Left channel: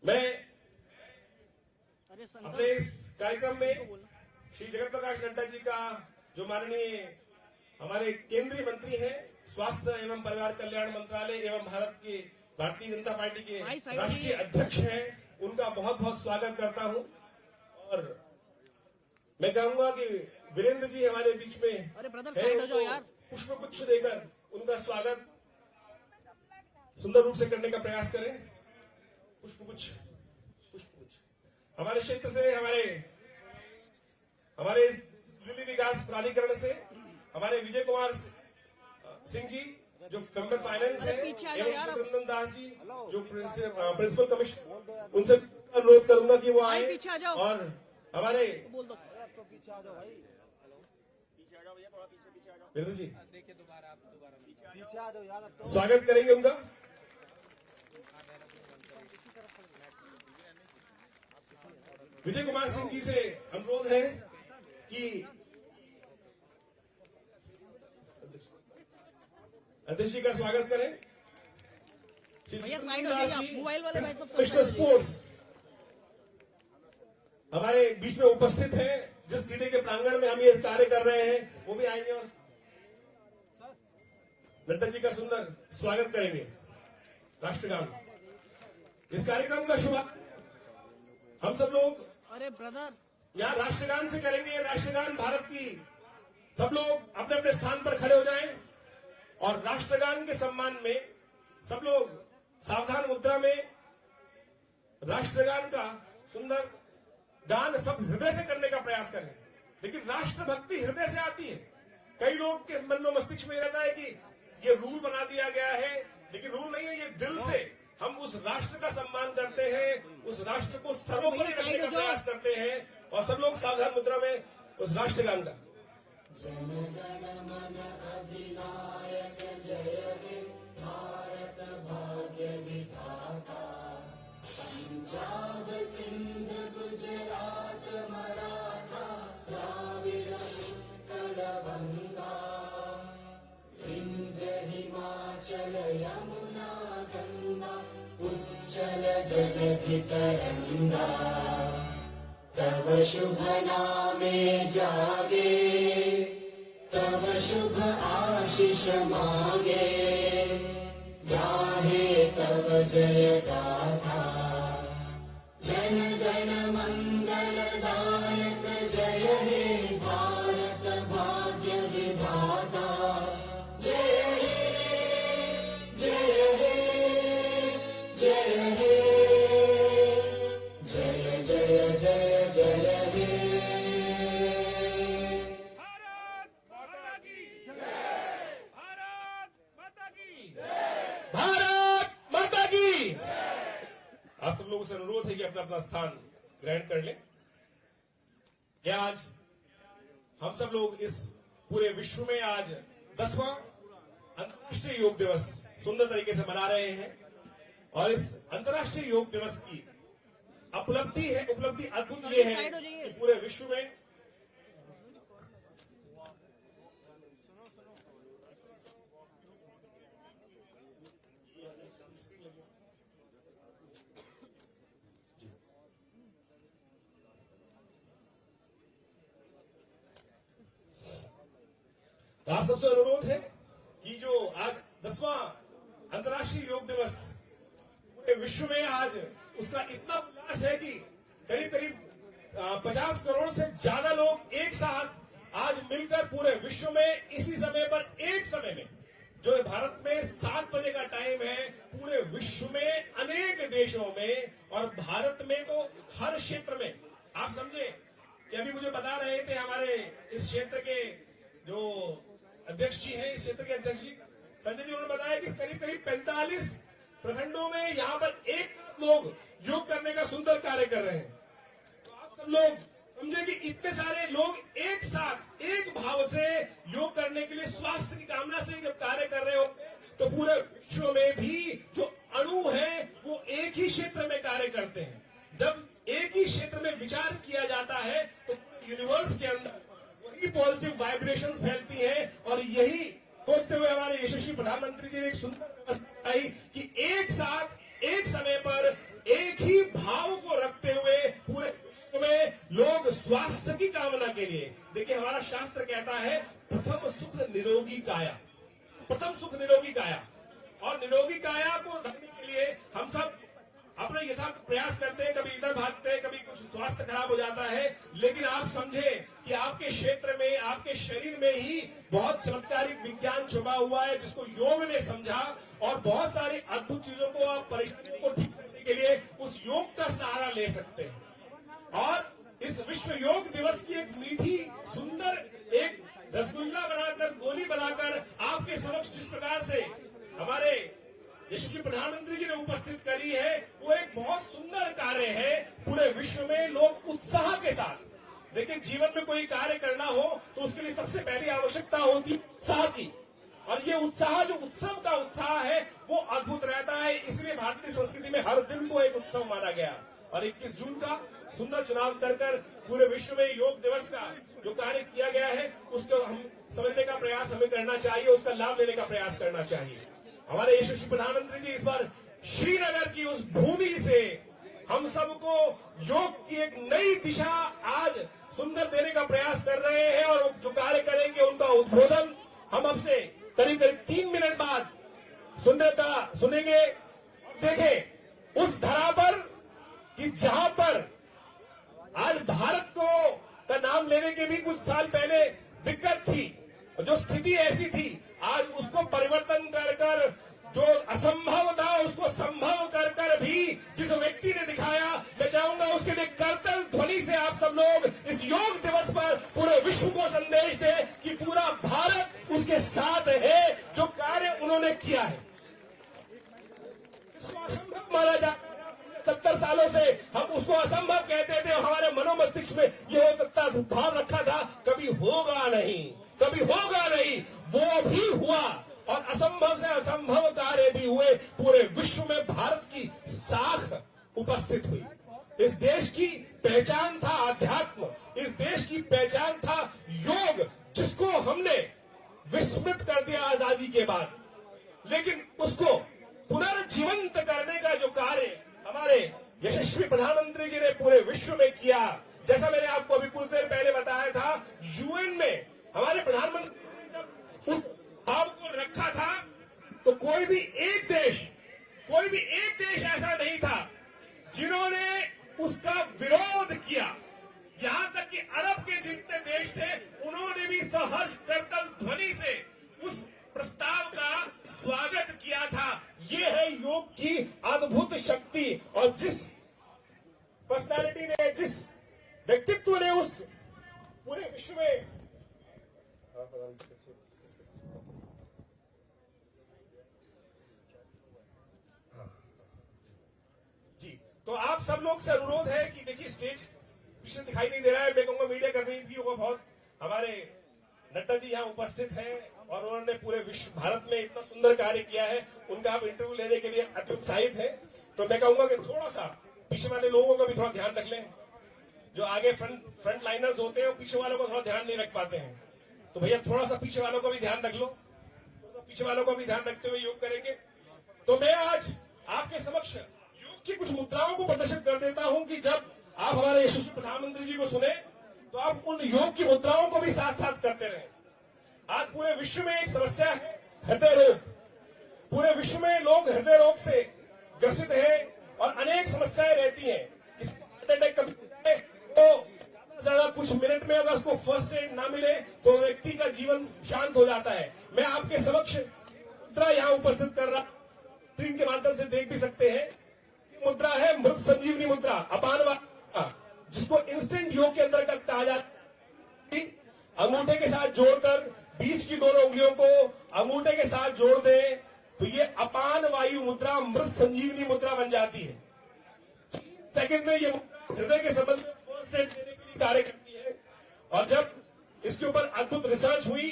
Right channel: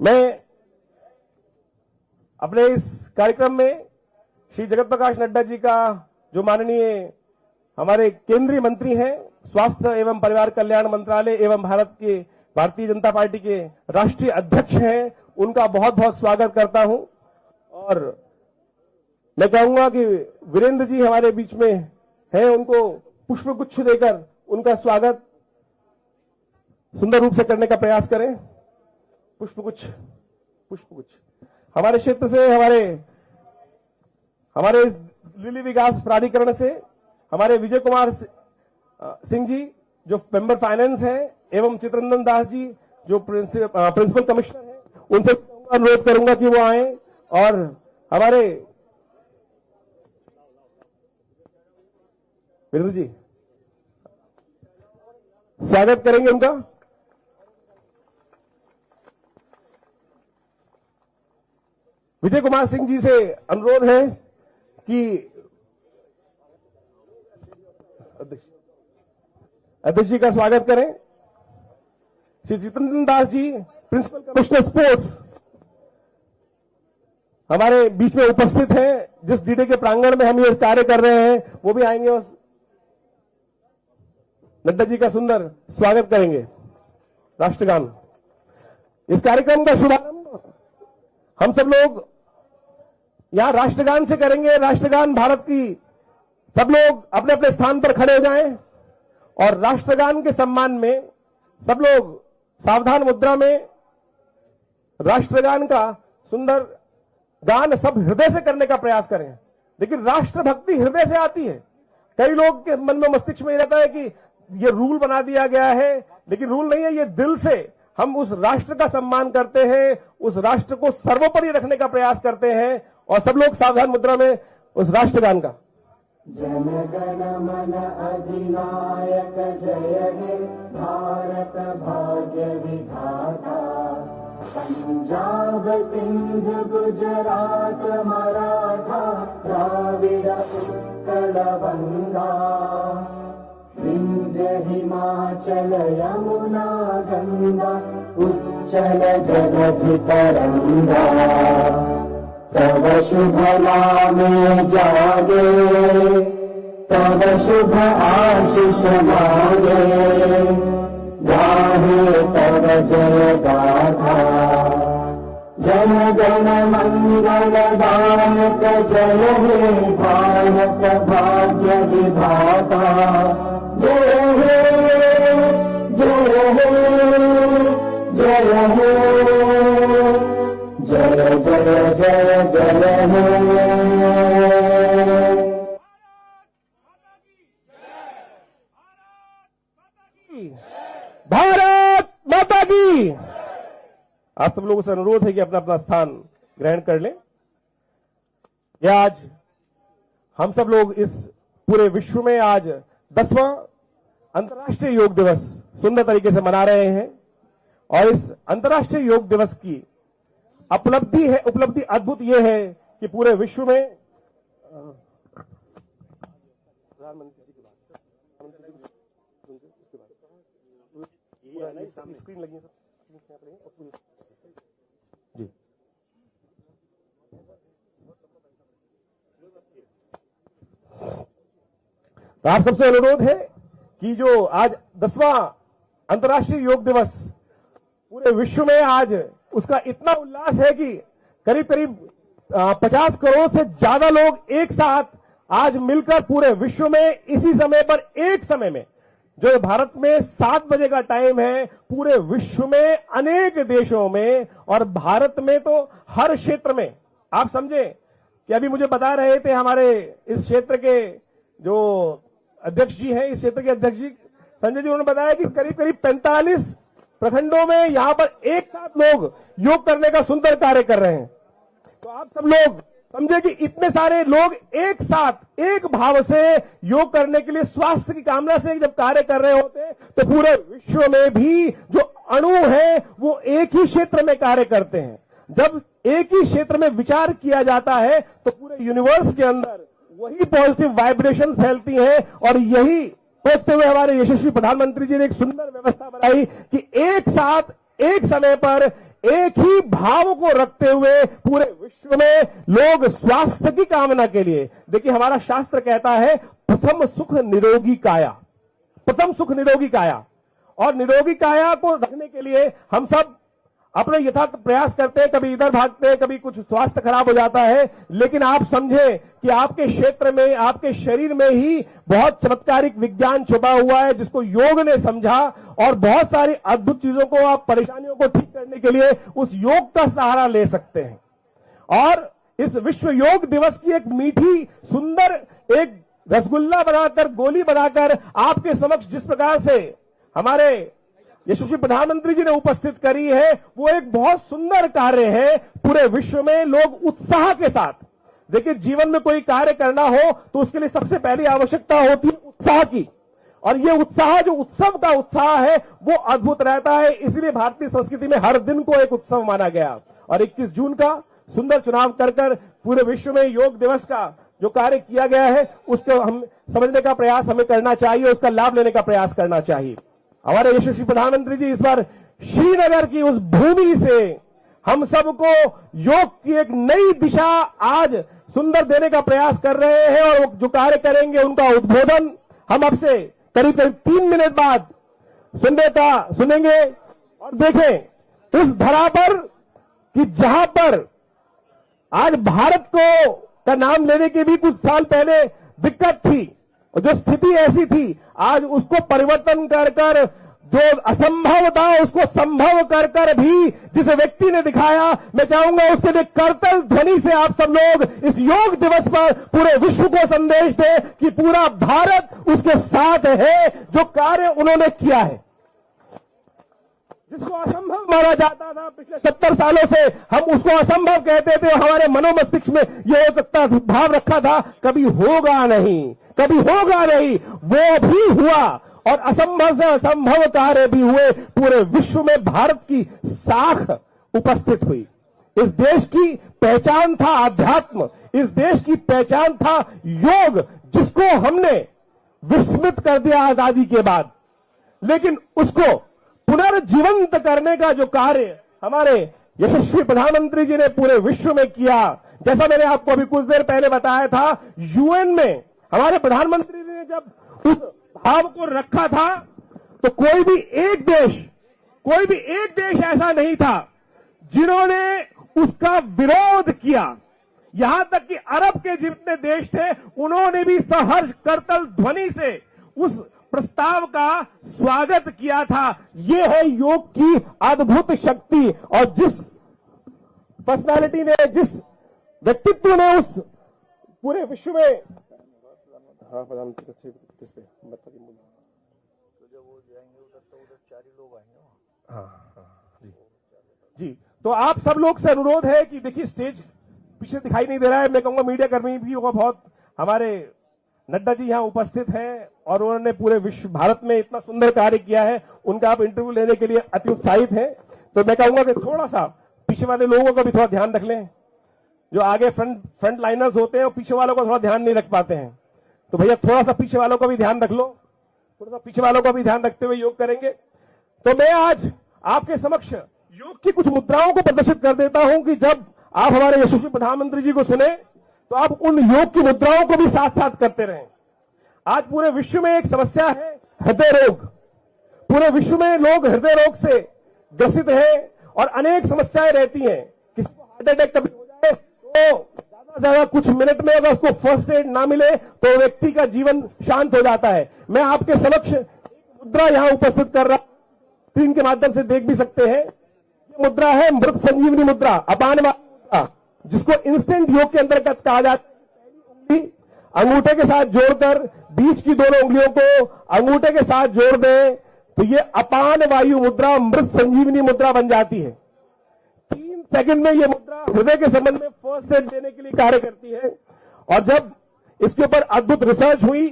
मैं अपने इस कार्यक्रम में श्री जगत प्रकाश नड्डा जी का, जो माननीय हमारे केंद्रीय मंत्री हैं, स्वास्थ्य एवं परिवार कल्याण मंत्रालय एवं भारतीय जनता पार्टी के राष्ट्रीय अध्यक्ष हैं, उनका बहुत बहुत स्वागत करता हूं। और मैं कहूंगा कि वीरेंद्र जी हमारे बीच में हैं, उनको पुष्पगुच्छ देकर उनका स्वागत सुंदर रूप से करने का प्रयास करें। पुष्पगुच्छ हमारे क्षेत्र से, हमारे इस लिली विकास प्राधिकरण से हमारे विजय कुमार सिंह जी जो मेंबर फाइनेंस है, एवं चित्ररंजन दास जी जो प्रिंसिपल कमिश्नर है, उनसे अनुरोध करूंगा कि वो आए और हमारे वीरेंद्र जी स्वागत करेंगे उनका। विजय कुमार सिंह जी से अनुरोध है कि अध्यक्ष जी का स्वागत करें। Shri Chitraranjan Das ji principal commissioner sports हमारे बीच में उपस्थित हैं। जिस डीडे के प्रांगण में हम ये कार्य कर रहे हैं, वो भी आएंगे और नड्डा जी का सुंदर स्वागत करेंगे। राष्ट्रगान, इस कार्यक्रम का शुभारंभ हम सब लोग यहां राष्ट्रगान से करेंगे। राष्ट्रगान भारत की, सब लोग अपने अपने स्थान पर खड़े हो जाएं और राष्ट्रगान के सम्मान में सब लोग सावधान मुद्रा में राष्ट्रगान का सुंदर गान सब हृदय से करने का प्रयास करें। लेकिन राष्ट्रभक्ति हृदय से आती है। कई लोग के मन में, मस्तिष्क में ये रहता है कि ये रूल बना दिया गया है, लेकिन रूल नहीं है, ये दिल से हम उस राष्ट्र का सम्मान करते हैं, उस राष्ट्र को सर्वोपरि रखने का प्रयास करते हैं। और सब लोग सावधान मुद्रा में उस राष्ट्रगान का। जनगण मन अधिनायक जय हे भारत भाग्य विधाता, पंजाब सिंध गुजरात मराठा द्राविड़ उत्कल बंगा, विंध्य हिमाचल यमुना गंगा उच्चल जगधि तरंगा, तव शुभ नामे जागे, तव शुभ आशीष मांगे, गाहे तव जय गाथा, जन गण मंगलदायक जय हे भारत भाग्य विधाता, जय हे जय हे जय हे जय जय जय जय हे। भारत माता की। आप सब लोगों से अनुरोध है कि अपना अपना स्थान ग्रहण कर लें। यह आज हम सब लोग इस पूरे विश्व में आज 10वां अंतर्राष्ट्रीय योग दिवस सुंदर तरीके से मना रहे हैं। और इस अंतर्राष्ट्रीय योग दिवस की उपलब्धि अद्भुत ये है कि पूरे विश्व में स्क्रीन लगी जी। तो आप सबसे अनुरोध है कि जो आज 10वां अंतर्राष्ट्रीय योग दिवस पूरे विश्व में आज उसका इतना उल्लास है कि करीब करीब 50 करोड़ से ज्यादा लोग एक साथ आज मिलकर पूरे विश्व में इसी समय पर, एक समय में, जो भारत में 7 बजे का टाइम है, पूरे विश्व में अनेक देशों में और भारत में तो हर क्षेत्र में। आप समझे कि अभी मुझे बता रहे थे हमारे इस क्षेत्र के जो अध्यक्ष जी हैं, इस क्षेत्र के अध्यक्ष जी संजय जी, उन्होंने बताया कि करीब करीब 45 प्रखंडों में यहां पर एक साथ लोग योग करने का सुंदर कार्य कर रहे हैं। तो आप सब लोग समझे कि इतने सारे लोग एक साथ एक भाव से योग करने के लिए, स्वास्थ्य की कामना से जब कार्य कर रहे होते, तो पूरे विश्व में भी जो अणु है वो एक ही क्षेत्र में कार्य करते हैं। जब एक ही क्षेत्र में विचार किया जाता है तो पूरे यूनिवर्स के अंदर वही पॉजिटिव वाइब्रेशन फैलती हैं। और यही सोचते हुए हमारे यशस्वी प्रधानमंत्री जी ने एक सुंदर व्यवस्था बनाई कि एक साथ एक समय पर एक ही भाव को रखते हुए पूरे विश्व में लोग स्वास्थ्य की कामना के लिए, देखिए हमारा शास्त्र कहता है प्रथम सुख निरोगी काया, प्रथम सुख निरोगी काया, और निरोगी काया को रखने के लिए हम सब अपने यथार्थ प्रयास करते हैं, कभी इधर भागते हैं, कभी कुछ स्वास्थ्य खराब हो जाता है, लेकिन आप समझे कि आपके क्षेत्र में, आपके शरीर में ही बहुत चमत्कारिक विज्ञान छुपा हुआ है जिसको योग ने समझा, और बहुत सारी अद्भुत चीजों को, आप परेशानियों को ठीक करने के लिए उस योग का सहारा ले सकते हैं। और इस विश्व योग दिवस की एक मीठी सुंदर एक रसगुल्ला बनाकर, गोली बनाकर आपके समक्ष जिस प्रकार से हमारे यशस्वी प्रधानमंत्री जी ने उपस्थित करी है, वो एक बहुत सुंदर कार्य है। पूरे विश्व में लोग उत्साह के साथ, देखिए जीवन में कोई कार्य करना हो तो उसके लिए सबसे पहली आवश्यकता होती है उत्साह की, और ये उत्साह, जो उत्सव का उत्साह है, वो अद्भुत रहता है। इसलिए भारतीय संस्कृति में हर दिन को एक उत्सव माना गया, और 21 जून का सुंदर चुनाव कर पूरे विश्व में योग दिवस का जो कार्य किया गया है उसको हम समझने का प्रयास हमें करना चाहिए, उसका लाभ लेने का प्रयास करना चाहिए। हमारे यशस्वी प्रधानमंत्री जी इस बार श्रीनगर की उस भूमि से हम सबको योग की एक नई दिशा आज सुंदर देने का प्रयास कर रहे हैं, और जो कार्य करेंगे उनका उद्बोधन हम अब से करीब 3 मिनट बाद सुनेंगे। और देखें उस धरा पर कि जहां पर आज भारत को का नाम लेने की भी कुछ साल पहले दिक्कत थी, और जो स्थिति ऐसी थी, आज उसको परिवर्तन कर जो असंभव था उसको संभव कर भी जिस व्यक्ति ने दिखाया, मैं चाहूंगा उसके लिए करतल ध्वनि से आप सब लोग इस योग दिवस पर पूरे विश्व को संदेश दें कि पूरा भारत उसके साथ है। जो कार्य उन्होंने किया है, जिसको असंभव माना जाता था पिछले 70 सालों से, हम उसको असंभव कहते थे, हमारे मनोमस्तिष्क में यह हो सकता भाव रखा था कभी होगा नहीं, कभी होगा नहीं, वो भी हुआ, और असंभव से असंभव कार्य भी हुए। पूरे विश्व में भारत की साख उपस्थित हुई। इस देश की पहचान था अध्यात्म, इस देश की पहचान था योग, जिसको हमने विस्मृत कर दिया आजादी के बाद, लेकिन उसको पुनर्जीवंत करने का जो कार्य हमारे यशस्वी प्रधानमंत्री जी ने पूरे विश्व में किया, जैसा मैंने आपको अभी कुछ देर पहले बताया था, यूएन में हमारे प्रधानमंत्री ने जब उस भाव को रखा था तो कोई भी एक देश ऐसा नहीं था जिन्होंने उसका विरोध किया। यहां तक कि अरब के जितने देश थे उन्होंने भी सहर्ष करतल ध्वनि से उस प्रस्ताव का स्वागत किया था। यह है योग की अद्भुत शक्ति, और जिस पर्सनालिटी ने, जिस व्यक्तित्व ने उस पूरे विश्व में जी, तो आप सब लोग से अनुरोध है कि देखिए स्टेज पीछे दिखाई नहीं दे रहा है, मैं कहूंगा मीडिया कर्मी भी होगा, बहुत हमारे नड्डा जी यहाँ उपस्थित हैं और उन्होंने पूरे विश्व भारत में इतना सुंदर कार्य किया है, उनका आप इंटरव्यू लेने के लिए अति उत्साहित हैं। तो मैं कहूंगा कि थोड़ा सा पीछे वाले लोगों का भी थोड़ा ध्यान रख लें, जो आगे फ्रंट लाइनर्स होते हैं और पीछे वालों का थोड़ा ध्यान नहीं रख पाते हैं, तो भैया थोड़ा सा पीछे वालों का भी ध्यान रख लो, थोड़ा सा पीछे वालों का भी ध्यान रखते हुए योग करेंगे। तो मैं आज आपके समक्ष योग की कुछ मुद्राओं को प्रदर्शित कर देता हूं कि जब आप हमारे यशस्वी प्रधानमंत्री जी को सुने तो आप उन योग की मुद्राओं को भी साथ साथ करते रहें। आज पूरे विश्व में एक समस्या है हृदय रोग, पूरे विश्व में लोग हृदय रोग से ग्रसित हैं और अनेक समस्याएं रहती हैं। किसी को हार्ट अटैक कभी हो जाए तो ज्यादा कुछ मिनट में अगर उसको फर्स्ट एड ना मिले तो व्यक्ति का जीवन शांत हो जाता है। मैं आपके समक्ष मुद्रा यहां उपस्थित कर रहा, स्क्रीन के माध्यम से देख भी सकते हैं। मुद्रा है मृत संजीवनी मुद्रा, अपान मुद्रा, जिसको इंस्टेंट योग के अंतर्गत कहा जाता है। अंगूठे के साथ जोड़कर बीच की दोनों उंगलियों को अंगूठे के साथ जोड़ दें तो ये अपान वायु मुद्रा, मृत संजीवनी मुद्रा बन जाती है। 3 सेकंड में ये मुद्रा हृदय के संबंध में फर्स्ट एड देने के लिए कार्य करती है। और जब इसके ऊपर अद्भुत रिसर्च हुई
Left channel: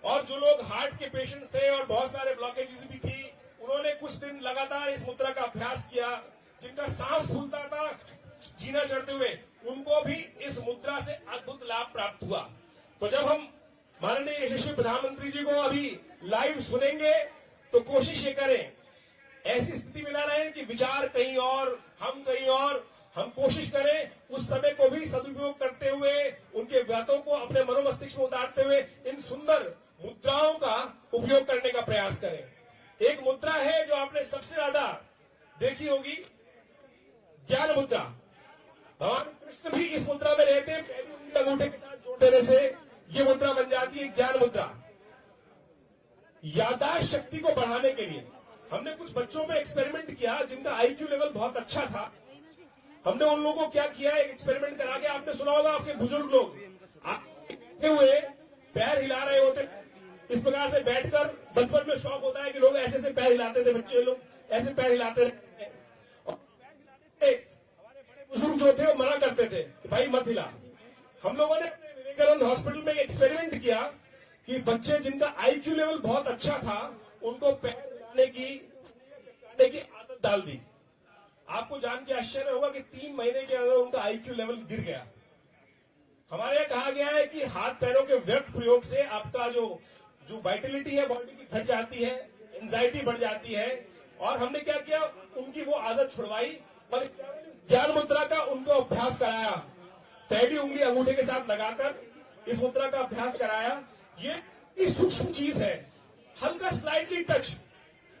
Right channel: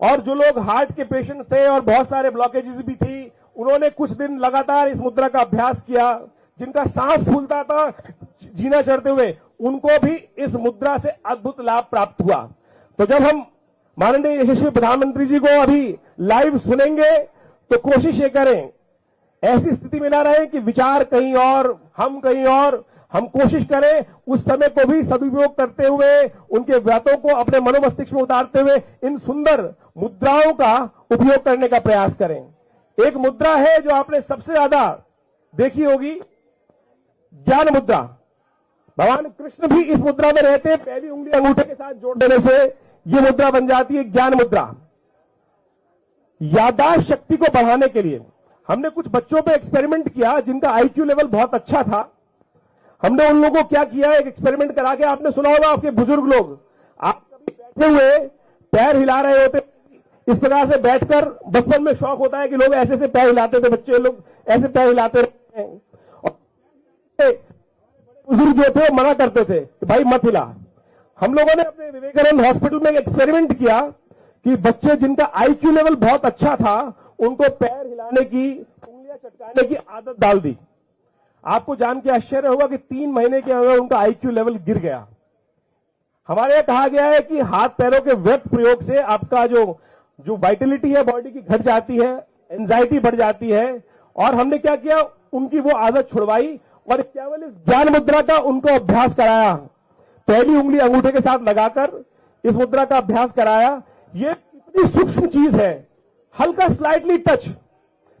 और जो लोग हार्ट के पेशेंट्स थे और बहुत सारे ब्लॉकेजेस भी थी, उन्होंने कुछ दिन लगातार इस मुद्रा का अभ्यास किया। जिनका सांस फूलता था जीना चढ़ते हुए, उनको भी इस मुद्रा से अद्भुत लाभ प्राप्त हुआ। तो जब हम माननीय यशस्वी प्रधानमंत्री जी को अभी लाइव सुनेंगे तो कोशिश ये करें, ऐसी स्थिति में ना रहे कि विचार कहीं और, हम कहीं और। हम कोशिश करें उस समय को भी सदुपयोग करते हुए, उनके व्रतों को अपने मनोमस्तिष्क में उतारते हुए इन सुंदर मुद्राओं का उपयोग करने का प्रयास करें। एक मुद्रा है जो आपने सबसे ज्यादा देखी होगी, ज्ञान मुद्रा। भगवान कृष्ण भी इस मुद्रा में रहते हैं। पहली उंगली अंगूठे के साथ जोड़ देने से यह मुद्रा बन जाती है ज्ञान मुद्रा। याददाश्त शक्ति को बढ़ाने के लिए हमने कुछ बच्चों पे एक्सपेरिमेंट किया जिनका आईक्यू लेवल बहुत अच्छा था। हमने उन लोगों को क्या किया, एक एक्सपेरिमेंट करा के, आपने सुना होगा, आपके बुजुर्ग लोग आप बैठे हुए पैर हिला रहे होते, इस प्रकार से बैठकर, बचपन में शौक होता है कि लोग ऐसे से पैर हिलाते थे, बच्चे लोग ऐसे पैर हिलाते रहते हैं। और बुजुर्ग जो थे मना करते थे कि भाई मत हिला। हम लोगों ने अपने विवेकानंद हॉस्पिटल में एक्सपेरिमेंट किया कि बच्चे जिनका आईक्यू लेवल बहुत अच्छा था उनको पैर हिलाने की, उंगलियां चटकाने की आदत डाल दी। आपको जान के आश्चर्य होगा कि 3 महीने के अंदर उनका आईक्यू लेवल गिर गया। हमारे यहां कहा गया है कि हाथ पैरों के व्यर्थ प्रयोग से आपका जो वाइटलिटी है बॉडी की घट जाती है, एंजाइटी बढ़ जाती है। और हमने क्या किया, उनकी वो आदत छुड़वाई और केवल इस ज्ञान मुद्रा का उनको अभ्यास कराया। पहली उंगली अंगूठे के साथ लगाकर इस मुद्रा का अभ्यास कराया। ये इतनी सूक्ष्म चीज है, हल्का स्लाइटली टच।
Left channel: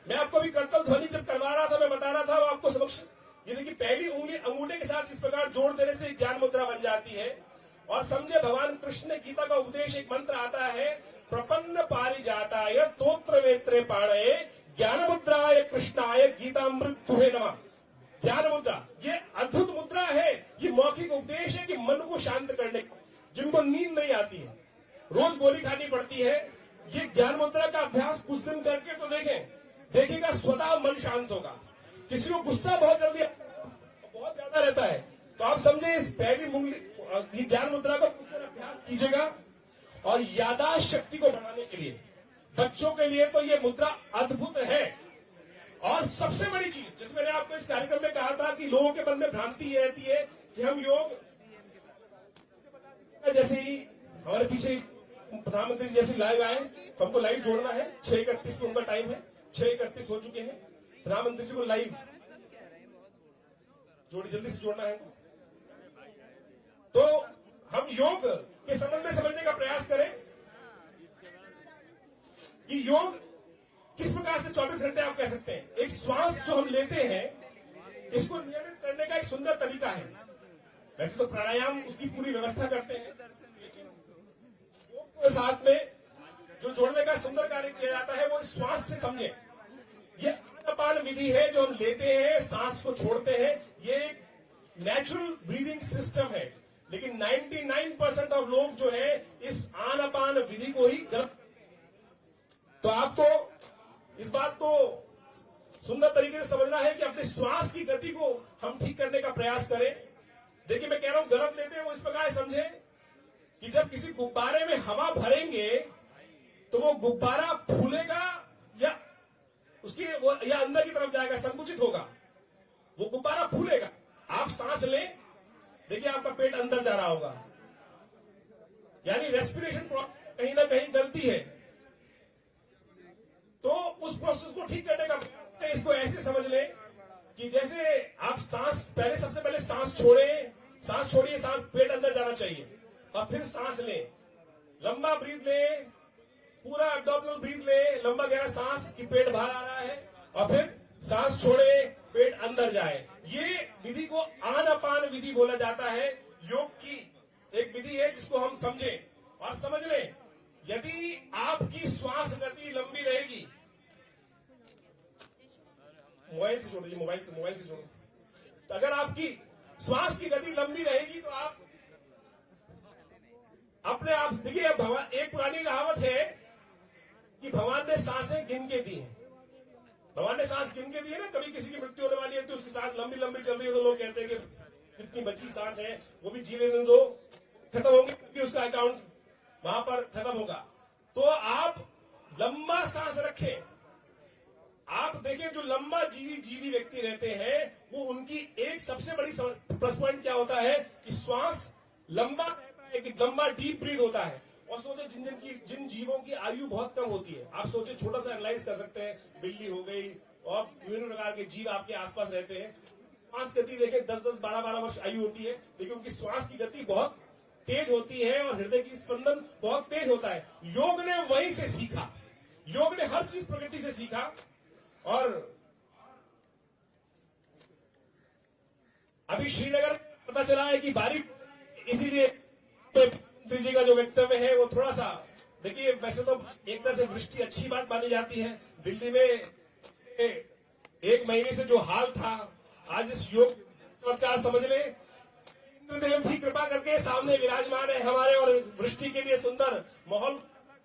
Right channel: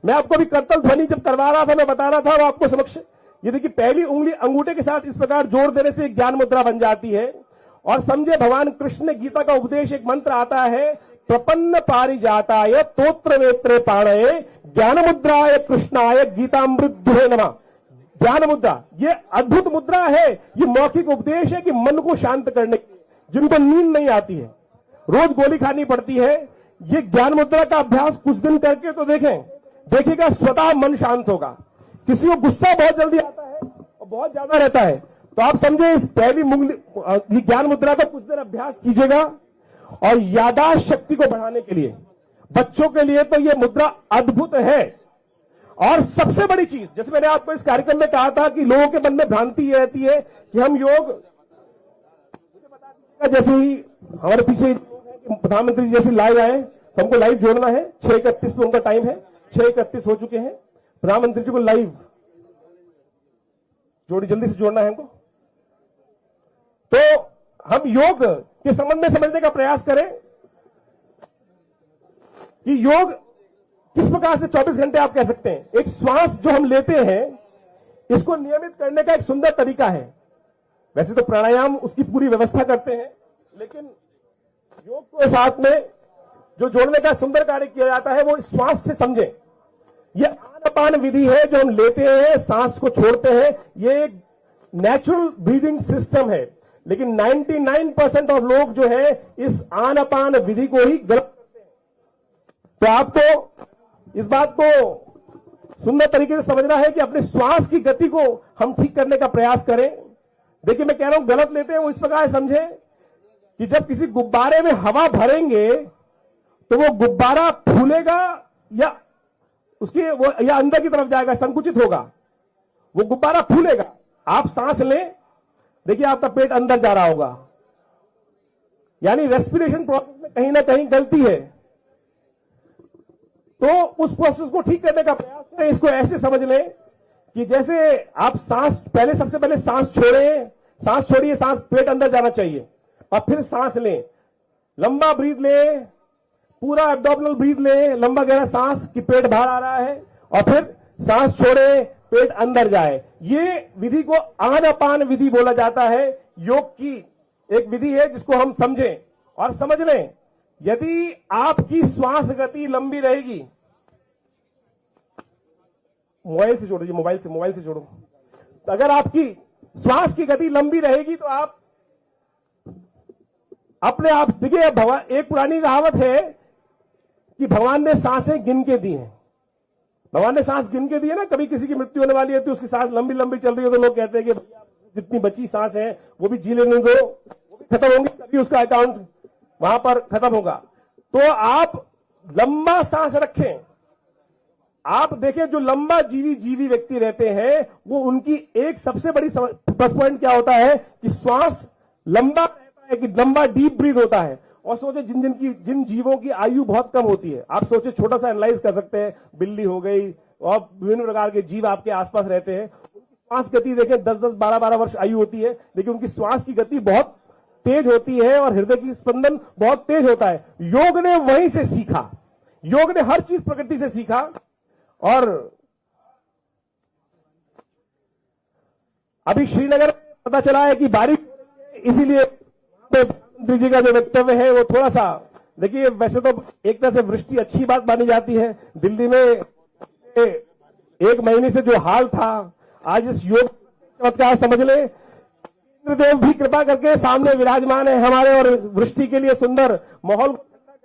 मैं आपको भी करतल ध्वनि जब करवा रहा था, मैं बता रहा था और आपको समक्ष, ये देखिए पहली उंगली अंगूठे के साथ इस प्रकार जोड़ देने से ज्ञान मुद्रा बन जाती है। और समझे, भगवान कृष्ण ने गीता का उपदेश, एक मंत्र आता है, प्रपन्न पारिजाताय तोत्र वेत्रे पाणये ज्ञान मुद्राय कृष्णाय गीतामृत नमः। ज्ञान मुद्रा ये अद्भुत मुद्रा है, ये मौखिक उपदेश है कि मन को शांत करने, जिनको नींद नहीं आती है, रोज गोली खानी पड़ती है, ये ज्ञान मुद्रा का अभ्यास कुछ दिन करके तो देखिएगा स्वतः मन शांत होगा। किसी को गुस्सा बहुत जल्दी आता है और बहुत ज्यादा रहता है, तो आप समझे इस पहली उंगली ज्ञान मुद्रा का कुछ देर अभ्यास कीजिएगा। और याददाश्त शक्ति को बढ़ाने के लिए, बच्चों के लिए तो यह मुद्रा अद्भुत है। और सबसे बड़ी चीज, जैसे मैंने आपको इस कार्यक्रम में कहा था कि लोगों के मन में भ्रांति ये रहती है कि हम योग, जैसे ही हमारे पीछे प्रधानमंत्री जैसे लाइव आए, तो हमको लाइव जोड़ना है। 6:31 में उनका टाइम है, 6:31 हो चुके हैं। प्रधानमंत्री जी को लाइव जोड़ी, जल्दी से जोड़ना है हमको। तो हम योग के संबंध में समझने का प्रयास करें कि योग किस प्रकार से 24 घंटे आप कह सकते हैं। एक श्वास जो हम लेते हैं, इसको नियमित करने का एक सुंदर तरीका है। वैसे तो प्राणायाम उसकी पूरी व्यवस्था करते हैं, लेकिन योग के साथ में जो जोड़ने का सुंदर कार्य किया जाता है वो श्वास से समझें। ये आनापान विधि है जो हम लेते हैं, सांस को छोड़ते हैं, ये नेचुरल ब्रीदिंग सिस्टम है। लेकिन 99% ऑफ लोग जो है इस आनापान विधि को ही गलत करते हैं। तो आपको इस बात को सुंदर तरीके से समझना है कि अपने श्वास की गति को हम ठीक करने का प्रयास करें। देखिए, मैं कह रहा हूं गलत लेते हैं वो इस प्रकार समझे कि जब किसी गुब्बारे में हवा भरेंगे तो वो गुब्बारा फूलेगा या उसकी वो या अंदर की तरफ जाएगा, संकुचित होगा, वो गुब्बारा फूलेगा। आप सांस लें, देखिए आपका पेट अंदर जा रहा होगा, यानी रेस्पिरेशन प्रोसेस में कहीं ना कहीं गलती है। तो उस प्रोसेस को ठीक करने का प्रयास करें। इसको ऐसे समझ लें कि जैसे आप सांस, पहले सबसे पहले सांस छोड़िए, सांस पेट अंदर जाना चाहिए और फिर सांस लें, लंबा ब्रीथ लें, पूरा एब्डोमिनल ब्रीथ लें, लंबा गहरा सांस कि पेट बाहर आ रहा है, और फिर सांस छोड़े, पेट अंदर जाए। ये विधि को आनापान विधि बोला जाता है। योग की एक विधि है जिसको हम समझें और समझ लें। यदि आपकी श्वास गति लंबी रहेगी, मोबाइल से जोड़िए, मोबाइल से जोड़ो। तो अगर आपकी श्वास की गति लंबी रहेगी तो आप अपने आप, देखिए भगवान, एक पुरानी कहावत है कि भगवान ने सांसें गिन के दी हैं। भगवान ने सांस गिन के दी है ना। कभी किसी की मृत्यु होने वाली है तो उसकी सांस लंबी लंबी चल रही है तो लोग कहते हैं कि जितनी बची सांस है वो भी जी लेने दो, खत्म होंगी तभी उसका अकाउंट वहां पर खत्म होगा। तो आप लंबा सांस रखें। आप देखें जो लंबा जीवी व्यक्ति रहते हैं वो, उनकी एक सबसे बड़ी प्लस पॉइंट क्या होता है कि श्वास लंबा रहता है, कि लंबा डीप ब्रीथ होता है। और सोचे जिन जीवों की आयु बहुत कम होती है, आप सोचे, छोटा सा एनालाइज कर सकते हैं, बिल्ली हो गई, और विभिन्न प्रकार के जीव आपके आसपास रहते हैं। श्वास गति देखें, 10-10, 12-12 वर्ष आयु होती है, लेकिन उनकी श्वास की गति बहुत तेज होती है और हृदय की स्पंदन बहुत तेज होता है। योग ने वहीं से सीखा, योग ने हर चीज प्रकृति से सीखा। और अभी श्रीनगर पता चला है कि बारिश, इसीलिए मंत्री जी का जो वक्तव्य है वो थोड़ा सा, देखिए वैसे तो एक तरह से वृष्टि अच्छी बात मानी जाती है। दिल्ली में 1 महीने से जो हाल था, आज इस योग चमत्कार समझ ले, इंद्रदेव भी कृपा करके सामने विराजमान है हमारे और वृष्टि के लिए सुंदर माहौल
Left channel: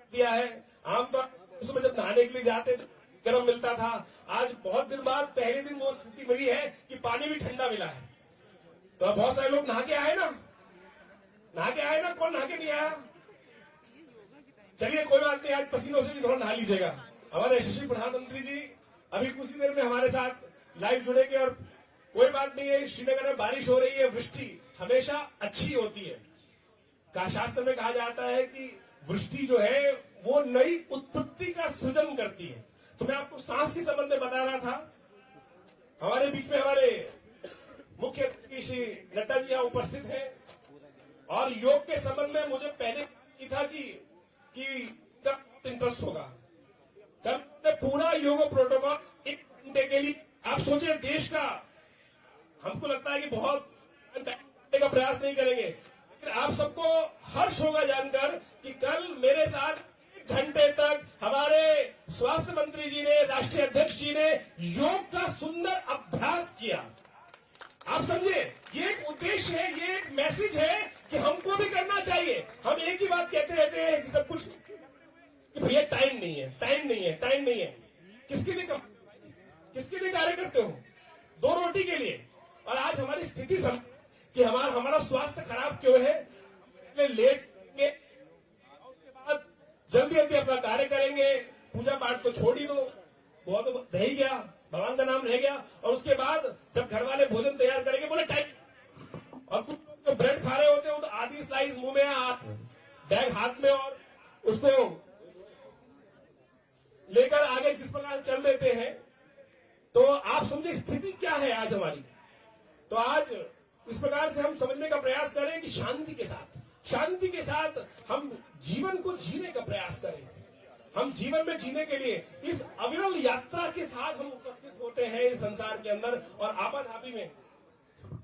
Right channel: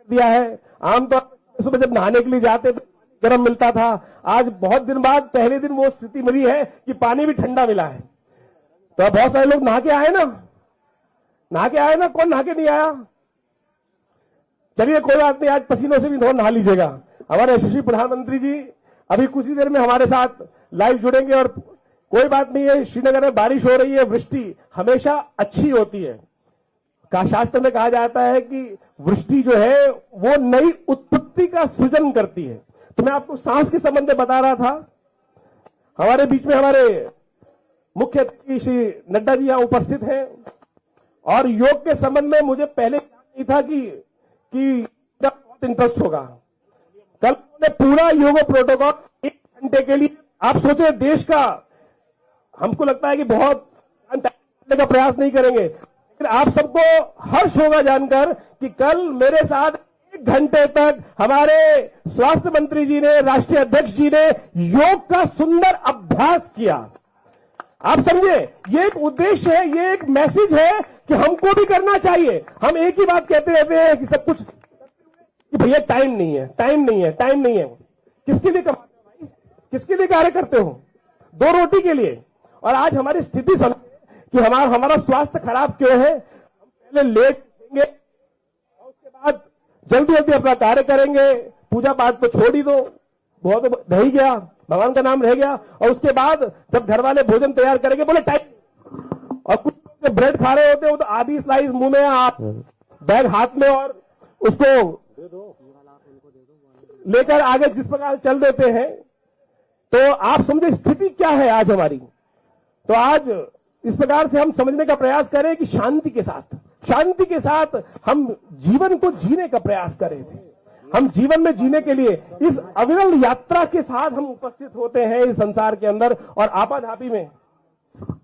दिया है। आमतौर पर सुबह जब नहाने के लिए जाते तो गर्म मिलता था, आज बहुत दिन बाद पहले दिन वो स्थिति मिली है कि पानी भी ठंडा मिला है। तो बहुत सारे लोग नहा के आए ना, कौन नहा के नहीं आया? चलिए कोई बात नहीं, आज पसीनों से भी थोड़ा नहा लीजिएगा। हमारे यशस्वी प्रधानमंत्री जी अभी कुछ ही देर में हमारे साथ लाइव जुड़ेंगे। और कोई बात नहीं है, श्रीनगर में बारिश हो रही है, वृष्टि हमेशा अच्छी होती है। शास्त्र में कहा जाता है कि वृष्टि जो है वो नई उत्पत्ति का सृजन करती है। तो मैं आपको सांस के संबंध में बता रहा था। हमारे बीच में हमारे मुख्य अतिथि श्री नड्डा जी यहां उपस्थित हैं और योग के संबंध में मुझे पहले नहीं था कि बहुत इंटरेस्ट होगा। कल ने पूरा योग प्रोटोकॉल 1 घंटे के लिए, आप सोचे देश का, हमको लगता है कि बहुत करने का प्रयास नहीं करेंगे, लेकिन आप सबको हर्ष होगा जानकर कि कल मेरे साथ 1 घंटे तक हमारे स्वास्थ्य मंत्री जी ने, राष्ट्रीय अध्यक्ष जी ने योग का सुंदर अभ्यास किया। आप समझे, ये एक उद्देश्य है, ये एक मैसेज है कि हमको भी करना चाहिए। हम एक ही बात कहते रहते हैं कि सब कुछ, कि भैया टाइम नहीं है। किसके लिए कार्य करते हो? 2 रोटी के लिए। और आज हमारी स्थिति समझ कि हमारा स्वास्थ्य खराब क्यों है। लेट लेंगे, उसके बाद जल्दी अपना कार्य करेंगे, पूजा पाठ तो छोड़ ही दो, बहुत रह ही गया, भगवान का नाम रह गया। और उसके बाद जब घर वाले भोजन तैयार करेंगे, बोले टाइम, और कुछ जो ब्रेड खा रहे होते हो तो आधी स्लाइस मुंह में, आप बैग हाथ में, और उसको लेकर आगे जिस प्रकार चल देते हैं। तो आप समझे स्थिति क्या है आज हमारी। तो आज इस प्रकार से हम समझने का प्रयास करें कि शांति के साथ हम जीवन को जीने का प्रयास करें। हम जीवन में जीने के लिए इस अविरल यात्रा के साथ हम उपस्थित होते हैं इस संसार के अंदर। और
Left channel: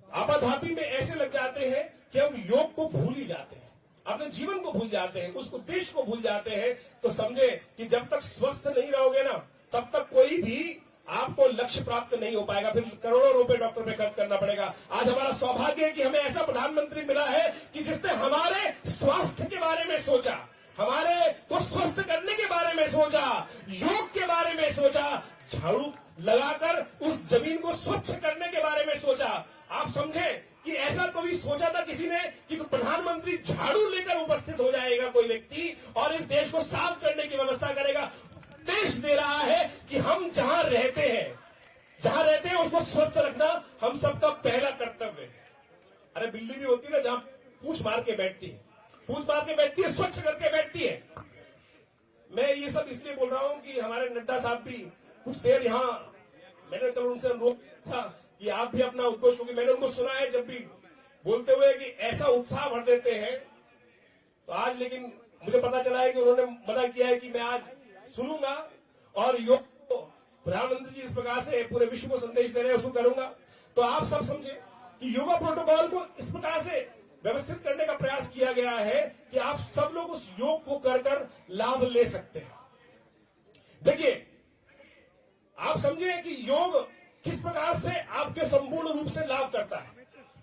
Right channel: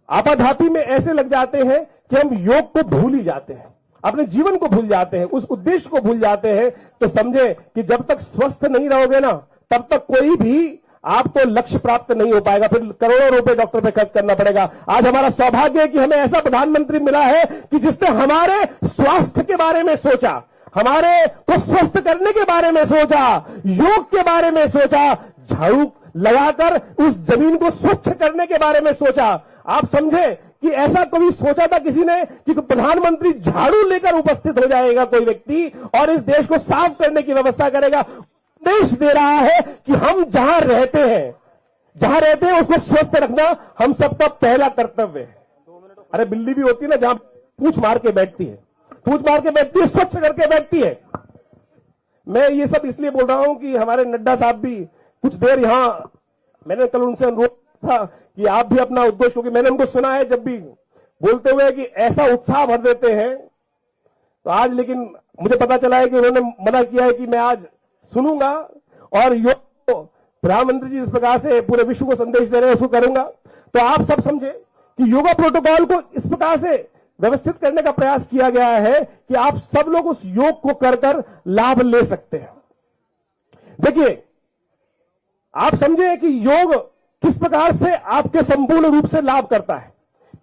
आपाधापी में ऐसे लग जाते हैं कि हम योग को भूल ही जाते हैं, अपने जीवन को भूल जाते हैं, उस उद्देश्य को भूल जाते हैं। तो समझे कि जब तक स्वस्थ नहीं रहोगे ना, तब तक कोई भी आपको लक्ष्य प्राप्त नहीं हो पाएगा। फिर करोड़ों रुपए डॉक्टर पे खर्च करना पड़ेगा। आज हमारा सौभाग्य है कि हमें ऐसा प्रधानमंत्री मिला है कि जिसने हमारे स्वास्थ्य के बारे में सोचा, हमारे को स्वस्थ करने के बारे में सोचा, योग के बारे में सोचा, झाड़ू लगाकर उस जमीन को स्वच्छ करने के बारे में सोचा। आप समझे कि ऐसा कभी सोचा था किसी ने कि प्रधानमंत्री झाड़ू लेकर उपस्थित हो जाएगा कोई व्यक्ति और इस देश को साफ करने की व्यवस्था करेगा। देश दे रहा है कि हम जहां रहते हैं उसको स्वस्थ रखना हम सबका पहला कर्तव्य है। अरे बिल्ली भी होती है ना, जहां पूंछ मार के बैठती है, स्वच्छ करके बैठती है। मैं ये सब इसलिए बोल रहा हूं कि हमारे नड्डा साहब भी कुछ देर यहां, मैंने कल उनसे अनुरोध था कि आप भी अपना उद्देश्य होगी। मैंने उनको सुना है जब भी बोलते हुए कि ऐसा उत्साह भर देते हैं। तो आज लेकिन मुझे पता चला है कि उन्होंने मना किया है कि मैं आज सुनूंगा और योग को प्रधानमंत्री जी जिस प्रकार से पूरे विश्व को संदेश दे रहे हैं उसको करूंगा। तो आप सब समझे कि योगा प्रोटोकॉल को इस प्रकार से व्यवस्थित करने का प्रयास किया गया है कि आप सब लोग उस योग को कर लाभ ले सकते हैं। देखिए, आप समझे कि योग किस प्रकार से आपके संपूर्ण रूप से लाभ करता है।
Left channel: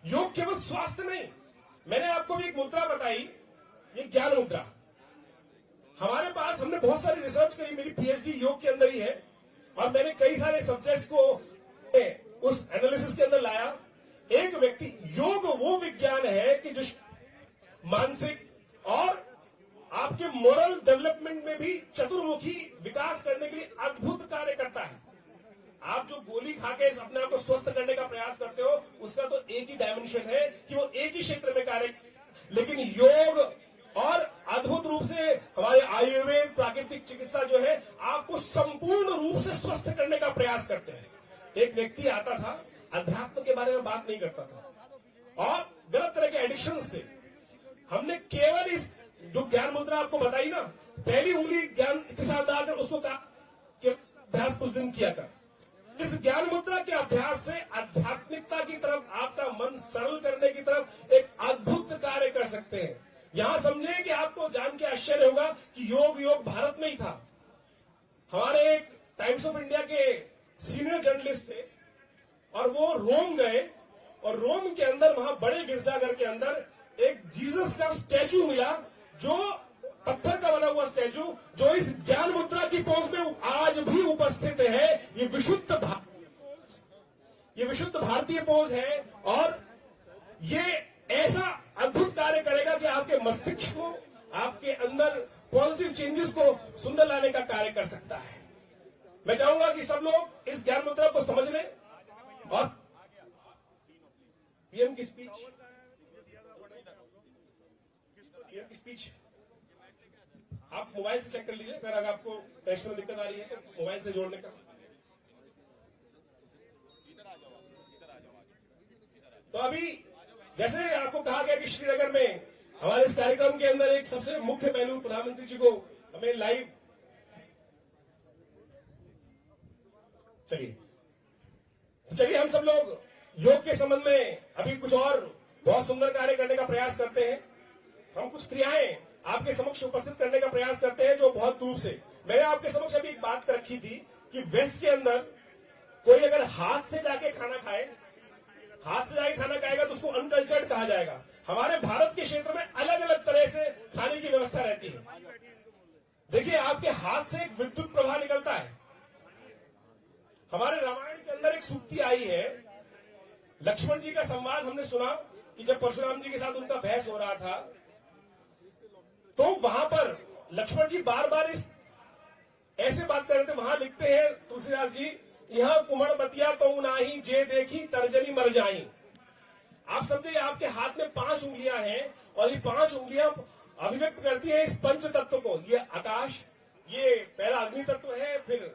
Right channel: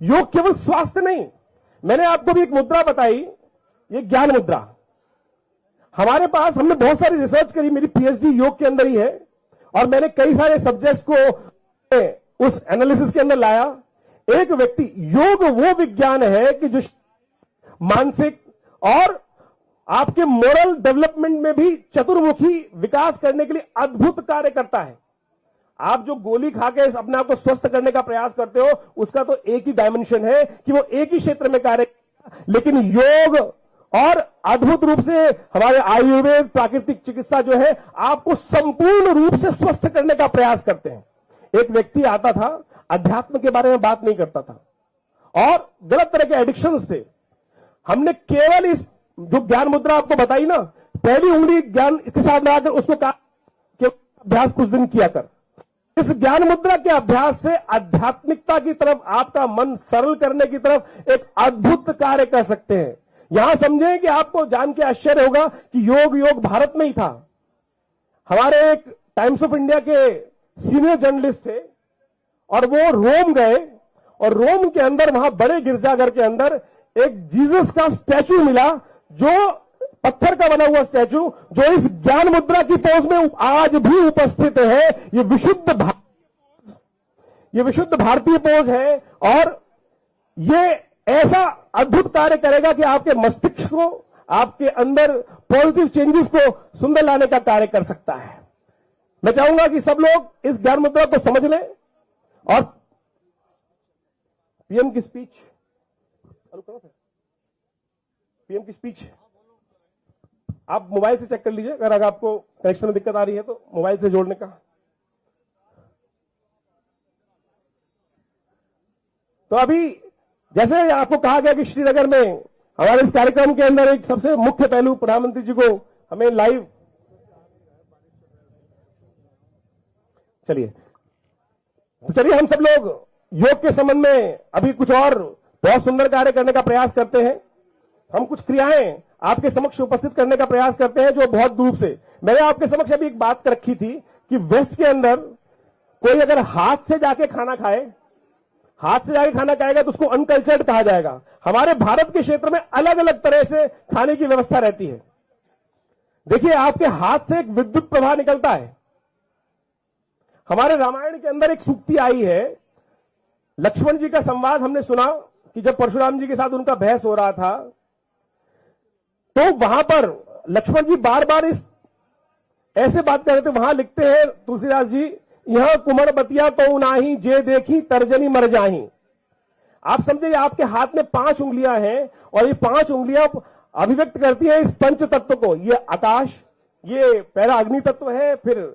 योग केवल स्वास्थ्य नहीं, मैंने आपको भी एक मुद्रा बताई, ये ज्ञान मुद्रा। हमारे पास, हमने बहुत सारी रिसर्च करी, मेरी पीएचडी योग के अंदर ही है और मैंने कई सारे सब्जेक्ट्स को उस एनालिसिस के अंदर लाया। एक व्यक्ति, योग वो विज्ञान है कि जो मानसिक और आपके मोरल डेवलपमेंट में भी चतुर्मुखी विकास करने के लिए अद्भुत कार्य करता है। आप जो गोली खा के अपने आप को स्वस्थ करने का प्रयास करते हो, उसका तो एक ही डायमेंशन है कि वो एक ही क्षेत्र में कार्य, लेकिन योग और अद्भुत रूप से हमारे आयुर्वेद प्राकृतिक चिकित्सा जो है आपको संपूर्ण रूप से स्वस्थ करने का प्रयास करते हैं। एक व्यक्ति आता था, अध्यात्म के बारे में बात नहीं करता था और गलत तरह के एडिक्शन से हमने केवल इस जो ज्ञान मुद्रा आपको बताई ना, पहली उंगली ज्ञान इसके साथ लगाकर उसको कहा कि अभ्यास कुछ दिन किया कर। इस ज्ञान मुद्रा के अभ्यास से आध्यात्मिकता की तरफ, आपका मन सरल करने की तरफ एक अद्भुत कार्य कर सकते हैं। यहां समझें कि आपको जान के आश्चर्य होगा कि योग भारत में ही था। हमारे एक टाइम्स ऑफ इंडिया के सीनियर जर्नलिस्ट थे और वो रोम गए और रोम के अंदर, वहां बड़े गिरजाघर के अंदर एक जीसस का स्टैचू मिला, जो पत्थर का बना हुआ स्टैचू, जो इस ज्ञान मुद्रा की पोज में आज भी उपस्थित है। ये विशुद्ध भारतीय पोज है और ये ऐसा अद्भुत कार्य करेगा कि आपके मस्तिष्क को, आपके अंदर पॉजिटिव चेंजेस को सुंदर लाने का कार्य कर सकता है। मैं चाहूंगा कि सब लोग इस ज्ञान मुद्रा को समझ लें और पीएम की स्पीच आप मोबाइल से चेक कर लीजिए, अगर आपको कनेक्शन में दिक्कत आ रही है तो मोबाइल से जोड़ने का। तो अभी जैसे आपको कहा गया कि श्रीनगर में हमारे इस कार्यक्रम के अंदर एक सबसे मुख्य पहलू, प्रधानमंत्री जी को हमें लाइव, चलिए हम सब लोग योग के संबंध में अभी कुछ और बहुत सुंदर कार्य करने का प्रयास करते हैं। हम कुछ क्रियाएं आपके समक्ष उपस्थित करने का प्रयास करते हैं जो बहुत दूर से। मैंने आपके समक्ष अभी एक बात रखी थी कि वेस्ट के अंदर कोई अगर हाथ से जाके खाना खाएगा तो उसको अनकल्चर्ड कहा जाएगा। हमारे भारत के क्षेत्र में अलग अलग तरह से खाने की व्यवस्था रहती है। देखिए, आपके हाथ से एक विद्युत प्रवाह निकलता है। हमारे रामायण के अंदर एक सूक्ति आई है, लक्ष्मण जी का संवाद हमने सुना कि जब परशुराम जी के साथ उनका बहस हो रहा था तो वहां पर लक्ष्मण जी बार बार इस ऐसे बात कर रहे थे। वहां लिखते हैं तुलसीदास जी, यह कुमड़ बतिया तो नाही, जे देखी तर्जनी मर जाही। आप समझे, आपके हाथ में 5 उंगलियां हैं और ये 5 उंगलियां अभिव्यक्त करती हैं इस पंच तत्व को। ये आकाश, ये पहला अग्नि तत्व है, फिर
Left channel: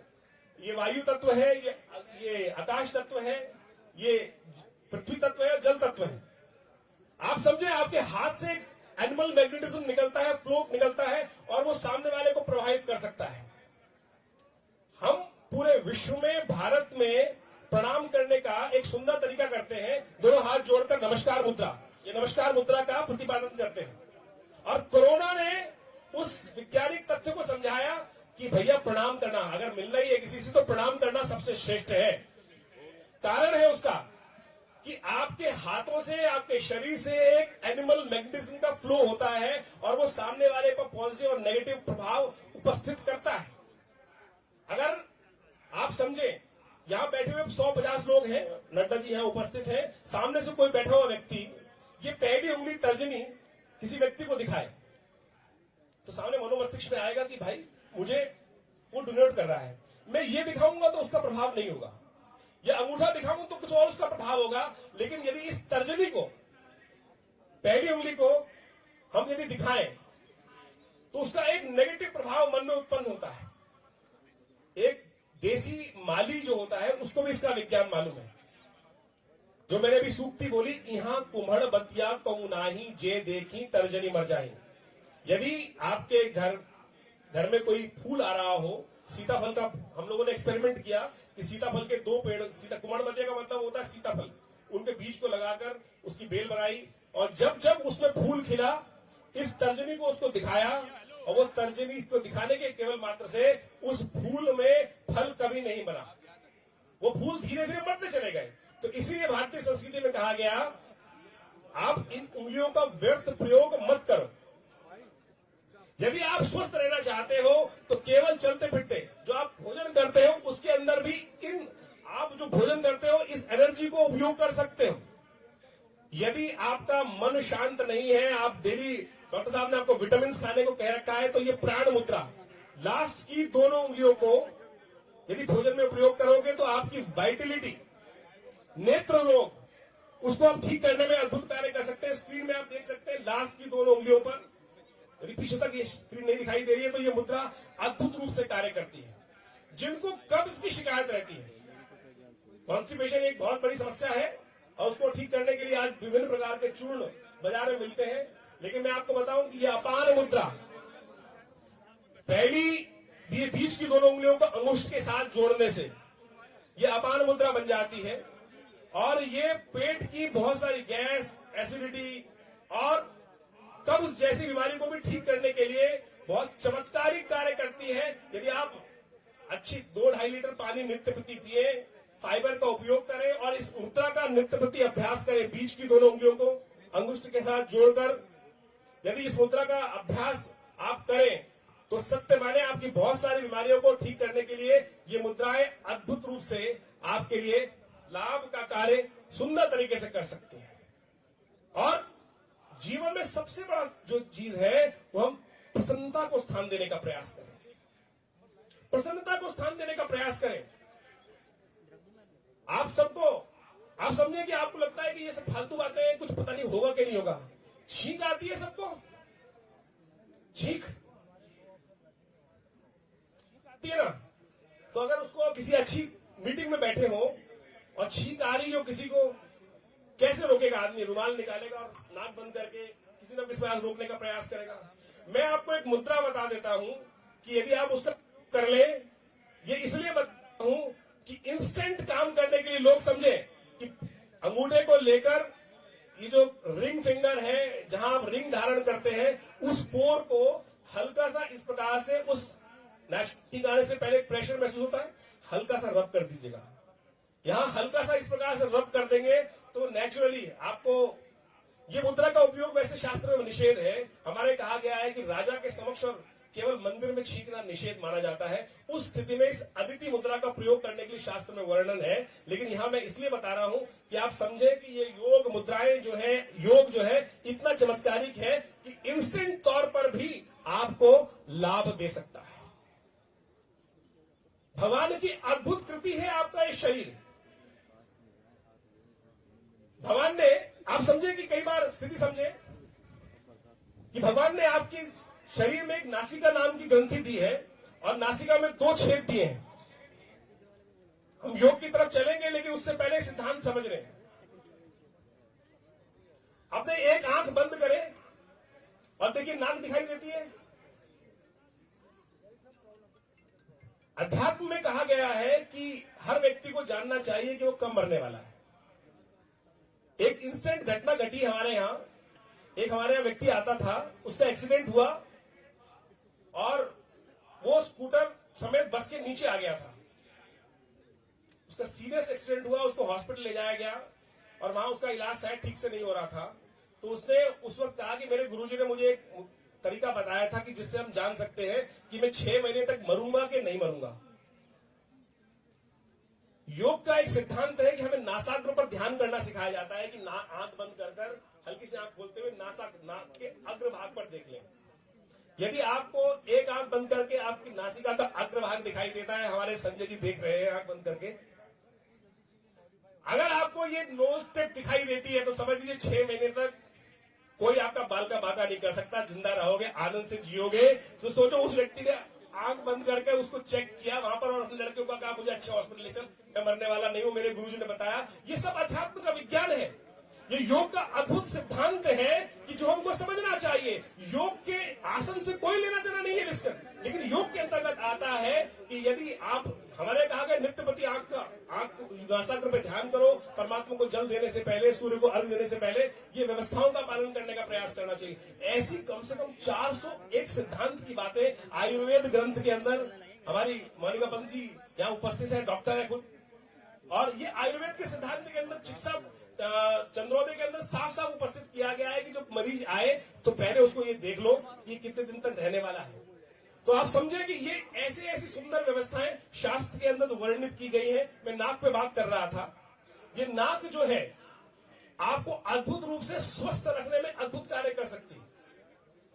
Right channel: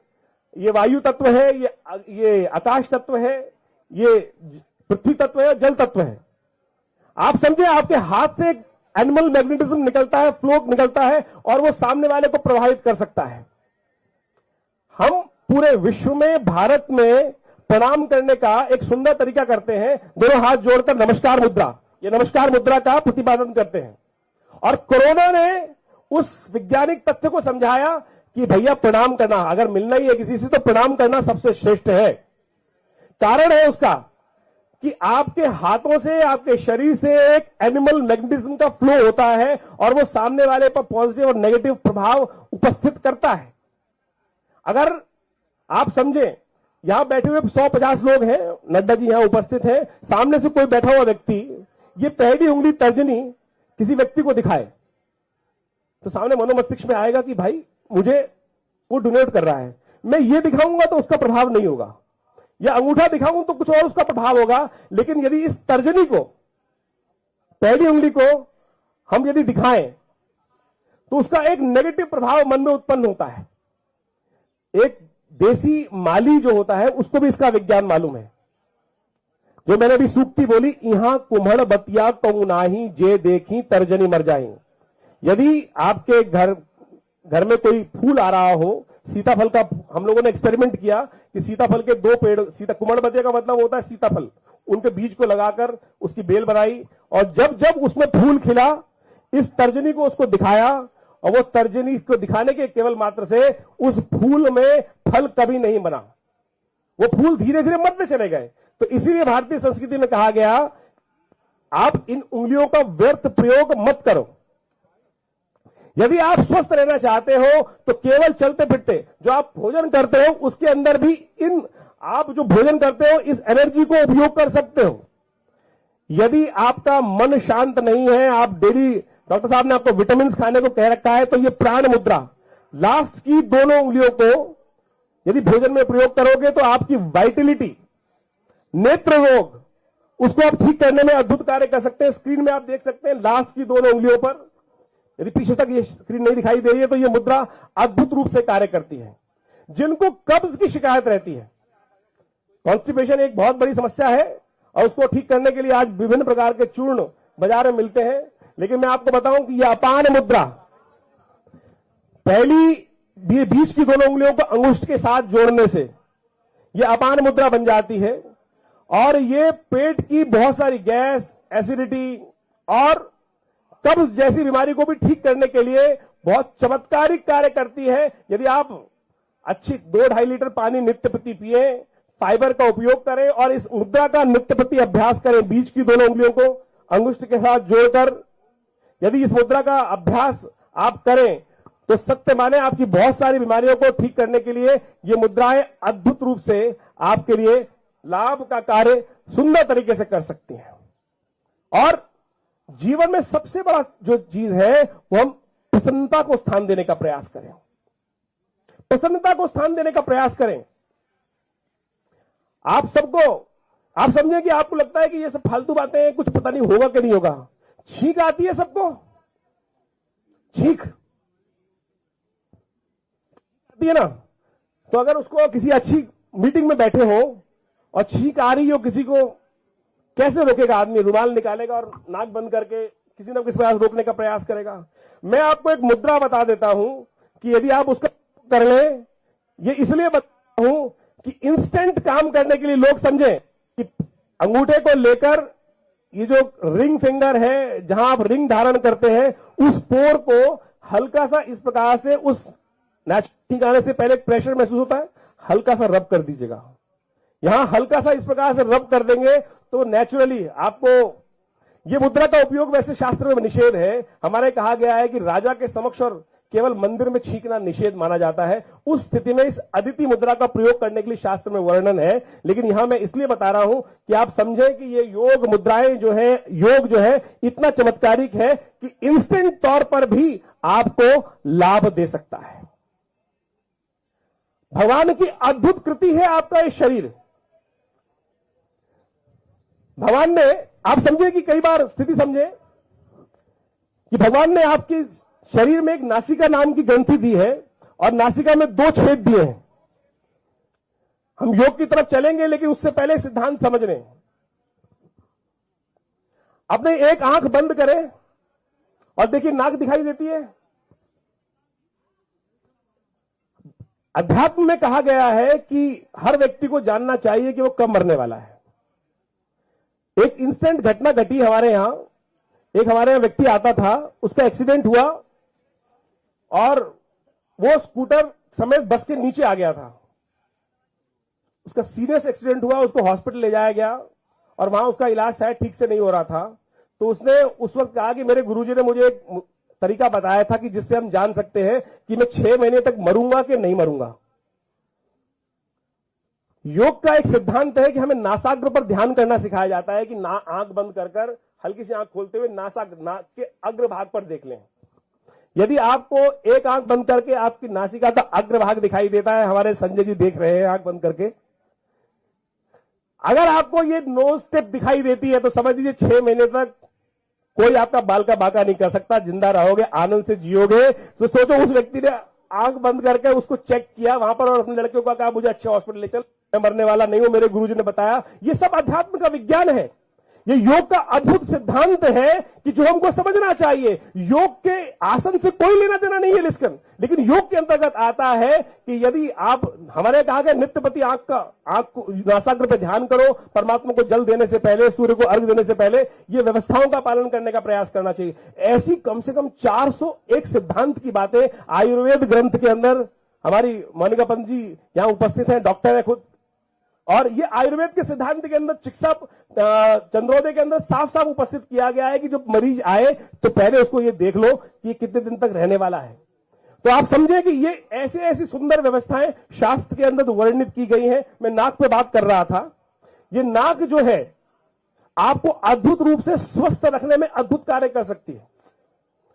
ये वायु तत्व है, ये आकाश तत्व है, ये पृथ्वी तत्व है, जल तत्व है। आप समझे, आपके हाथ से एनिमल मैग्नेटिज्म निकलता है, फ्लो निकलता है और वो सामने वाले को प्रभावित कर सकता है। हम पूरे विश्व में, भारत में प्रणाम करने का एक सुंदर तरीका करते हैं, दोनों हाथ जोड़कर नमस्कार मुद्रा। ये नमस्कार मुद्रा का प्रतिपादन करते हैं और कोरोना ने उस वैज्ञानिक तथ्य को समझाया कि भैया प्रणाम करना, अगर मिलना ही है किसी से तो प्रणाम करना सबसे श्रेष्ठ है। कारण है उसका कि आपके हाथों से, आपके शरीर से एक एनिमल मैग्नेटिज्म का फ्लो होता है और वो सामने वाले पर पॉजिटिव और नेगेटिव प्रभाव उपस्थित करता है। अगर आप समझें, यहां बैठे हुए 150 लोग हैं, नड्डा जी यहां उपस्थित हैं, सामने से कोई बैठा हुआ व्यक्ति ये पहली उंगली तर्जनी किसी व्यक्ति को दिखाए तो सामने मनोमस्तिष्क में आएगा कि भाई मुझे वो डोनेट कर रहा है। मैं ये दिखाऊंगा तो उसका प्रभाव नहीं होगा, या अंगूठा दिखाऊं तो कुछ और उसका प्रभाव होगा। लेकिन यदि इस तर्जनी को, पहली उंगली को हम यदि दिखाएं तो उसका एक नेगेटिव प्रभाव मन में उत्पन्न होता है। एक देसी माली जो होता है उसको भी इसका विज्ञान मालूम है। जो मैंने अभी सूक्ति बोली, यहां कुम्हड़ बतिया कहूं नाही, जे देखी तर्जनी मर जाए। यदि आपके घर में कोई फूल आ रहा हो, सीताफल का हम लोगों ने एक्सपेरिमेंट किया कि सीताफल के 2 पेड़, कुम्हड़ बतिया का मतलब होता है सीताफल, उनके बीज को लगाकर उसकी बेल बनाई और जब जब उसमें फूल खिला, इस तर्जनी को उसको दिखाया और वो तर्जनी को दिखाने के केवल मात्र से उस फूल में फल कभी नहीं बना, वो फूल धीरे धीरे मरते चले गए। तो इसीलिए भारतीय संस्कृति में कहा गया, आप इन उंगलियों का व्यर्थ प्रयोग मत करो। यदि आप स्वस्थ रहना चाहते हो तो केवल चलते फिरते जो आप भोजन करते हो उसके अंदर भी आप जो भोजन करते हो इस एनर्जी को उपयोग कर सकते हो। यदि आपका मन शांत नहीं है, आप डेली, डॉक्टर साहब ने आपको विटामिन खाने को कह रखा है, तो ये प्राण मुद्रा, लास्ट की दोनों उंगलियों को यदि भोजन में प्रयोग करोगे तो आपकी वाइटलिटी, नेत्र रोग, उसको आप ठीक करने में अद्भुत कार्य कर सकते हैं। स्क्रीन में आप देख सकते हैं, लास्ट की दोनों उंगलियों पर यदि पीछे तक ये स्क्रीन नहीं दिखाई दे रही है तो ये मुद्रा अद्भुत रूप से कार्य करती है। जिनको कब्ज की शिकायत रहती है, कॉन्स्टिपेशन एक बहुत बड़ी समस्या है और उसको ठीक करने के लिए आज विभिन्न प्रकार के चूर्ण बाजार में मिलते हैं, लेकिन मैं आपको बताऊं कि यह अपान मुद्रा पहली बीच की दोनों उंगलियों को अंगुष्ठ के साथ जोड़ने से यह अपान मुद्रा बन जाती है और ये पेट की बहुत सारी गैस, एसिडिटी और कब्ज जैसी बीमारी को भी ठीक करने के लिए बहुत चमत्कारिक कार्य करती है। यदि आप अच्छी 2-2.5 लीटर पानी नित्य प्रति पिए, फाइबर का उपयोग करें और इस मुद्रा का नित्य प्रति अभ्यास करें, बीच की दोनों उंगलियों को अंगुष्ठ के साथ जोड़कर यदि इस मुद्रा का अभ्यास आप करें तो सत्य माने आपकी बहुत सारी बीमारियों को ठीक करने के लिए ये मुद्राएं अद्भुत रूप से आपके लिए लाभ का कार्य सुंदर तरीके से कर सकती हैं। और जीवन में सबसे बड़ा जो चीज है वो हम प्रसन्नता को स्थान देने का प्रयास करें, प्रसन्नता को स्थान देने का प्रयास करें। आप समझें कि आपको लगता है कि ये सब फालतू बातें हैं, कुछ पता नहीं होगा कि नहीं होगा। छींक आती है सबको, छींक आती है ना, तो अगर उसको किसी अच्छी मीटिंग में बैठे हो और छींक आ रही हो किसी को, कैसे रोकेगा आदमी? रुमाल निकालेगा और नाक बंद करके किसी न किसी प्रयास रोकने का प्रयास करेगा। मैं आपको एक मुद्रा बता देता हूं कि यदि आप उसका कर लें, ये इसलिए बताता हूं कि इंस्टेंट काम करने के लिए लोग समझे कि अंगूठे को लेकर ये जो रिंग फिंगर है जहां आप रिंग धारण करते हैं उस पोर को हल्का सा इस प्रकार से उस ठिकाने से पहले प्रेशर महसूस होता है, हल्का सा रब कर दीजिएगा। यहां हल्का सा इस प्रकार से रब कर देंगे तो नेचुरली आपको ये मुद्रा का उपयोग वैसे शास्त्र में निषेध है। हमारे कहा गया है कि राजा के समक्ष और केवल मंदिर में छींकना निषेध माना जाता है। उस स्थिति में इस अदिति मुद्रा का प्रयोग करने के लिए शास्त्र में वर्णन है, लेकिन यहां मैं इसलिए बता रहा हूं कि आप समझें कि ये योग मुद्राएं जो है, योग जो है इतना चमत्कारिक है कि इंस्टेंट तौर पर भी आपको लाभ दे सकता है। भगवान की अद्भुत कृति है आपका ये शरीर। भगवान ने, आप समझे कि कई बार स्थिति समझे कि भगवान ने आपकी शरीर में एक नासिका नाम की ग्रंथि दी है और नासिका में 2 छेद दिए हैं। हम योग की तरफ चलेंगे लेकिन उससे पहले सिद्धांत समझ रहे हैं। अपने एक आंख बंद करें और देखिए नाक दिखाई देती है। अध्यात्म में कहा गया है कि हर व्यक्ति को जानना चाहिए कि वो कब मरने वाला है। एक इंस्टेंट घटना घटी हमारे यहां, एक हमारे यहां व्यक्ति आता था, उसका एक्सीडेंट हुआ और वो स्कूटर समेत बस के नीचे आ गया था। उसका सीरियस एक्सीडेंट हुआ, उसको हॉस्पिटल ले जाया गया और वहां उसका इलाज शायद ठीक से नहीं हो रहा था। तो उसने उस वक्त कहा कि मेरे गुरुजी ने मुझे एक तरीका बताया था कि जिससे हम जान सकते हैं कि मैं 6 महीने तक मरूंगा कि नहीं मरूंगा। योग का एक सिद्धांत है कि हमें नासाग्र पर ध्यान करना सिखाया जाता है कि आंख बंद कर हल्की सी आंख खोलते हुए नाक के अग्रभाग पर देख लें। यदि आपको एक आंख बंद करके आपकी नासिका का अग्रभाग दिखाई देता है, हमारे संजय जी देख रहे हैं आंख बंद करके, अगर आपको ये नोज टिप दिखाई देती है तो समझ लीजिए 6 महीने तक कोई आपका बाल का बाका नहीं कर सकता, जिंदा रहोगे, आनंद से जियोगे। तो सोचो उस व्यक्ति ने आंख बंद करके उसको चेक किया वहां पर और अपने लड़के को कहा मुझे अच्छे हॉस्पिटल ले चल, मैं मरने वाला नहीं हूं, मेरे गुरुजी ने बताया। ये सब अध्यात्म का विज्ञान है, ये योग का अद्भुत सिद्धांत है कि जो हमको समझना चाहिए। योग के आसन से कोई लेना देना नहीं है डिस्कन, लेकिन योग के अंतर्गत आता है कि यदि आप, हमारे कहा गया नित्य प्रति आंख को नासाग्र पे ध्यान करो, परमात्मा को जल देने से पहले, सूर्य को अर्घ देने से पहले ये व्यवस्थाओं का पालन करने का प्रयास करना चाहिए। ऐसी कम से कम 401 सिद्धांत की बातें आयुर्वेद ग्रंथ के अंदर, हमारी मोनिका पंत जी यहां उपस्थित है, डॉक्टर है खुद, और ये आयुर्वेद के सिद्धांत के अंदर चिकित्सा चंद्रोदय के अंदर साफ साफ उपस्थित किया गया है कि जब मरीज आए तो पहले उसको ये देख लो कि कितने दिन तक रहने वाला है। तो आप समझे कि ये ऐसे ऐसी सुंदर व्यवस्थाएं शास्त्र के अंदर वर्णित की गई हैं। मैं नाक पे बात कर रहा था। ये नाक जो है आपको अद्भुत रूप से स्वस्थ रखने में अद्भुत कार्य कर सकती है।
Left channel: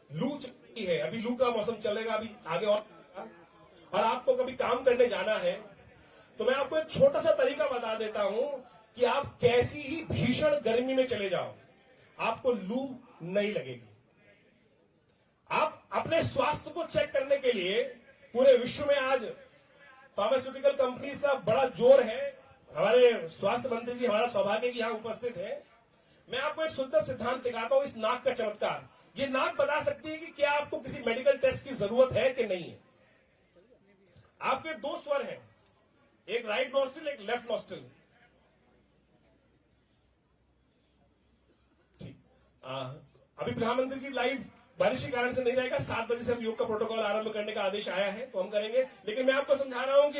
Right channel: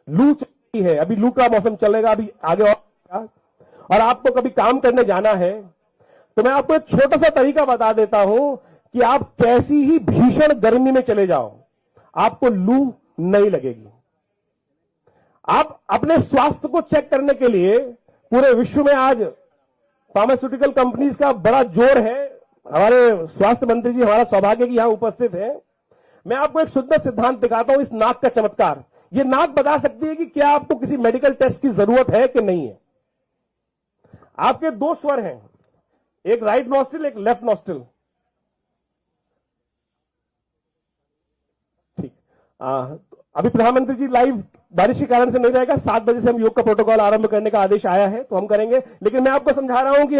लू चलती है, अभी लू का मौसम चलेगा, अभी आगे और आपको कभी काम करने जाना है तो मैं आपको एक छोटा सा तरीका बता देता हूं कि आप कैसी ही भीषण गर्मी में चले जाओ, आपको लू नहीं लगेगी। आप अपने स्वास्थ्य को चेक करने के लिए पूरे विश्व में आज फार्मास्यूटिकल कंपनीज का बड़ा जोर है। हमारे स्वास्थ्य मंत्री जी हमारा सौभाग्य की यहां उपस्थित है। मैं आपको एक सुंदर सिद्धांत दिखाता हूं, इस नाक का चमत्कार। ये नाक बता सकती है कि क्या आपको किसी मेडिकल टेस्ट की जरूरत है कि नहीं है। आपके दो स्वर हैं, एक राइट नॉस्ट्रिल, एक लेफ्ट नॉस्ट्रिल। ठीक, अभी प्रधानमंत्री जी लाइव बारिश के कारण से नहीं रहेगा। 7 बजे से हम योग का प्रोटोकॉल आरंभ करने का आदेश आया है, तो हम करेंगे। लेकिन मैं आपको समझा रहा हूं कि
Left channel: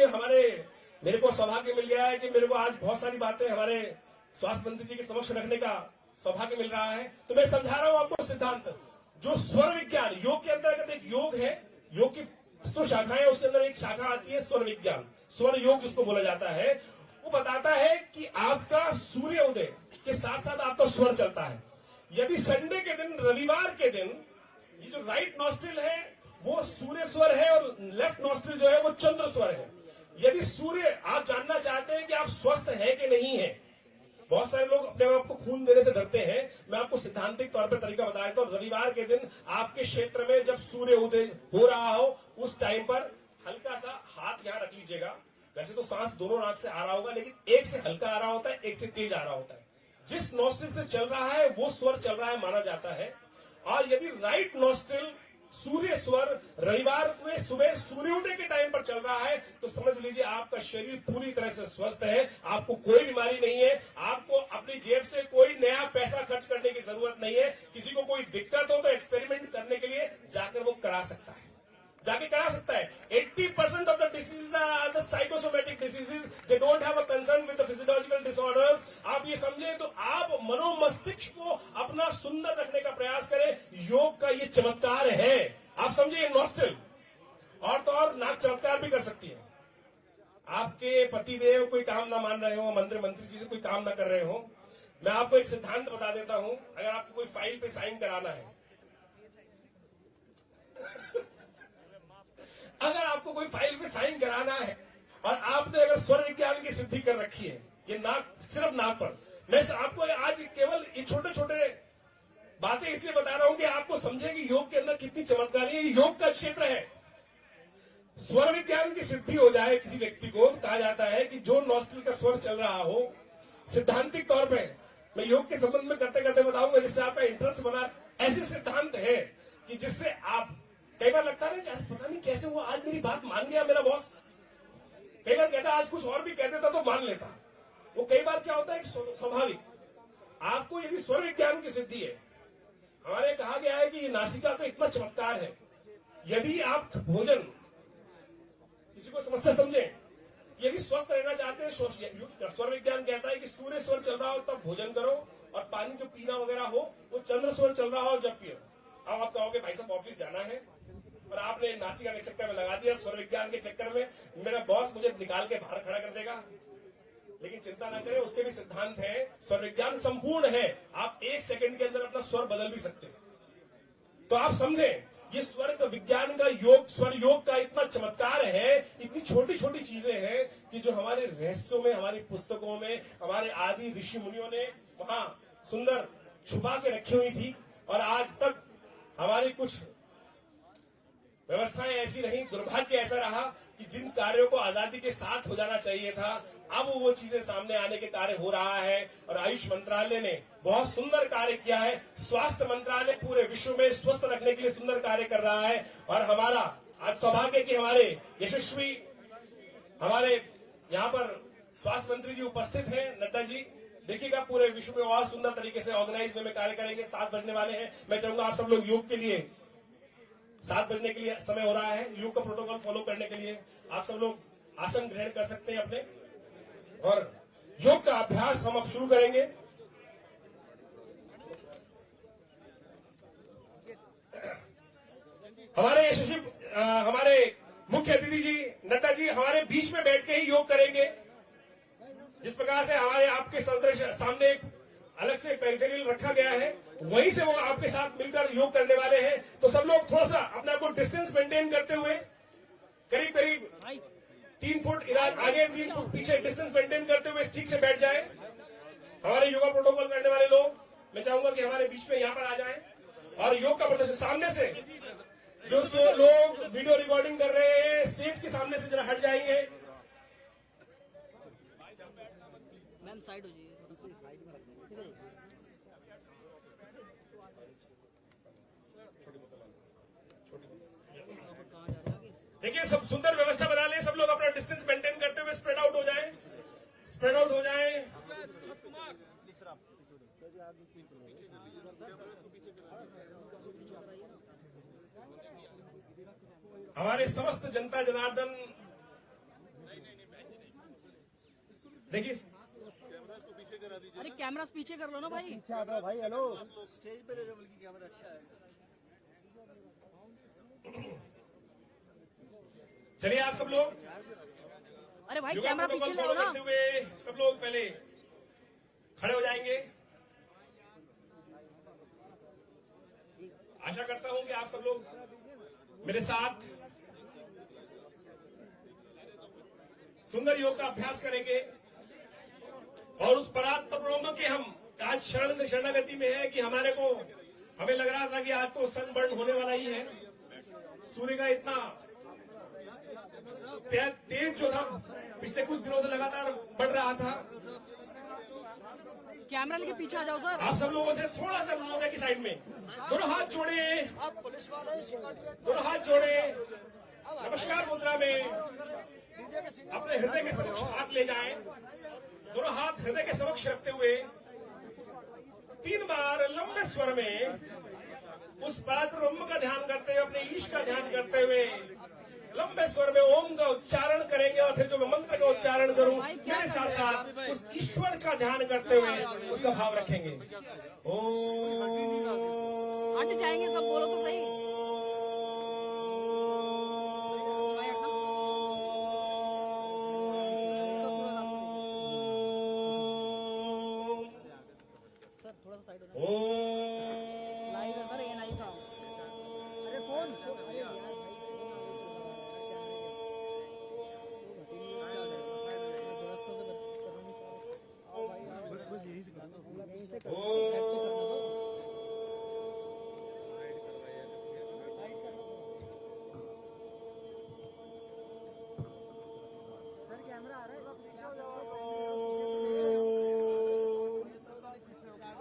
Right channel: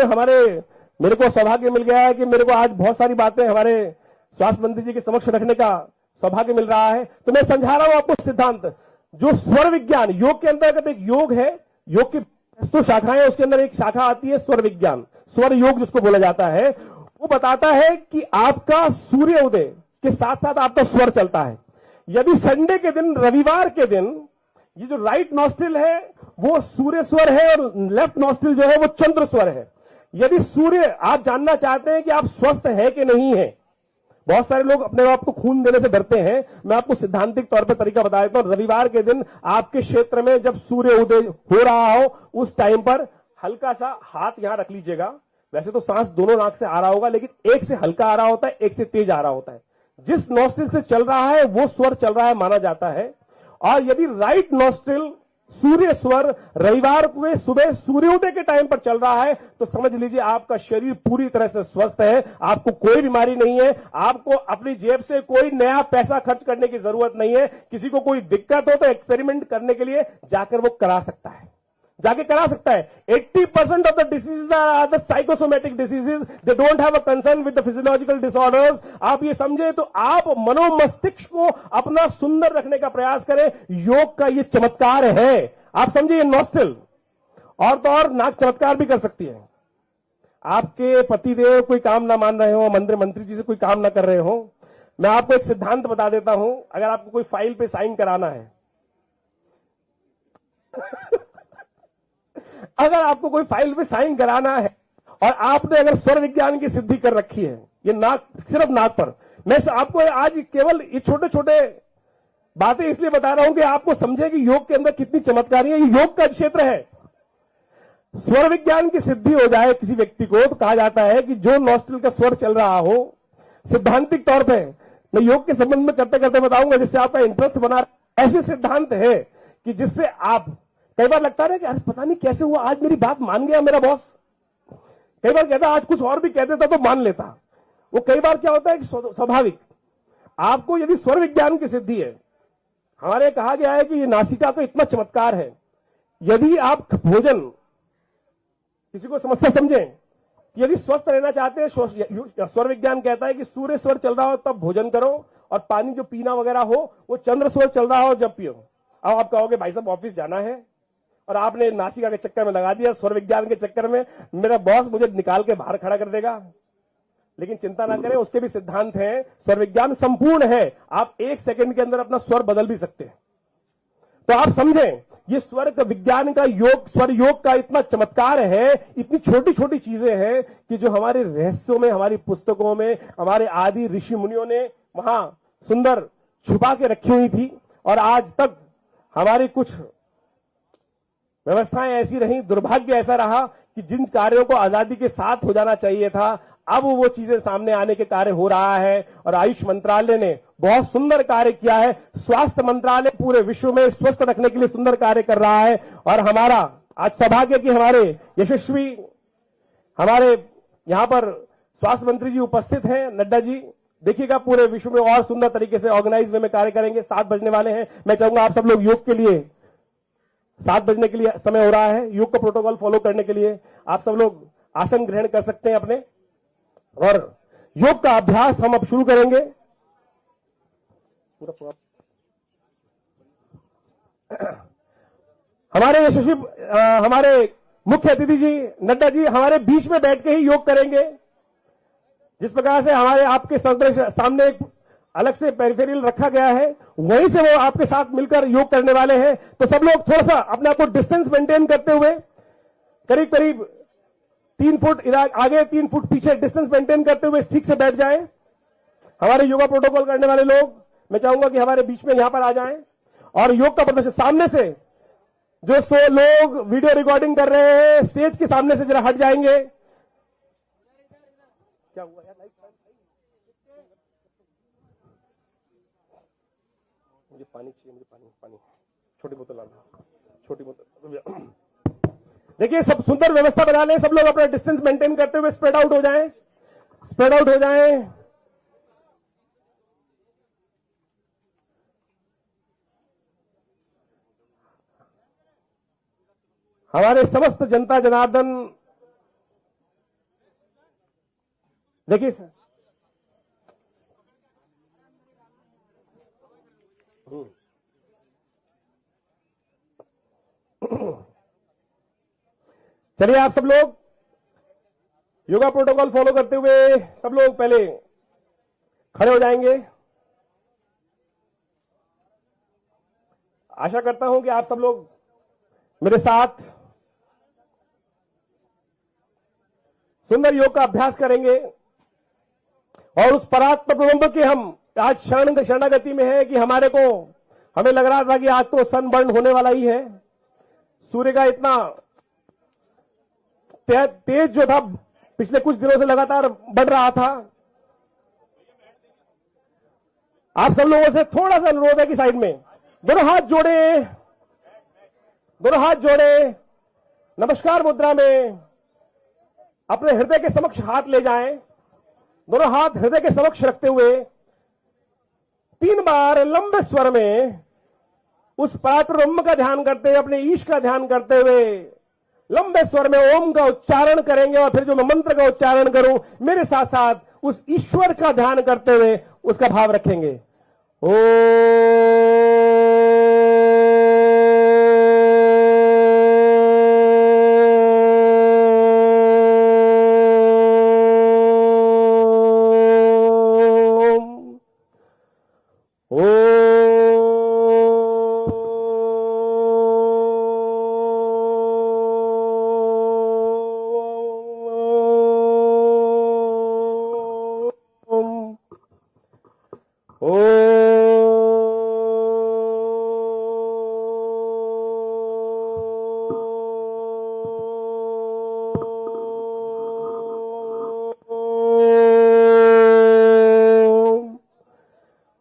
मेरे को सौभाग्य मिल गया है कि मेरे को आज बहुत सारी बातें हमारे स्वास्थ्य मंत्री जी के समक्ष रखने का सौभाग्य मिल रहा है। तो मैं समझा रहा हूं आपको सिद्धांत, जो स्वर विज्ञान, योग के अंतर्गत एक योग है, योग की तो शाखाएं, उसके अंदर एक शाखा आती है स्वर विज्ञान, स्वर योग जिसको बोला जाता है। वो बताता है कि आपका सूर्य उदय के साथ साथ आपका स्वर चलता है। यदि संडे के दिन, रविवार के दिन, ये जो राइट नॉस्ट्रिल है वो सूर्य स्वर है और लेफ्ट नॉस्ट्रिल जो है वो चंद्र स्वर है। यदि सूर्य, आप जानना चाहते हैं कि आप स्वस्थ है कि नहीं है, बहुत सारे लोग अपने आप को खून देने से डरते हैं। मैं आपको सिद्धांतिक तौर पर तरीका बता देता हूं। रविवार के दिन आपके क्षेत्र में जब सूर्य उदय हो रहा हो, उस टाइम पर हल्का सा हाथ यहां रख लीजिएगा। वैसे तो सांस दोनों नाक से आ रहा होगा, लेकिन एक से हल्का आ रहा होता है, एक से तेज आ रहा होता है। जिस नॉस्ट्रिल से चल रहा है वो स्वर चल रहा है माना जाता है। और यदि राइट नॉस्ट्रिल सूर्य स्वर रविवार को सुबह सूर्योदय के टाइम पर चल रहा है, तो समझ लीजिए आपका शरीर पूरी तरह से स्वस्थ है, आपको कोई बीमारी नहीं है, आपको अपनी जेब से कोई नया पैसा खर्च करने की जरूरत नहीं है। किसी को कोई दिक्कत हो तो एक्सपेरिमेंट करने के लिए जाकर वो करा सकता है, जाके करा सकता है। 80% of the diseases are the psychosomatic diseases, they don't have a concern with the physiological disorders. आप ये समझे तो आप मनोमस्तिष्क को अपना सुंदर रखने का प्रयास करें। योग का ये चमत्कार है। आप समझे, ये नॉस्ट्रिल और तो और नाक चमत्कार भी कर सकती है। आपके पतिदेव कोई काम ना मान रहे हो, मंत्री जी से कोई काम ना कर रहे हो, मैं आपको एक सिद्धांत बता देता हूं। अगर आपको कोई फाइल पे साइन कराना है अगर आपको कोई फाइल पे साइन कराना है और आपने अगर स्वर विज्ञान की सिद्धि कर रखी है, ये नाक, सिर्फ नाक पर, मैं आपको आज केवल ये छोटे छोटे बातें इसलिए बता रहा हूं कि आपको समझे कि योग के अंदर कितनी चमत्कारी है। ये योग का क्षेत्र है। स्वर विज्ञान की सिद्धि हो जाए किसी व्यक्ति को, तो कहा जाता है कि जो नॉस्ट्रिल का स्वर चल रहा हो, सिद्धांतिक तौर पे मैं योग के संबंध में करते करते बताऊंगा जिससे आपका इंटरेस्ट बना। ऐसे सिद्धांत है कि जिससे आप, कई बार लगता है कि आज पता नहीं कैसे हुआ, आज मेरी बात मान गया मेरा बॉस। कई बार कहता आज कुछ और भी कह देता तो मान लेता। वो कई बार क्या होता है कि स्वाभाविक, आपको यदि स्वर विज्ञान की सिद्धि है, हमारे कहा गया है कि ये नासिका तो इतना चमत्कार है। यदि आप भोजन, किसी को समस्या समझें, यदि स्वस्थ रहना चाहते हैं, स्वर विज्ञान कहता है कि सूर्य स्वर चल रहा हो तब भोजन करो, और पानी जो पीना वगैरह हो वो चंद्र स्वर चल रहा हो जब पियो। अब आप कहोगे भाई साहब ऑफिस जाना है और आपने नासिका के चक्कर में लगा दिया, स्वर विज्ञान के चक्कर में मेरा बॉस मुझे निकाल के बाहर खड़ा कर देगा। लेकिन चिंता ना करें, उसके भी सिद्धांत हैं। स्वर विज्ञान संपूर्ण है, आप 1 सेकंड के अंदर अपना स्वर बदल भी सकते हैं। तो आप समझें, ये स्वर का विज्ञान का योग, स्वर योग का इतना चमत्कार है, इतनी छोटी छोटी चीजें हैं कि जो हमारे रहस्यों में, हमारी पुस्तकों में, हमारे आदि ऋषि मुनियों ने वहां सुंदर छुपा के रखी हुई थी। और आज तक हमारी कुछ व्यवस्थाएं ऐसी रही, दुर्भाग्य ऐसा रहा कि जिन कार्यों को आजादी के साथ हो जाना चाहिए था, अब वो चीजें सामने आने के कार्य हो रहा है। और आयुष मंत्रालय ने बहुत सुंदर कार्य किया है। स्वास्थ्य मंत्रालय पूरे विश्व में स्वस्थ रखने के लिए सुंदर कार्य कर रहा है। और हमारा आज सौभाग्य कि हमारे यशस्वी, हमारे यहां पर स्वास्थ्य मंत्री जी उपस्थित हैं, नड्डा जी। देखिएगा पूरे विश्व में और सुंदर तरीके से ऑर्गेनाइज में कार्य करेंगे। 7 बजने वाले हैं। मैं चाहूंगा आप सब लोग योग के लिए, 7 बजने के लिए समय हो रहा है, योग का प्रोटोकॉल फॉलो करने के लिए आप सब लोग आसन ग्रहण कर सकते हैं अपने, और योग का अभ्यास हम अब शुरू करेंगे। हमारे यशस्वी, हमारे मुख्य अतिथि जी नड्डा जी हमारे बीच में बैठ के ही योग करेंगे। जिस प्रकार से हमारे आपके सामने एक अलग से पेरिफेरल रखा गया है, वहीं से वो आपके साथ मिलकर योग करने वाले हैं। तो सब लोग थोड़ा सा अपने आप को डिस्टेंस मेंटेन करते हुए, करीब करीब 3 फुट इधर आगे, 3 फुट पीछे डिस्टेंस मेंटेन करते हुए ठीक से बैठ जाएं। हमारे योगा प्रोटोकॉल करने वाले लोग, मैं चाहूंगा कि हमारे बीच में यहां पर आ जाएं और योग का प्रदर्शन सामने से जो 100 लोग वीडियो रिकॉर्डिंग कर रहे हैं स्टेज के सामने से जरा हट जाएंगे। मैम साइड हो जाइए। मुझे पानी चाहिए, मुझे पानी छोटी बोतल ला लो, छोटी बोतल। देखिए सब सुंदर व्यवस्था बना लें, सब लोग अपना डिस्टेंस मेंटेन करते हुए स्प्रेड आउट हो जाएं, स्प्रेड आउट हो जाएं। हमारे समस्त जनता जनार्दन देखिए अरे कैमरा पीछे कर लो ना भाई। पीछे आ भाई। हेलो कैमरा अच्छा है। चलिए आप सब लोग अरे भाई योगा प्रोटोकॉल फॉलो करते हुए सब लोग पहले खड़े हो जाएंगे। आशा करता हूं कि आप सब लोग मेरे साथ सुंदर योग का अभ्यास करेंगे और उस परात्पर ब्रह्म के हम आज शरणागति में है कि हमें लग रहा था कि आज तो सनबर्न होने वाला ही है। सूर्य का इतना तेज जो था पिछले कुछ दिनों से लगातार बढ़ रहा था। कैमरा लेके पीछे आ जाओ सर। आप सब लोगों से थोड़ा सा अनुरोध है कि साइड में दोनों हाथ जोड़े, दोनों हाथ जोड़े, नमस्कार मुद्रा में अपने हृदय के समक्ष हाथ ले जाएं। दोनों हाथ हृदय के समक्ष रखते हुए 3 बार लंबे स्वर में उस परात्पर ब्रह्म का ध्यान करते हुए, अपने ईश का ध्यान करते हुए लंबे स्वर में ओम का उच्चारण करेंगे और फिर जो मैं मंत्र का उच्चारण करूं मेरे साथ साथ उस ईश्वर का ध्यान करते हुए उसका भाव रखेंगे।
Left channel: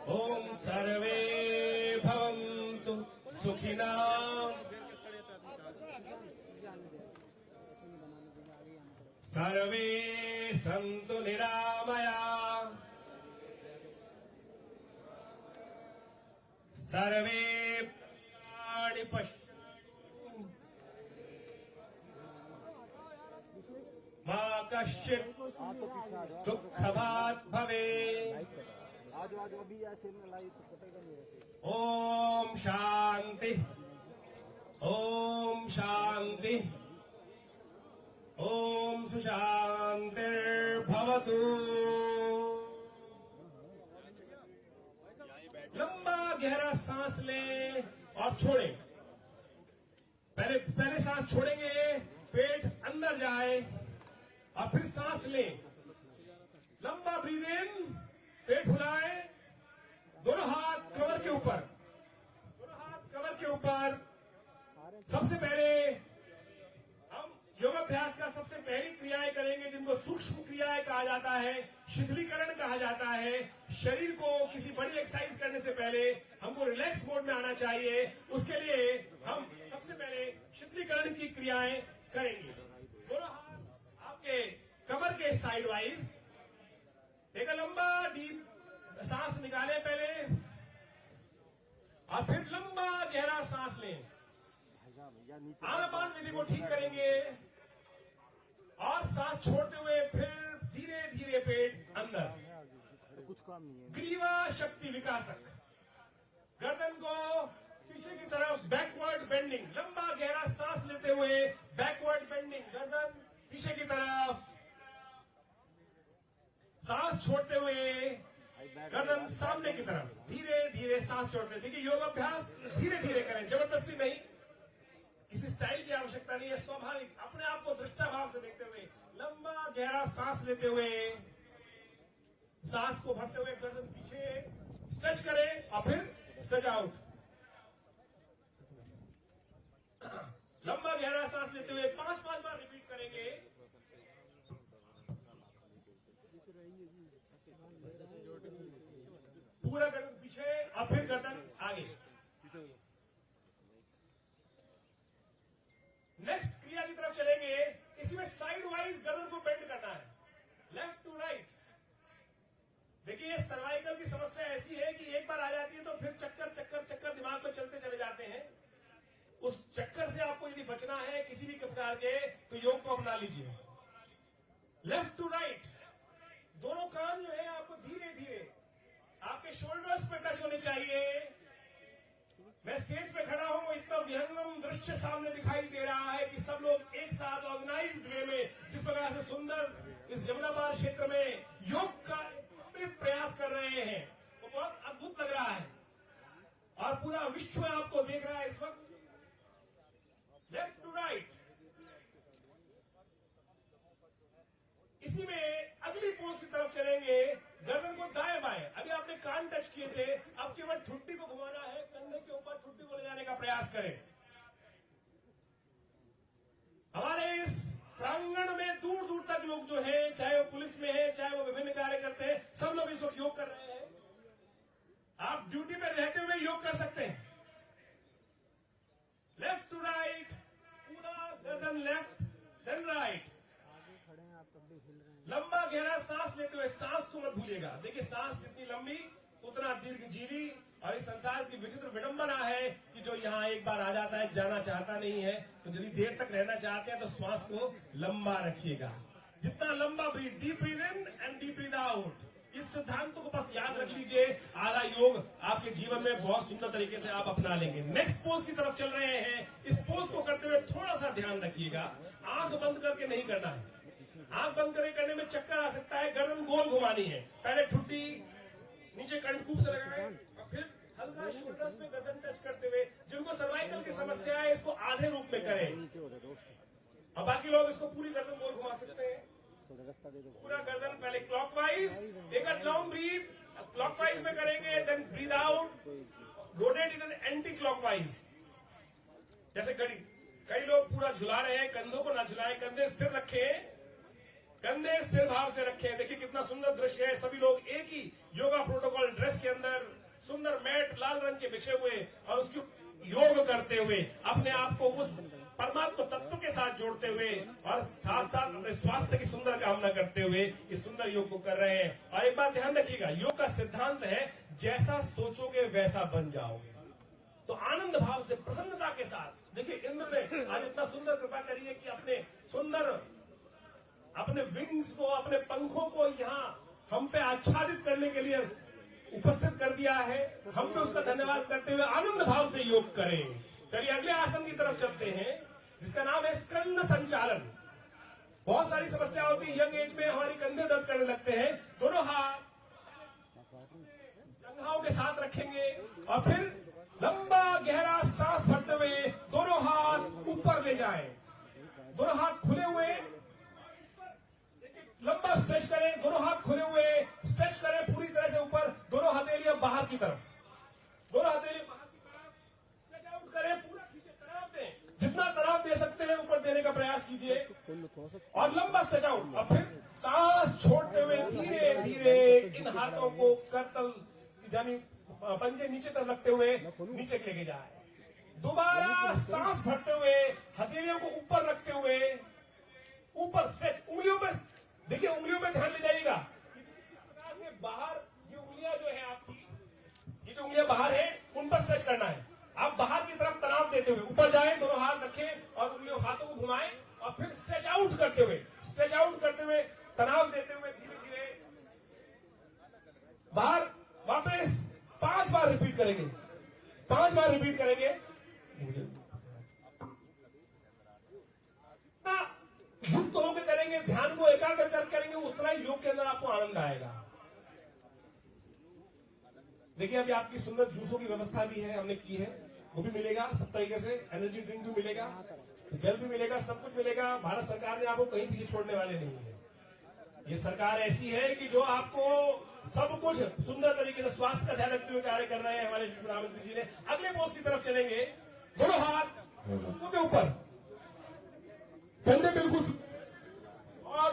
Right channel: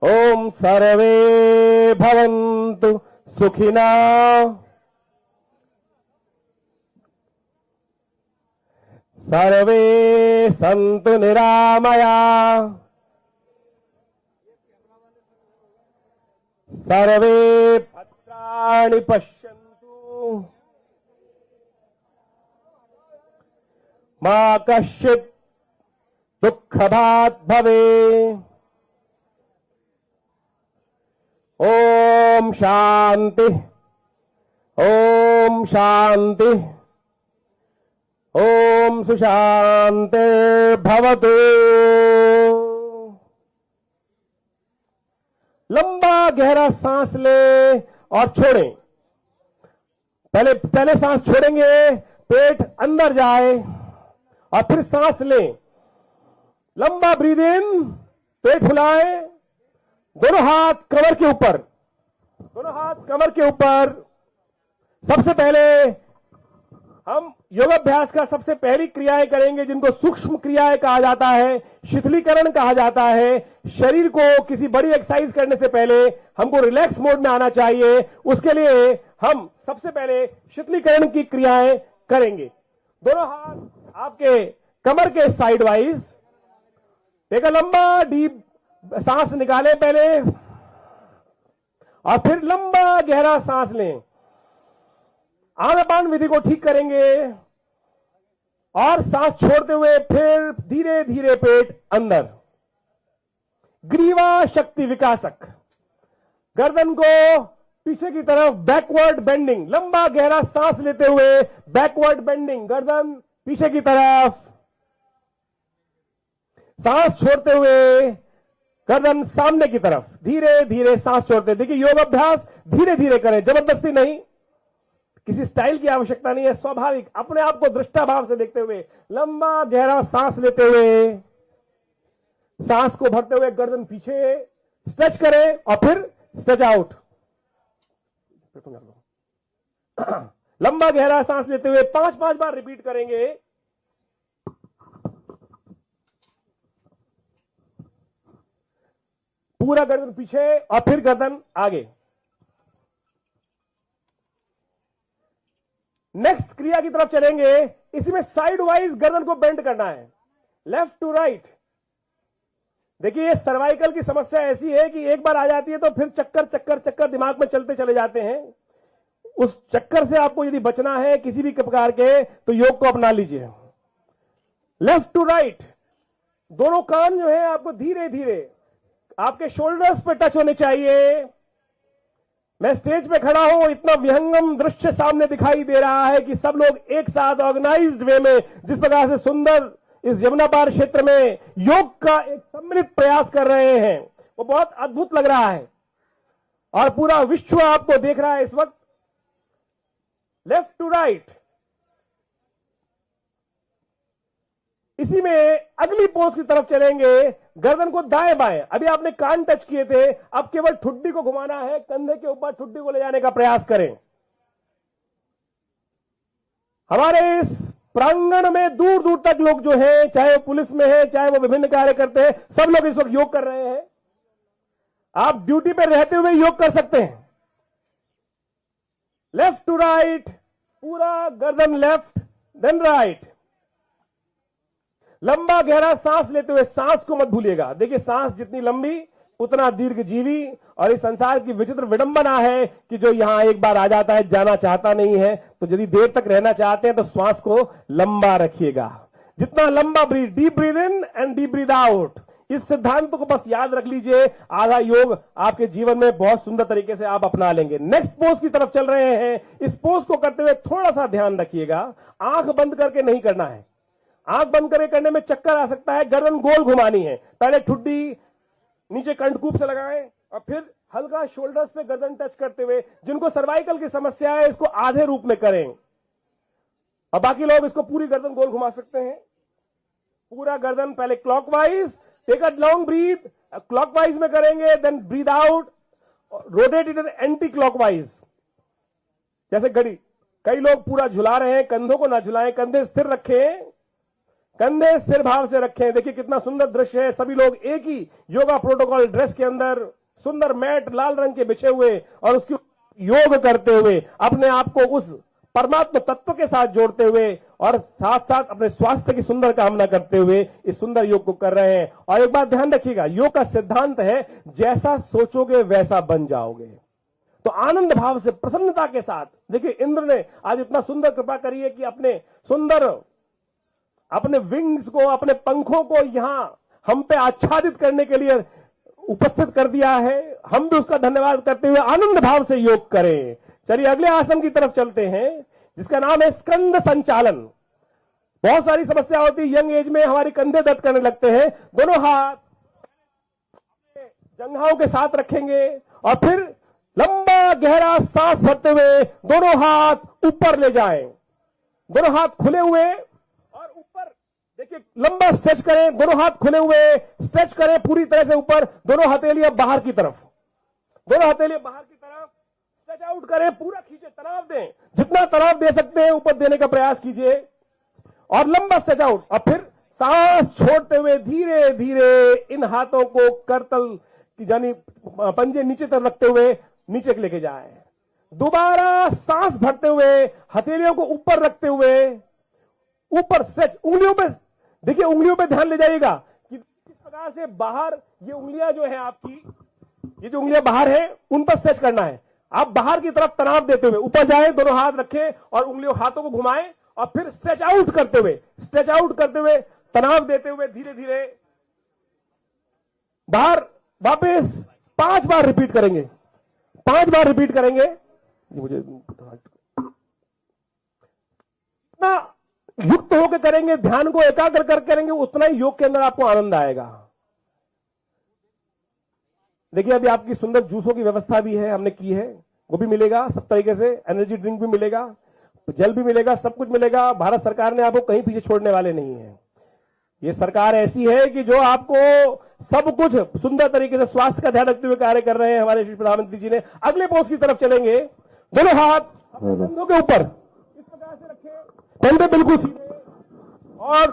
ओम सर्वे भवन्तु सुखिनः, सर्वे सन्तु निरामयाः, सर्वे भद्राणि पश्यन्तु, मा कश्चित् दुःखभाग् भवेत्। ओम शांति, ओम शांति, ओम सुशांति भवतु। लंबा गहरा सांस ले और छोड़ें। पहले सांस छोड़ेंगे, पेट अंदर जाए और फिर सांस लें। लंबा ब्रीद इन, पेट फुलाए, दोनों हाथ कमर के ऊपर, दोनों हाथ कमर के ऊपर। सबसे पहले हम योगाभ्यास का सबसे पहली क्रियाएं करेंगे जिनको सूक्ष्म क्रियाएं कहा जाता है, शिथिलीकरण कहा जाता है। शरीर को किसी बड़ी एक्सरसाइज करने से पहले हमको रिलैक्स मोड में आना चाहिए। उसके लिए हम सबसे पहले शिथिलीकरण की क्रियाएं करेंगे। दोनों हाथ आपके कमर के साइड वाइज, एक लंबा डीप सांस निकालें पहले और फिर लंबा गहरा सांस लें। आनापान विधि को ठीक करेंगे और सांस छोड़ते हुए फिर धीरे धीरे पेट अंदर। ग्रीवा शक्ति विकासक, गर्दन को पीछे की तरफ बैकवर्ड बेंडिंग, लंबा गहरा सांस लेते हुए बैकवर्ड बेंडिंग, गर्दन पीछे की तरफ। सांस छोड़ते हुए गर्दन सामने की तरफ, धीरे धीरे सांस छोड़ते। देखिए योग अभ्यास धीरे धीरे करें, जबरदस्ती नहीं, किसी स्टाइल की आवश्यकता नहीं है, स्वाभाविक अपने आप को दृष्टा भाव से देखते हुए लंबा गहरा सांस लेते हुए, सांस को भरते हुए गर्दन पीछे स्ट्रेच करें और फिर स्ट्रेच आउट। लंबा गहरा सांस लेते हुए 5-5 बार रिपीट करेंगे। पूरा गर्दन पीछे और फिर गर्दन आगे। नेक्स्ट क्रिया की तरफ चलेंगे। इसमें साइड वाइज गर्दन को बेंड करना है, लेफ्ट टू राइट। देखिए ये सर्वाइकल की समस्या ऐसी है कि एक बार आ जाती है तो फिर चक्कर चक्कर चक्कर दिमाग में चलते चले जाते हैं। उस चक्कर से आपको यदि बचना है किसी भी प्रकार के, तो योग को अपना लीजिए। लेफ्ट टू राइट, दोनों कान जो है आपको धीरे धीरे आपके शोल्डर्स पे टच होने चाहिए। मैं स्टेज पे खड़ा हूं, इतना विहंगम दृश्य सामने दिखाई दे रहा है कि सब लोग एक साथ ऑर्गेनाइज्ड वे में जिस प्रकार से सुंदर इस यमुना पार क्षेत्र में योग का एक सम्मिलित प्रयास कर रहे हैं, वो बहुत अद्भुत लग रहा है और पूरा विश्व आपको देख रहा है इस वक्त। लेफ्ट टू राइट, इसी में अगली पोज की तरफ चलेंगे। गर्दन को दाएं बाएं, अभी आपने कान टच किए थे, अब केवल ठुड्डी को घुमाना है, कंधे के ऊपर ठुड्डी को ले जाने का प्रयास करें। हमारे इस प्रांगण में दूर दूर तक लोग जो हैं, चाहे वो पुलिस में है, चाहे वो विभिन्न कार्य करते हैं, सब लोग इस वक्त योग कर रहे हैं। आप ड्यूटी पर रहते हुए योग कर सकते हैं। लेफ्ट टू राइट, पूरा गर्दन लेफ्ट देन राइट। लंबा गहरा सांस लेते हुए, सांस को मत भूलिएगा। देखिए सांस जितनी लंबी उतना दीर्घ जीवी, और इस संसार की विचित्र विडंबना है कि जो यहां एक बार आ जाता है जाना चाहता नहीं है। तो यदि देर तक रहना चाहते हैं तो श्वास को लंबा रखिएगा। जितना लंबा breath, deep breath in and deep breath out, इस सिद्धांत को बस याद रख लीजिए। आधा योग आपके जीवन में बहुत सुंदर तरीके से आप अपना लेंगे। नेक्स्ट पोज की तरफ चल रहे हैं। इस पोज को करते हुए थोड़ा सा ध्यान रखिएगा, आंख बंद करके नहीं करना है। आंख बंद करके करने में चक्कर आ सकता है। गर्दन गोल घुमानी है। पहले ठुड्डी नीचे कंठकूप से लगाएं और फिर हल्का शोल्डर्स पे गर्दन टच करते हुए, जिनको सर्वाइकल की समस्या है इसको आधे रूप में करें, और बाकी लोग इसको पूरी गर्दन गोल घुमा सकते हैं। पूरा गर्दन पहले clockwise, take a long breath, clockwise में करेंगे, then breath out, rotate it anti clockwise. जैसे घड़ी, कई लोग पूरा झुला रहे हैं, कंधों को ना झुलाएं, कंधे स्थिर रखें, कंधे स्थिर भाव से रखें। देखिए कितना सुंदर दृश्य है। सभी लोग एक ही योगा प्रोटोकॉल ड्रेस के अंदर, सुंदर मैट लाल रंग के बिछे हुए, और उसकी योग करते हुए अपने आप को उस परमात्मा तत्व के साथ जोड़ते हुए और साथ साथ अपने स्वास्थ्य की सुंदर कामना करते हुए इस सुंदर योग को कर रहे हैं। और एक बात ध्यान रखिएगा, योग का सिद्धांत है जैसा सोचोगे वैसा बन जाओगे। तो आनंद भाव से, प्रसन्नता के साथ, देखिए इंद्र ने आज इतना सुंदर कृपा करी है कि अपने विंग्स को, अपने पंखों को यहां हम पे आच्छादित करने के लिए उपस्थित कर दिया है। हम भी उसका धन्यवाद करते हुए आनंद भाव से योग करें। चलिए अगले आसन की तरफ चलते हैं, जिसका नाम है स्कंद संचालन। बहुत सारी समस्या होती है यंग एज में, हमारे कंधे दर्द करने लगते हैं। दोनों हाथ जंघाओं के साथ रखेंगे और फिर लंबा गहरा सांस भरते हुए दोनों हाथ ऊपर ले जाएं। दोनों हाथ खुले हुए और ऊपर, देखिए लंबा स्ट्रेच करें, दोनों हाथ खुले हुए स्ट्रेच करें पूरी तरह से ऊपर। दोनों हथेलियां बाहर की तरफ, दोनों हथेलियां बाहर की तरफ स्ट्रेच आउट करें, पूरा खींचे, तनाव दें, जितना तनाव दे सकते हैं ऊपर देने का प्रयास कीजिए और लंबा स्ट्रेच आउट। और फिर सांस छोड़ते हुए धीरे धीरे इन हाथों को करतल यानी पंजे नीचे तरफ रखते हुए नीचे लेके जाए। दोबारा सांस भरते हुए हथेलियों को ऊपर रखते हुए ऊपर स्ट्रेच। उंगलियों पे देखिए, उंगलियों पे ध्यान ले जाइएगा कि किस प्रकार से बाहर ये उंगलियां जो है आपकी, ये जो उंगलियां बाहर है उन पर स्ट्रेच करना है। आप बाहर की तरफ तनाव देते हुए ऊपर जाए, दोनों हाथ रखें और उंगलियों हाथों को घुमाएं और फिर स्ट्रेच आउट करते हुए तनाव देते हुए धीरे धीरे बाहर वापस 5 बार रिपीट करेंगे। 5 बार रिपीट करेंगे। मुझे जितना युक्त होकर करेंगे, ध्यान को एकाग्र कर करेंगे, उतना ही योग के अंदर आपको आनंद आएगा। देखिए अभी आपकी सुंदर जूसों की व्यवस्था भी है, हमने की है, वो भी मिलेगा सब तरीके से। एनर्जी ड्रिंक भी मिलेगा, जल भी मिलेगा, सब कुछ मिलेगा। भारत सरकार ने आपको कहीं पीछे छोड़ने वाले नहीं है। ये सरकार ऐसी है कि जो आपको सब कुछ सुंदर तरीके से स्वास्थ्य का ध्यान रखते हुए कार्य कर रहे हैं हमारे प्रधानमंत्री जी ने। अगले पोस्ट की तरफ चलेंगे। दोनों हाथ कंधों के ऊपर इस प्रकार से रखे, कंधे बिल्कुल सीधे, और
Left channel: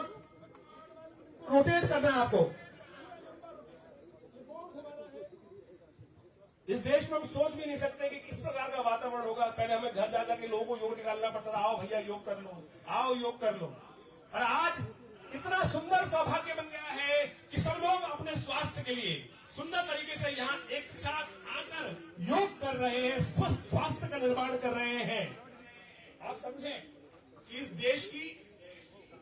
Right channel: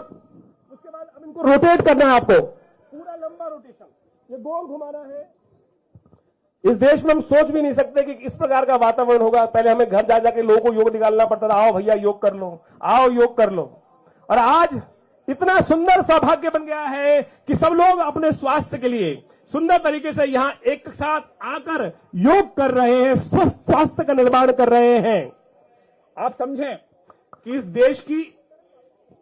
उसके बाद अब इनको रोटेट करना है आपको, पूरा लंबा रोटेशन, ये गोल घुमाना है। इस देश में हम सोच भी नहीं सकते कि इस प्रकार का वातावरण होगा। पहले हमें घर जा जाके लोगों को योग निकालना पड़ता था, आओ भैया योग कर लो, आओ योग कर लो। और आज इतना सुंदर सौभाग्य बन गया है कि सब लोग अपने स्वास्थ्य के लिए सुंदर तरीके से यहां एक साथ आकर योग कर रहे हैं, स्वस्थ स्वास्थ्य का निर्माण कर रहे हैं। आप समझें कि इस देश की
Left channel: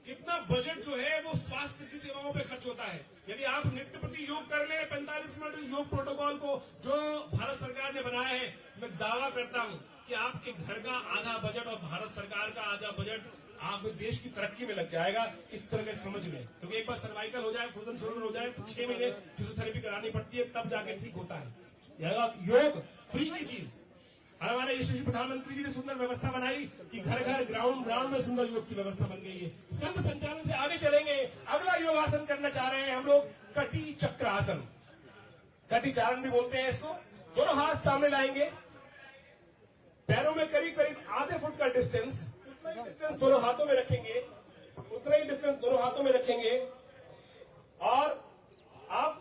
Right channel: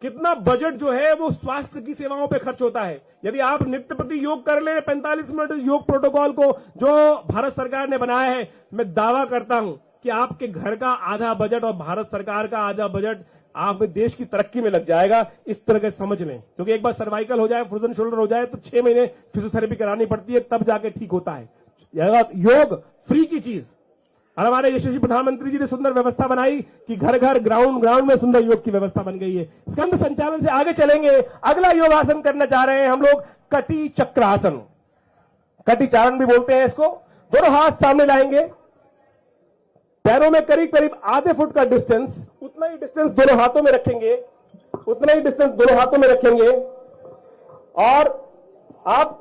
कितना बजट जो है वो स्वास्थ्य की सेवाओं पे खर्च होता है। यदि आप नित्य प्रति योग कर ले 45 मिनट योग प्रोटोकॉल को जो भारत सरकार ने बनाया है, मैं दावा करता हूं कि आपके घर का आधा बजट और भारत सरकार का आधा बजट आप देश की तरक्की में लग जाएगा। इस तरह के समझ लें, क्योंकि एक बार सर्वाइकल हो जाए, फ्रोजन शोल्डर हो जाए तो 6 महीने फिजियोथेरेपी करानी पड़ती है, तब जाके ठीक होता है। योग फ्री की चीज, और हमारे यशस्वी प्रधानमंत्री जी ने सुंदर व्यवस्था बनाई कि घर घर ग्राउंड में सुंदर योग की व्यवस्था बन गई है। संघ संचालन से आगे चलेंगे। अगला योगासन करना चाह रहे हैं हम लोग, कटी चक्रासन, कटी चारण भी बोलते हैं इसको। दोनों हाथ सामने लाएंगे, पैरों में करीब करीब आधे फुट का डिस्टेंस, उतना ही डिस्टेंस दोनों हाथों में रखेंगे, उतना ही डिस्टेंस दोनों हाथों में रखेंगे। और आप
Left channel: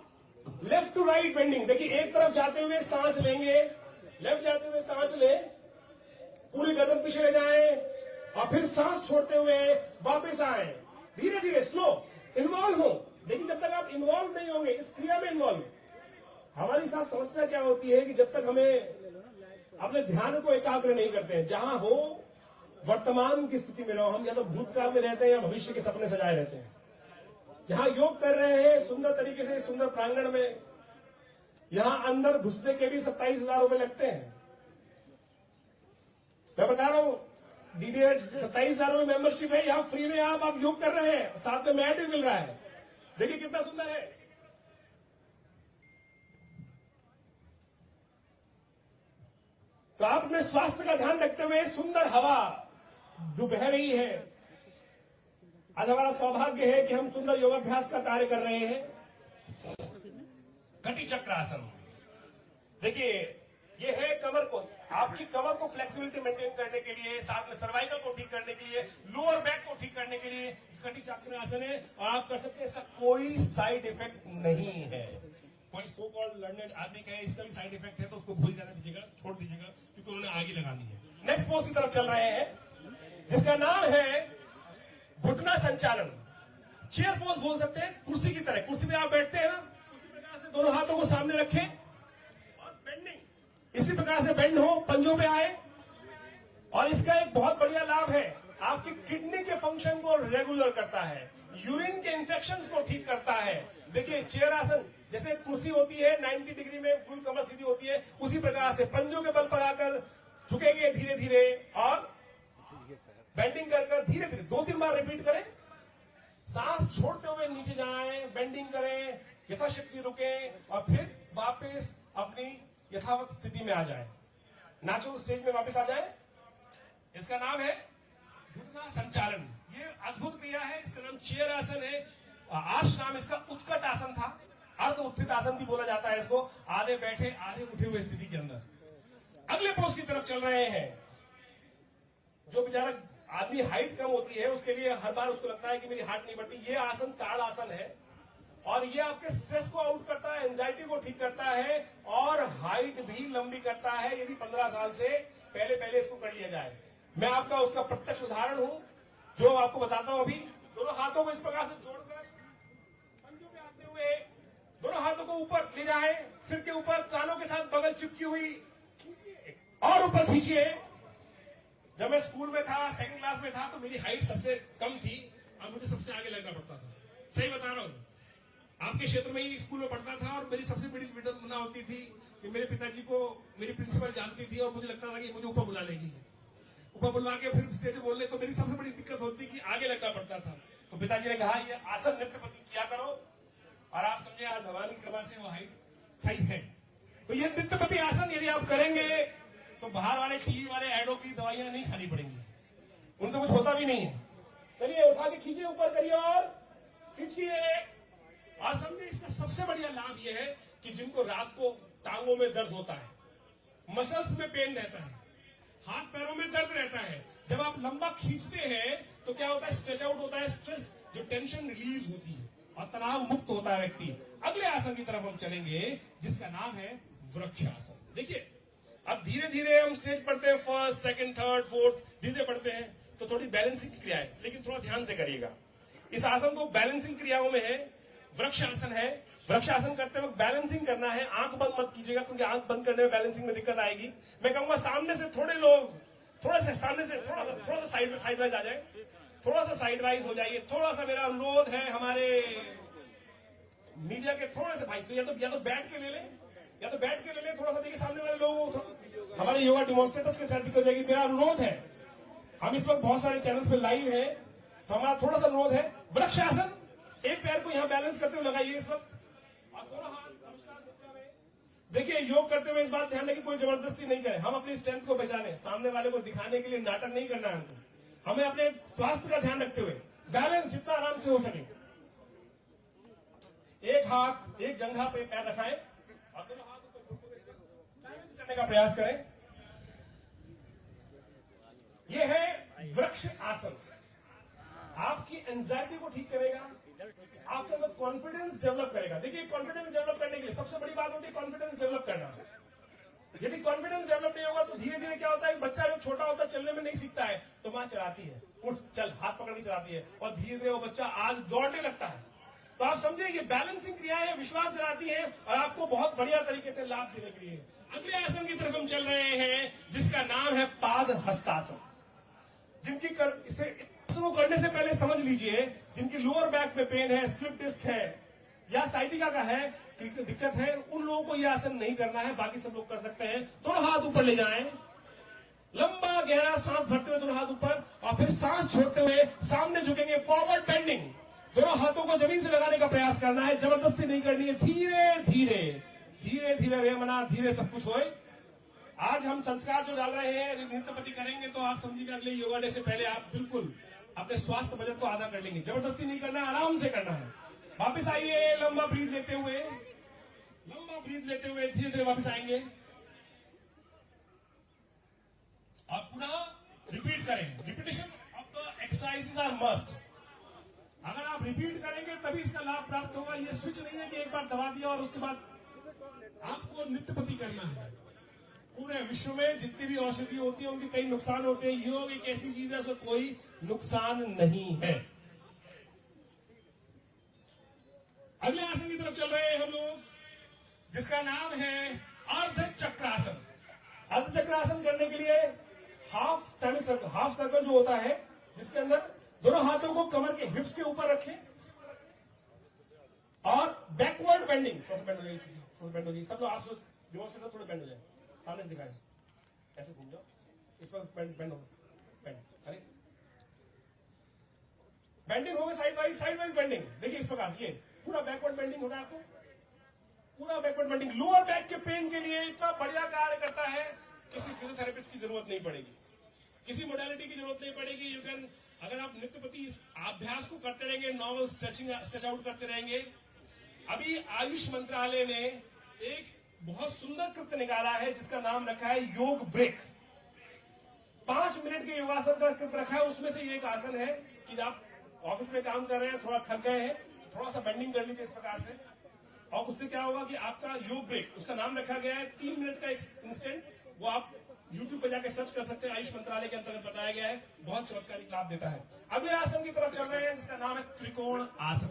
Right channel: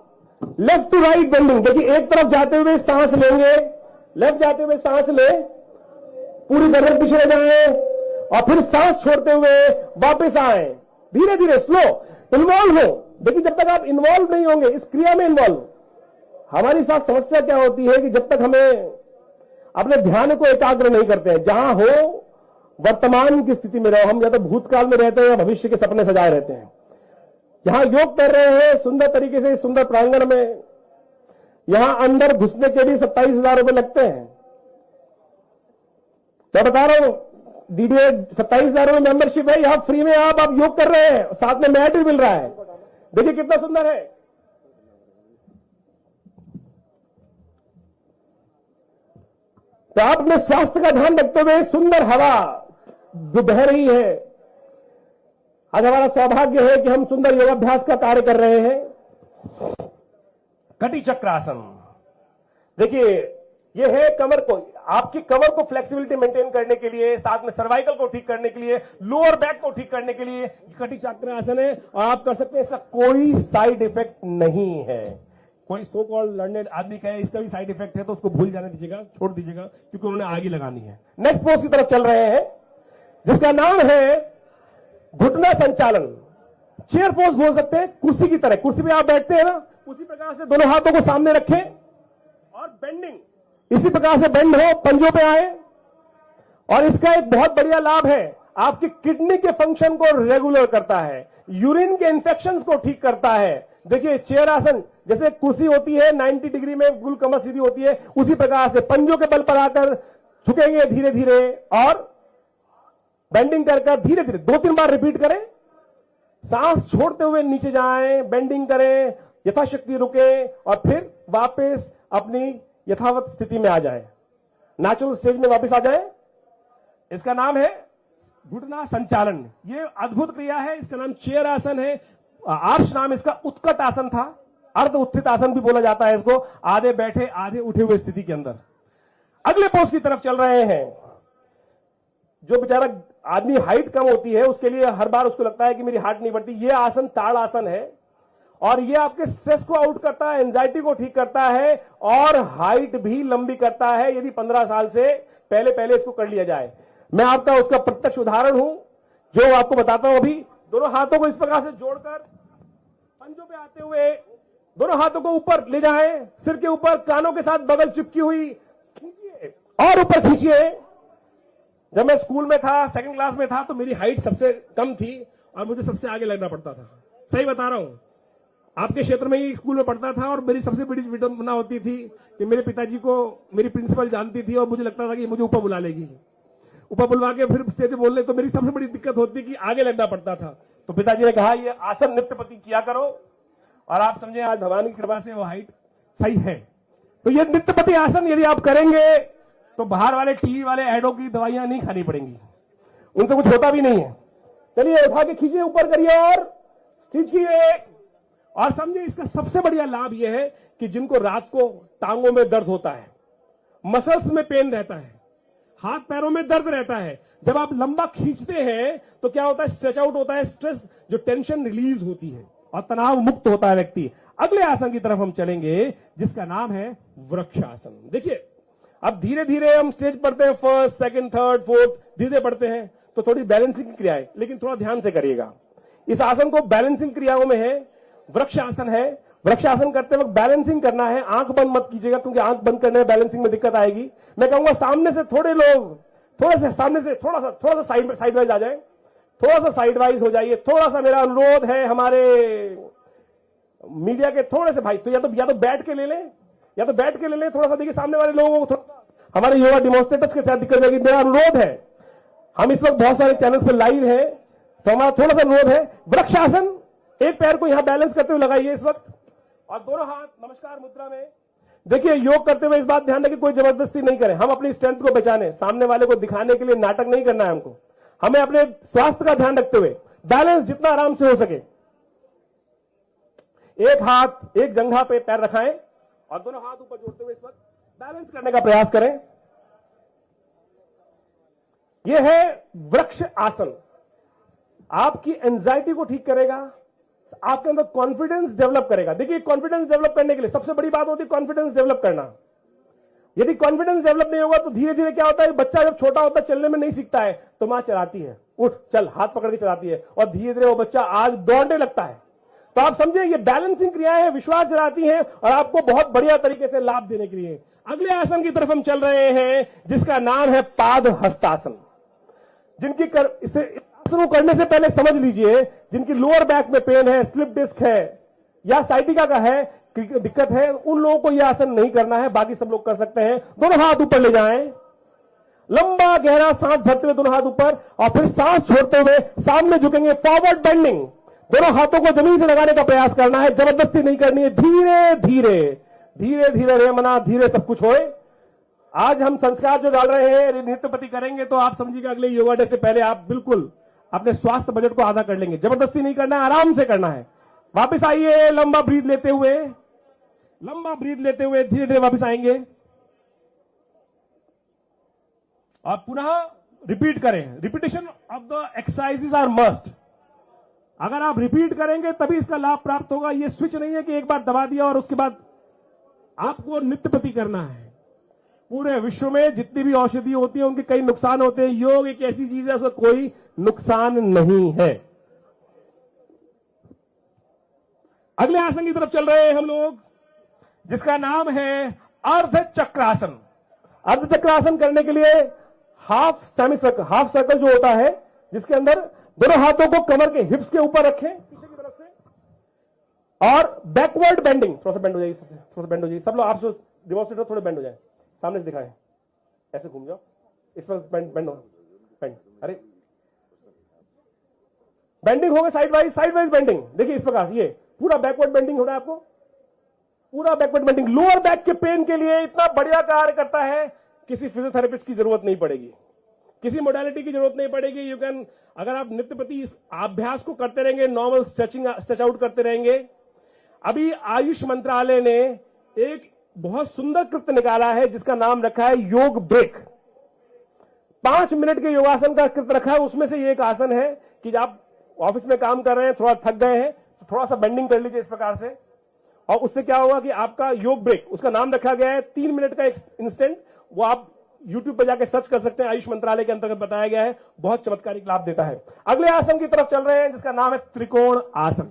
लेफ्ट टू राइट बेंडिंग, देखिए एक तरफ जाते हुए सांस लेंगे, लेफ्ट जाते हुए सांस लें, पूरी गर्दन पीछे ले जाएं, और फिर सांस छोड़ते हुए वापस आए, धीरे धीरे स्लो। इन्वॉल्व हो, देखिए जब तक आप इन्वॉल्व नहीं होंगे इस क्रिया में, इन्वॉल्व, हमारी साथ समस्या क्या होती है कि जब तक हमें अपने ध्यान को एकाग्र नहीं करते हैं, जहां हो वर्तमान की स्थिति में रहो, हम या तो भूतकाल में रहते हैं या भविष्य के सपने सजाए रहते हैं। जहां योग कर रहे हैं सुंदर तरीके से, सुंदर प्रांगण में, यहां अंदर घुसने के भी 27,000 रुपए लगते हैं। मैं बता रहा हूं, डीडीए 27,000 रुपए मेंबरशिप है, यहां फ्री में आप योग कर रहे हैं, साथ में मैट भी मिल रहा है। देखिए कितना सुंदर है। तो आप अपने स्वास्थ्य का ध्यान रखते हुए सुंदर हवा जो बह रही है, आज हमारा सौभाग्य है कि हम सुंदर योगाभ्यास का कार्य कर रहे हैं। कटी चक्रासन, देखिए ये है कमर को, आपकी कमर को फ्लेक्सिबिलिटी मेंटेन करने के लिए, साथ में सर्वाइकल को ठीक करने के लिए, लोअर बैक को ठीक करने के लिए कटी चक्रासन है। और आप कर सकते हैं, इसका कोई साइड इफेक्ट नहीं है। कोई सो कॉल्ड लर्नेड आदमी कहे इसका भी साइड इफेक्ट है तो उसको भूल जाने दीजिएगा, छोड़ दीजिएगा, क्योंकि उन्हें आगे लगानी है। नेक्स्ट पोज की तरफ चल रहे हैं, जिसका नाम है घुटना संचालन, चेयर पोज बोल सकते हैं, कुर्सी की तरह। कुर्सी पे आप बैठते हैं ना, उसी प्रकार से दोनों हाथों को सामने रखें और बेंडिंग इसी प्रकार से बेंड हो, पंजों पे आए। और इसका एक बहुत बढ़िया लाभ है, आपकी किडनी के फंक्शन को रेगुलर करता है, यूरिन के इंफेक्शन को ठीक करता है। देखिए चेयर आसन, जैसे कुर्सी होती है 90 डिग्री में, बिल्कुल कमर सीधी होती है, उसी प्रकार से पंजों के बल पर आकर झुकेंगे धीरे धीरे, और बेंडिंग कर धीरे धीरे 2-3 बार रिपीट करें। सांस छोड़ते हुए नीचे जाएं, बेंडिंग करें, यथाशक्ति रुके, और फिर वापस अपनी यथावत स्थिति में आ जाएं, नेचुरल स्टेज में वापस आ जाएं। इसका नाम है घुटना संचालन। ये अद्भुत क्रिया है, इसका नाम चेयर आसन है। आर्ष नाम इसका उत्कट आसन था, अर्ध उत्थित आसन भी बोला जाता है इसको, आधे बैठे आधे उठे हुए स्थिति के अंदर। अगले पोज की तरफ चल रहे हैं। जो बेचारा आदमी हाइट कम होती है उसके लिए हर बार उसको लगता है कि मेरी हाइट नहीं बढ़ती, ये आसन ताड़ आसन है, और ये आपके स्ट्रेस को आउट करता है, एंजाइटी को ठीक करता है, और हाइट भी लंबी करता है यदि 15 साल से पहले इसको कर लिया जाए। मैं आपका उसका प्रत्यक्ष उदाहरण हूं जो आपको बताता हूं। अभी दोनों हाथों को इस प्रकार से जोड़कर पंजों पे आते हुए दोनों हाथों को ऊपर ले जाएं, सिर के ऊपर, कानों के साथ बगल चिपकी हुई, खींचिए और ऊपर खींचिए। जब मैं स्कूल में था, 2nd क्लास में था, तो मेरी हाइट सबसे कम थी और मुझे सबसे आगे लगना पड़ता था। सही बता रहा हूं, आपके क्षेत्र में ही स्कूल में पढ़ता था, और मेरी सबसे बड़ी विडंबना होती थी कि मेरे पिताजी को मेरी प्रिंसिपल जानती थी और मुझे लगता था कि मुझे ऊपर बुला लेगी, ऊपर बुलवा के फिर स्टेज पे बोल ले, तो मेरी सबसे बड़ी दिक्कत होती कि आगे लगना पड़ता था। तो पिताजी ने कहा ये आसन नित्य प्रति किया करो, और आप समझे आज भगवान की कृपा से वो हाइट सही है। तो ये नित्य प्रति आसन यदि आप करेंगे तो बाहर वाले टीवी वाले एडों की दवाइयां नहीं खानी पड़ेंगी, उनसे कुछ होता भी नहीं है। चलिए उठा के खींचिए, ऊपर करिए और खींचिए। और समझिए इसका सबसे बढ़िया लाभ यह है कि जिनको रात को टांगों में दर्द होता है, मसल्स में पेन रहता है, हाथ पैरों में दर्द रहता है। जब आप लंबा खींचते हैं तो क्या होता है, स्ट्रेच आउट होता है, स्ट्रेस जो टेंशन रिलीज होती है और तनाव मुक्त होता है व्यक्ति। अगले आसन की तरफ हम चलेंगे जिसका नाम है वृक्षासन। देखिए अब धीरे धीरे हम स्टेज पढ़ते हैं, फर्स्ट सेकंड थर्ड फोर्थ धीरे पढ़ते हैं तो थोड़ी बैलेंसिंग क्रिया है, लेकिन थोड़ा ध्यान से करिएगा। इस आसन को बैलेंसिंग क्रियाओं में है, वृक्षासन है। वृक्षासन करते वक्त बैलेंसिंग करना है, आंख बंद मत कीजिएगा क्योंकि आंख बंद करने में बैलेंसिंग में दिक्कत आएगी। मैं कहूंगा सामने से थोड़े लोग थोड़ा सा सामने से थोड़ा सा साइड वाइज आ जाए, थोड़ा सा साइड वाइज हो जाइए। थोड़ा सा मेरा अनुरोध है हमारे मीडिया के थोड़े से भाई, तो या तो बैठ के ले लें, या तो बैठ के ले लें। थोड़ा सा देखिए सामने वाले लोगों को, हमारे योगा डेमोन्स्ट्रेटर्स के साथ दिक्कत होगी। मेरा अनुरोध है, हम इस वक्त बहुत सारे चैनल से लाइव है तो हमारा थोड़ा सा अनुरोध है, वृक्षासन एक पैर को यहां बैलेंस करते हुए लगाइए इस वक्त और दोनों हाथ नमस्कार मुद्रा में। देखिए योग करते हुए इस बात ध्यान रखिए कोई जबरदस्ती नहीं करें, हम अपनी स्ट्रेंथ को पहचाने, सामने वाले को दिखाने के लिए नाटक नहीं करना है हमको। हमें अपने स्वास्थ्य का ध्यान रखते हुए बैलेंस जितना आराम से हो सके, एक हाथ एक जंघा पे पैर रखाएं और दोनों हाथ ऊपर जोड़ते हुए इस वक्त बैलेंस करने का प्रयास करें। यह है वृक्ष आसन, आपकी एंजाइटी को ठीक करेगा, आपके अंदर कॉन्फिडेंस डेवलप करेगा। देखिए कॉन्फिडेंस डेवलप करने के लिए सबसे बड़ी बात होती है कॉन्फिडेंस डेवलप करना। यदि कॉन्फिडेंस डेवलप नहीं होगा तो धीरे धीरे क्या होता है, बच्चा जब छोटा होता है चलने में नहीं सीखता है तो मां चलाती है, उठ चल हाथ पकड़ के चलाती है और धीरे धीरे वो बच्चा आज दौड़ने लगता है। तो आप समझे ये बैलेंसिंग क्रियाएं हैं, विश्वास दिलाती हैं और आपको बहुत बढ़िया तरीके से लाभ देने के लिए। अगले आसन की तरफ हम चल रहे हैं जिसका नाम है पाद हस्तासन। जिनकी इसे आसन करने से पहले समझ लीजिए, जिनकी लोअर बैक में पेन है, स्लिप डिस्क है या साइटिका का है, दिक्कत है, उन लोगों को यह आसन नहीं करना है, बाकी सब लोग कर सकते हैं। दोनों हाथ ऊपर ले जाएं, लंबा गहरा सांस भरते हुए दोनों हाथ ऊपर और फिर सांस छोड़ते हुए सामने झुकेंगे, फॉरवर्ड बेंडिंग। दोनों हाथों को जमीन से लगाने का प्रयास करना है, जबरदस्ती नहीं करनी है, धीरे धीरे धीरे धीरे रेमना धीरे सब कुछ होए। आज हम संस्कार जो डाल रहे हैं नृत्यपति करेंगे तो आप समझिएगा अगले योगा डे से पहले आप बिल्कुल अपने स्वास्थ्य बजट को आधा कर लेंगे। जबरदस्ती नहीं करना है, आराम से करना है। वापस आइए, लंबा ब्रीथ लेते हुए, लंबा ब्रीथ लेते हुए धीरे धीरे वापस आएंगे और पुनः रिपीट करें। Repetition of the exercises are must. अगर आप रिपीट करेंगे तभी इसका लाभ प्राप्त होगा। ये स्विच नहीं है कि एक बार दबा दिया और उसके बाद आपको नृत्यपति करना है। पूरे विश्व में जितनी भी औषधि होती है उनके कई नुकसान होते हैं, योग एक ऐसी चीज है उसका कोई नुकसान नहीं है। अगले आसन की तरफ चल रहे हैं हम लोग जिसका नाम है अर्ध चक्रासन। अर्ध चक्रासन करने के लिए half semi circle, half circle जो होता है जिसके अंदर दोनों हाथों को कमर के हिप्स के ऊपर रखें पीछे की तरफ से और बैकवर्ड बेंडिंग। थोड़ा सा बेंड हो जाएगी, थोड़ा सा बेंड हो जाएगी। सब लोग आप डेमोन्स्ट्रेटर थोड़े बेंड हो जाए, सामने से दिखाएं, ऐसे घूम जाओ, इस वक्त बेंड हो, बेंड, अरे बेंडिंग हो गया साइड वाइज बेंडिंग। देखिए इस प्रकार ये पूरा बैकवर्ड बेंडिंग हो रहा है आपको, पूरा बैकवर्ड बेंडिंग। लोअर बैक के पेन के लिए इतना बढ़िया कार्य करता है, किसी फिजियोथेरेपिस्ट की जरूरत नहीं पड़ेगी, किसी मोडालिटी की जरूरत नहीं पड़ेगी। यू कैन, अगर आप नित्यप्रति इस अभ्यास को करते रहेंगे, नॉर्मल स्ट्रेच आउट करते रहेंगे। अभी आयुष मंत्रालय ने एक बहुत सुंदर कृत्य निकाला है जिसका नाम रखा है योग ब्रेक। 5 मिनट के योगासन का कृत्य रखा है, उसमें से ये एक आसन है कि आप ऑफिस में काम कर रहे हैं, थोड़ा थक गए हैं, थोड़ा सा बेंडिंग कर लीजिए इस प्रकार से और उससे क्या होगा कि आपका योग ब्रेक, उसका नाम रखा गया है 3 मिनट का इंस्टेंट। वो आप YouTube पर जाकर सर्च कर सकते हैं, आयुष मंत्रालय के अंतर्गत बताया गया है, बहुत चमत्कारिक लाभ देता है। अगले आसन की तरफ चल रहे हैं जिसका नाम है त्रिकोण आसन।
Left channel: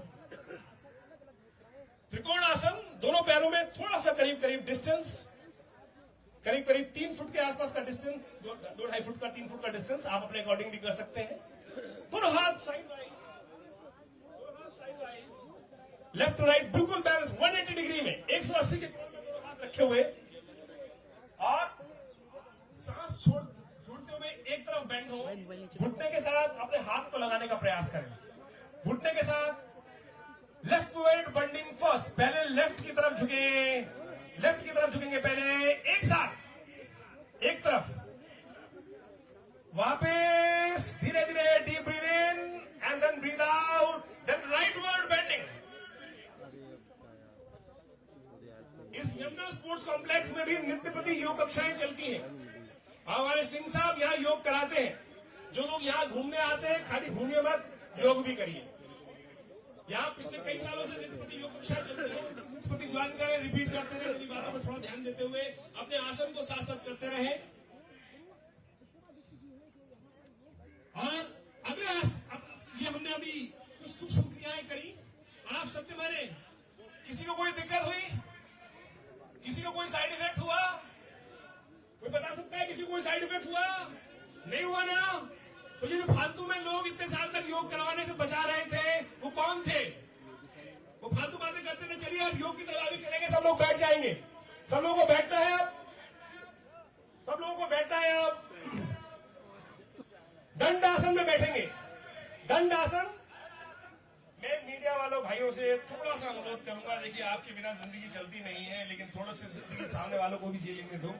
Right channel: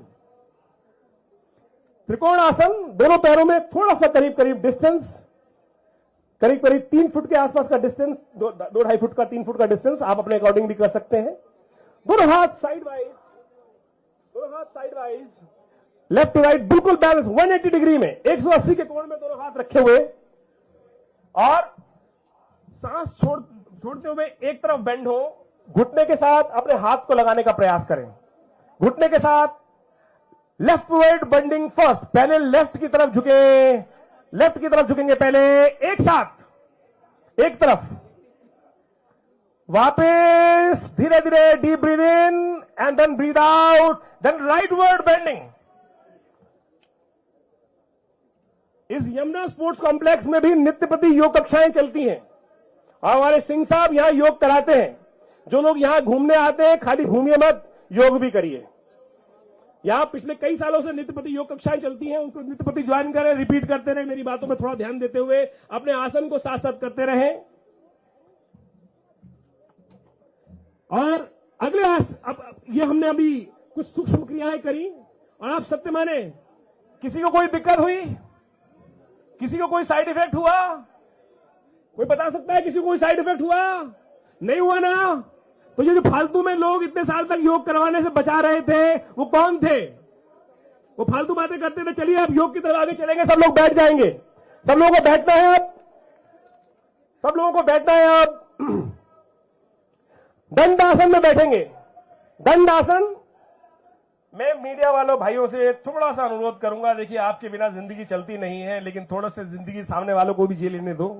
त्रिकोण आसन, दोनों पैरों में थोड़ा सा करीब करीब डिस्टेंस, करीब 3 फुट के आसपास का डिस्टेंस, 2-2.5 फुट का 3 फुट का डिस्टेंस आप अपने अकॉर्डिंग भी कर सकते हैं। दोनों हाथ side wise, left to right बिल्कुल बैलेंस 180 डिग्री में, 180 के कोण में दोनों हाथ रखे हुए और सांस छोड़ते हुए एक तरफ बेंड हो, घुटने के साथ अपने हाथ को लगाने का प्रयास करें। घुटने के साथ लेफ्ट वर्ड बेंडिंग फर्स्ट, पहले लेफ्ट की तरफ झुकेंगे पहले एक साथ एक तरफ, वापस धीरे धीरे deep breath in and then breath out, then rightward bending. इस यमुना स्पोर्ट्स कॉम्प्लेक्स में भी नित्यप्रति योग कक्षाएं चलती हैं। हमारे सिंह साहब यहाँ योग कराते हैं। जो लोग यहाँ घूमने आते हैं, खाली घूमिए मत, योग भी करिए। यहाँ पिछले कई सालों से नित्यपति योग कक्षाएं चलती हैं, उनको नित्यपति ज्वाइन करें, रिपीट करते रहे, मेरी बातों में थोड़ा ध्यान देते हुए अपने आसन को साथ साथ करते रहें। और अगले अब ये हमने अभी कुछ सूक्ष्म क्रियाएं करी, और आप सत्य माने, किसी को कोई दिक्कत हुई, किसी को कोई साइड इफेक्ट हुआ, कोई बता सकता है किसी को कोई साइड इफेक्ट हुआ? नहीं हुआ ना? तो ये जो फालतू में लोग इतने साल तक योग करवाने से बचा रहे थे, वो कौन थे? वो फालतू बातें करते थे। चलिए अब योग की तरफ आगे चलेंगे, सब लोग बैठ जाएंगे। सब लोगों को बैठना है अब, सब लोगों को बैठना है अब। दंडासन में बैठेंगे। दंडासन मैं मीडिया वालों भाइयों से थोड़ा सा अनुरोध करूंगा, देखिए आपके बिना जिंदगी चलती नहीं है, लेकिन थोड़ा सा जिंदगी सामने वालों को भी जी लेने दो,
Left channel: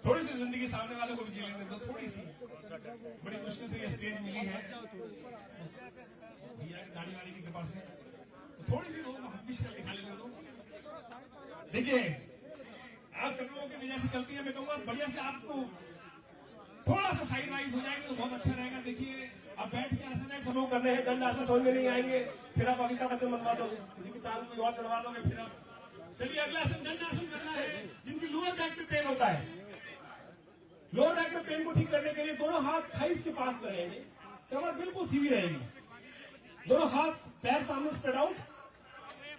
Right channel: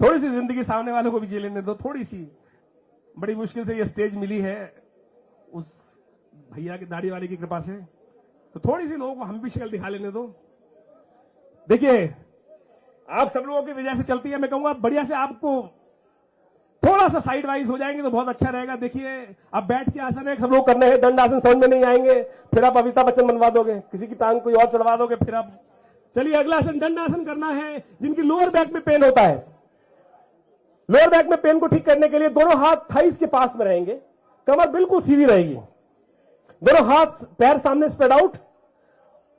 थोड़ी सी जिंदगी सामने वालों को भी जी लेने दो, थोड़ी सी। बड़ी मुश्किल से ये स्टेज मिली है उस भैया की दाढ़ी वाले की कृपा से, तो थोड़ी सी लोगों को हम भी शक्ल दिखा लेने दो। देखिए आप सब लोगों की वजह से चलती है, मैं कहूंगा बढ़िया से आपको थोड़ा सा साइड वाइज हो जाएंगे तो बहुत अच्छा रहेगा। देखिए अब बैठ के आसन है, सब लोग करने हैं। दंड आसन समझ में नहीं आएंगे, फिर आप अमिताभ बच्चन बनवा दोगे, किसी की टांग कोई और चढ़वा दोगे, फिर आप। चलिए अगला आसन दंड आसन करना है। जिनकी लोअर बैक में पेन होता है, लोअर बैक में पेन को ठीक करने के लिए दोनों हाथ थाइस के पास में रहेंगे, कमर बिल्कुल सीधी रहेगी, दोनों हाथ पैर सामने स्प्रेड आउट,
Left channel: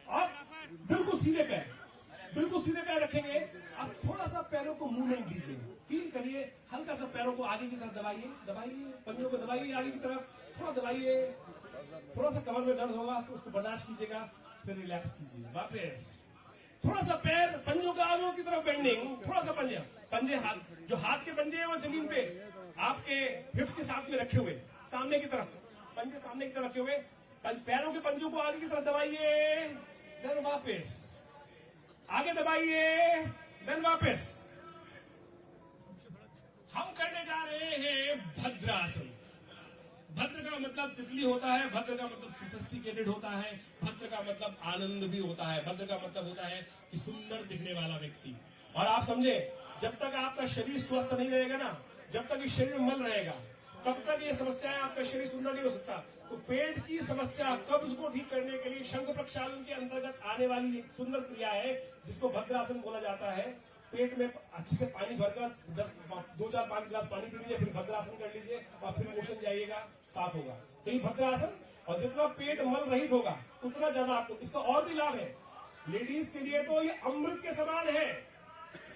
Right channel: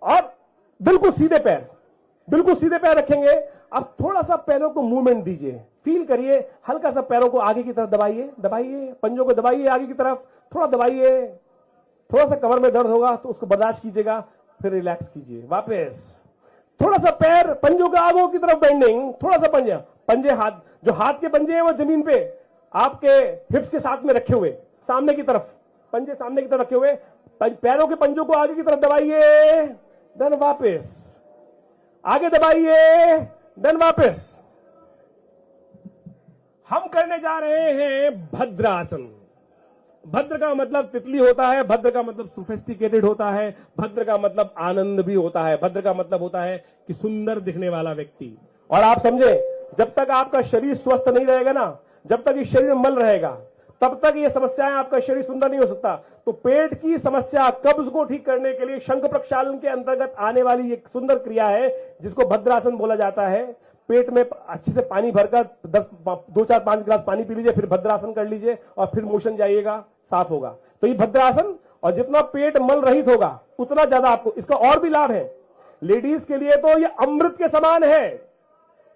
और बिल्कुल सीधे पैर, बिल्कुल सीधे पैर रखेंगे। अब थोड़ा सा पैरों को मूवमेंट दीजिए, फील करिए, हल्का सा पैरों को आगे की तरफ दबाइए, दबाइए, पंजों को दबाइए आगे की तरफ, थोड़ा दबाइए। थोड़ा सा कमर में दर्द होगा तो उसको बर्दाश्त कीजिएगा, फिर रिलैक्स कीजिए। वापस थोड़ा सा पैर, पंजों का आगे की तरफ बेंडिंग, थोड़ा सा पंजे हाथ, जो हाथ के पंजे हैं वो जमीन पे आपके हिप्स के साथ में रखे हुए, सामने की तरफ, पंजे सामने की तरफ रखे हुए, पैरों के पंजों को आगे की तरफ दबाइए, देन वापस आगे दबाइए, देन वापस। हम करने जा रहे हैं भद्रासन। भद्र का मतलब तितली होता है, भद्र का मतलब सोफिस्टिकेटेड होता है, भद्र का मतलब आनंद भी होता है, भद्र का मतलब होता है कि सुंदर दिखने वाला व्यक्ति। और आप समझे, जब तक आपका शरीर स्वस्थ नहीं रहेगा ना, जब तक इस शरीर में मल रहेगा, तब तक ये समस्याएं, आपका शरीर सुंदर नहीं हो सकता। तो पेट की समस्या, कब्ज को ठीक करने के लिए शंख प्रक्षालन के अंतर्गत आने वाली एक सुंदर क्रिया है जिसको भद्रासन बोला जाता है। पेट में अच्छे से पानी भरकर 2 4 5 गिलास पानी पी लीजिए, फिर भद्रासन कर लीजिए, और फिर मोशन जाइएगा, साफ होगा। तो ये भद्रासन, और जितना पेट मल रहित होगा उतना ज्यादा आपको इसका और भी लाभ है। लेडीज के लिए तो ये अमृत के समान है।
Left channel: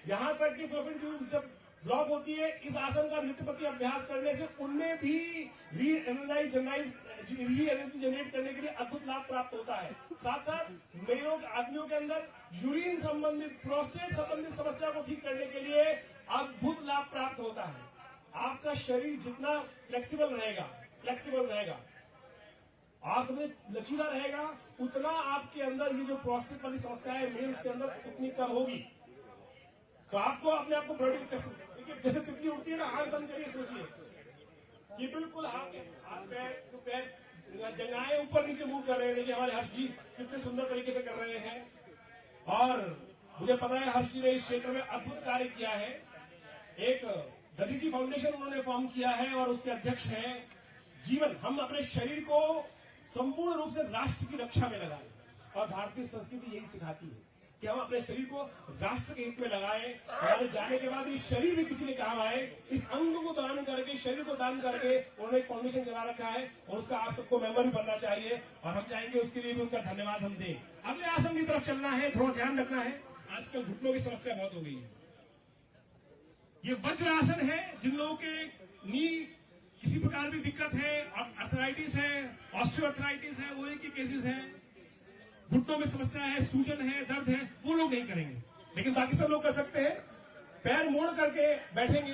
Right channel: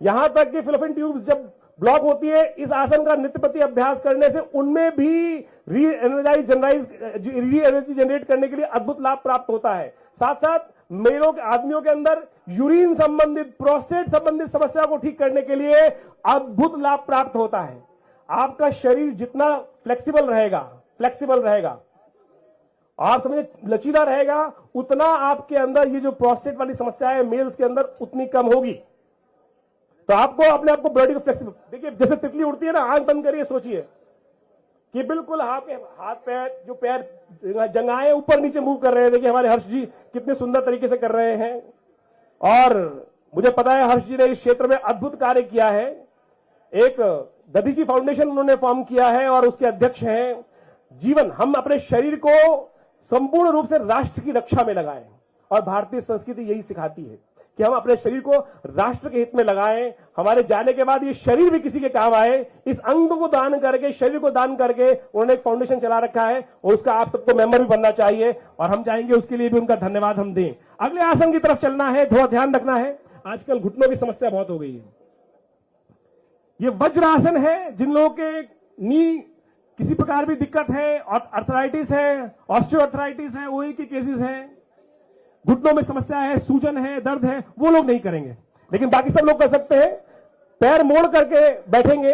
यहां तक कि फिलोपियन ट्यूब्स जब ब्लॉक होती है, इस आसन का नित्यपति अभ्यास करने से उनमें भी री एनर्जी जनरेट करने के लिए अद्भुत लाभ प्राप्त होता है। साथ साथ मेलों के आदमियों के अंदर यूरिन संबंधित, प्रोस्टेट संबंधित समस्या को ठीक करने के लिए अद्भुत लाभ प्राप्त होता है। आपका शरीर जितना फ्लेक्सिबल रहेगा, आप समझे लचीला रहेगा, उतना आपके अंदर ये जो प्रोस्टेट वाली समस्या है मेल्स के अंदर उतनी कम होगी। तो आपको अपने आप को बॉडी को फ्लेक्सिबल, देखिए जैसे तितली उड़ती है ना, आंख बंद करिए, सोचिए कि बिल्कुल हाथ पैर, जो पैर जंगाएं ऊपर नीचे मूव कर रहे हैं। देखिए हमारे हर्ष जी कितने सुंदर तरीके से कर रहे हैं, और मुझे पता है हर्ष जी ने इस क्षेत्र में अद्भुत कार्य किया है। एक दधीची फाउंडेशन उन्होंने फॉर्म किया है और उसके अध्यक्ष हैं। जीवन, हम अपने शरीर को संपूर्ण रूप से राष्ट्र की रक्षा में लगाएं, और भारतीय संस्कृति यही सिखाती है कि हम अपने शरीर को राष्ट्र के हित में लगाएं। हमारे जाने के बाद ये शरीर भी किसी के काम आए, इस अंग को दान करके, शरीर को दान करके उन्होंने एक फाउंडेशन चला रखा है, और उसका आप सबको मेंबर भी बनना चाहिए, और हम चाहेंगे उसके लिए भी उनका धन्यवाद हम दें। अगले आसन की तरफ चलना है, थोड़ा ध्यान रखना है, आजकल घुटनों की समस्या बहुत हो गई है। ये वज्रासन है। जिन लोगों के नी किसी प्रकार की दिक्कत है, और अर्थराइटिस है, ऑस्टियोआर्थराइटिस है, ओई की केसेस है, घुटनों में समस्या है, सूजन है, दर्द है, वो लोग नहीं करेंगे, लेकिन बाकी सब लोग कर सकते हैं। पैर मोड़ करके बैठेंगे,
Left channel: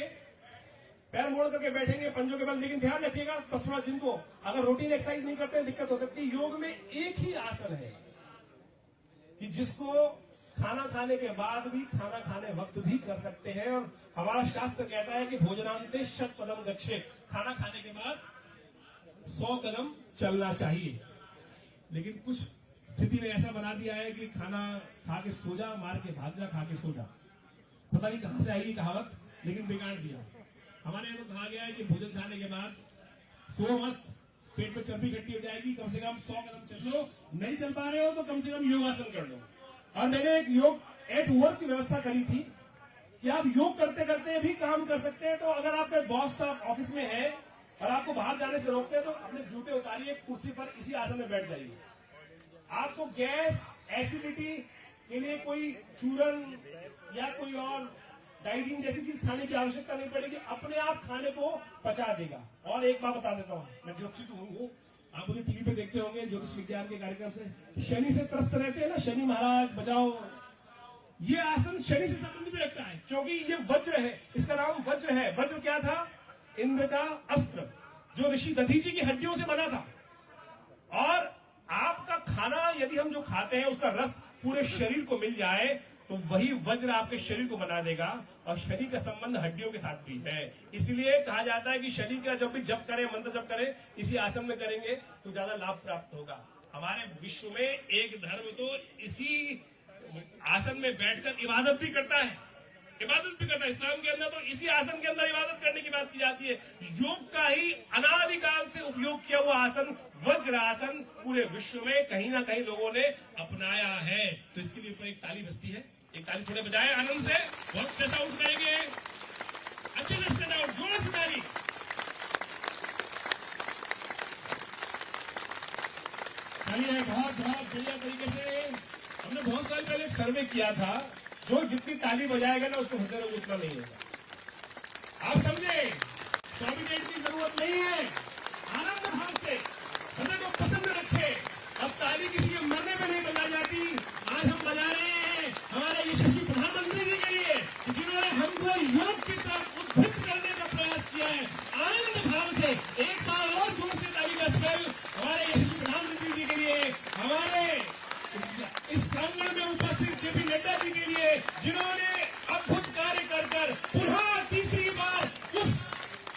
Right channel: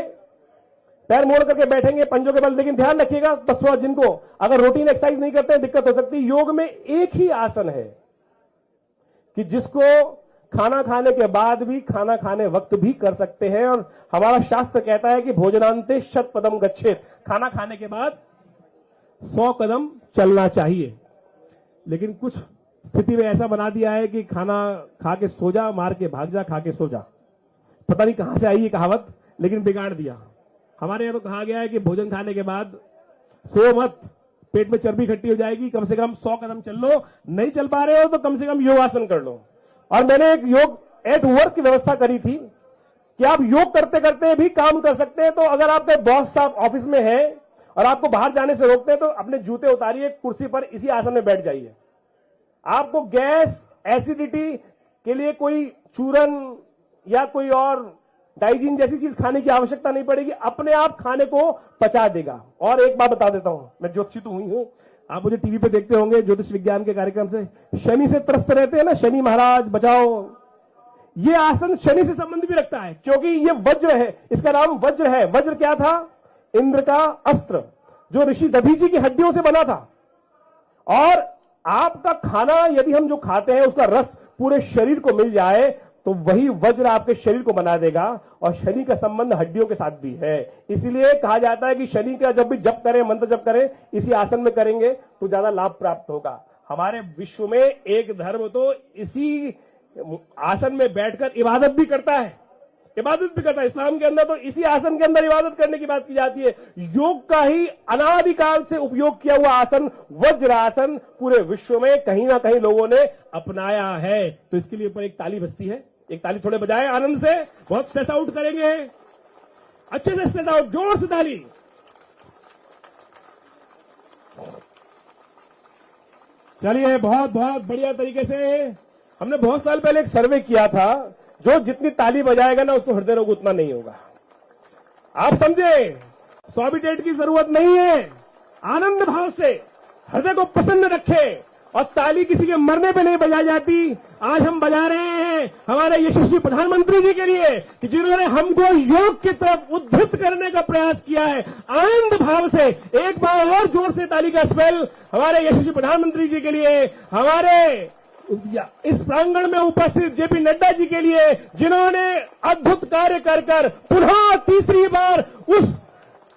पैर मोड़ करके बैठेंगे पंजों के बल। लेकिन ध्यान रखिएगा, बस जिनको अगर रूटीन एक्सरसाइज नहीं करते हैं, दिक्कत हो सकती है। योग में एक ही आसन है कि जिसको खाना खाने के बाद भी, खाना खाने वक्त भी कर सकते हैं, और हमारा शास्त्र कहता है कि भोजनांते शत पदम गच्छेत, खाना खाने के बाद 100 कदम चलना चाहिए। लेकिन कुछ स्थिति में ऐसा बना दिया है कि खाना खा के सो जा, मार के भाग जा, खा के सो जा। पता नहीं कहां से आई ये कहावत, लेकिन बिगाड़ दिया। हमारे यहाँ तो कहा गया है कि भोजन खाने के बाद सो मत, पेट में चर्बी इकट्ठी हो जाएगी, कम से कम 100 कदम चल लो, नहीं चल पा रहे हो तो कम से कम योगासन कर लो। और मैंने एक योग एट वर्क की व्यवस्था करी थी कि आप योग करते करते भी काम कर सकते हैं। तो अगर आपके बॉस साहब ऑफिस में है और आपको बाहर जाने से रोकते हैं तो अपने जूते उतारिए, कुर्सी पर इसी आसन में बैठ जाइए। आपको गैस, एसिडिटी के लिए कोई चूरन या कोई और डाइजिन जैसी चीज खाने की आवश्यकता नहीं पड़ेगी, अपने आप खाने को पचा देगा। और एक बात बता देता हूं, मैं ज्योतिषी तो हुई हूं, आप मुझे टीवी पे देखते होंगे ज्योतिष विज्ञान के कार्यक्रम से, शनि से त्रस्त रहते हैं ना, शनि महाराज बचाओ। ये आसन शनि से संबंध भी रखता है क्योंकि ये वज्र है, इसका नाम वज्र है। वज्र क्या था? इंद्र का अस्त्र, जो ऋषि दधीची की हड्डियों से बना था। और आपका खाना यदि हम जो खाते हैं उसका रस पूरे शरीर को मिल जाए तो वही वज्र आपके शरीर को बना देगा। और शनि का संबंध हड्डियों के साथ भी है, इसीलिए कहा जाता है कि शनि का जब भी जप करें, मंत्र जप करें, इसी आसन में करेंगे तो ज्यादा लाभ प्राप्त होगा। हमारे विश्व में एक धर्म तो इसी आसन में बैठकर इबादत भी करता है, इस्लाम के अंदर तो इसी आसन के अंदर इबादत करने की बात की जाती है। योग का ही अनादिकाल से उपयोग किया हुआ आसन वज्र आसन पूरे विश्व में कहीं ना कहीं लोगों ने अपनाया है। तो इसके लिए ऊपर एक ताली बजती है, एक ताली थोड़े बजाए आनंद से, बहुत स्ट्रेस आउट करेंगे, अच्छे से स्ट्रेस आउट, जोर से ताली। चलिए, बहुत बहुत बढ़िया तरीके से। हमने बहुत साल पहले एक सर्वे किया था, जो जितनी ताली बजाएगा ना उसको हृदय रोग उतना नहीं होगा। आप समझे, सॉबिटेट की जरूरत नहीं है, आनंद भाव से हृदय को प्रसन्न रखे। और ताली किसी के मरने पे नहीं बजाई जाती। आज हम बजा रहे हैं हमारे यशस्वी प्रधानमंत्री जी के लिए, जिन्होंने हमको योग की तरफ उद्धृत करने का प्रयास किया है। आनंद भाव से एक बार और जोर से ताली का स्पेल हमारे यशस्वी प्रधानमंत्री जी के लिए, हमारे इस प्रांगण में उपस्थित जेपी नड्डा जी के लिए, जिन्होंने अद्भुत कार्य कर पुनः तीसरी बार उस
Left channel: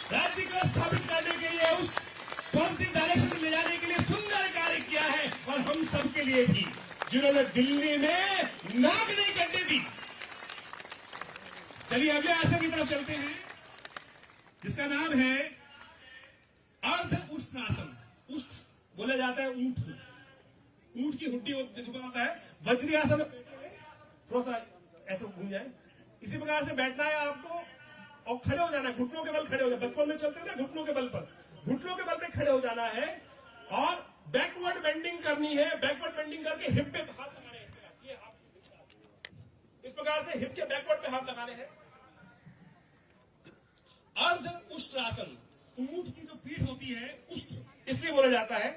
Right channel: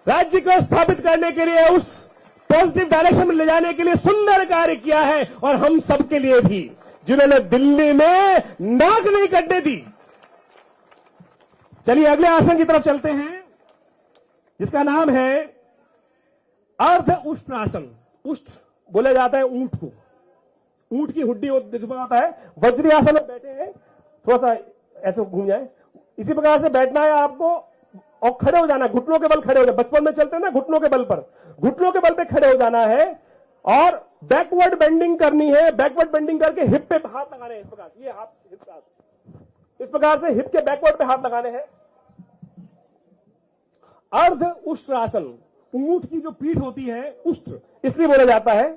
राज्य को स्थापित करने के लिए, उस पॉजिटिव डायरेक्शन में ले जाने के लिए सुंदर कार्य किया है। और हम सबके लिए भी, जिन्होंने दिल्ली में नाक नहीं कटने दी। चलिए अगले आसन की तरफ चलते हैं, जिसका नाम है अर्ध उष्ण आसन। उष्ण बोला जाता है ऊंट को, ऊंट की हुड्डी जिसमें आता है। वज्री आसन में बैठे हैं, थोड़ा सा ऐसे घूम जाए, इसी प्रकार से बैठना है आपको और खड़े हो जाना है, घुटनों के बल खड़े हो जाए। बचपन में चलते हैं ना घुटनों के बल पर, घुटनों के बल पे खड़े हो जाना है और बैकवर्ड बेंडिंग करनी है। बैकवर्ड बेंडिंग करके हिप पे हाथ लगाने हैं, इस प्रकार ये हाथ इस प्रकार से हिप के बैकवर्ड पे हाथ लगाने हैं। अर्ध उष्ण आसन, ऊंट की जो पीठ होती है उष्ण इसलिए बोला जाता है।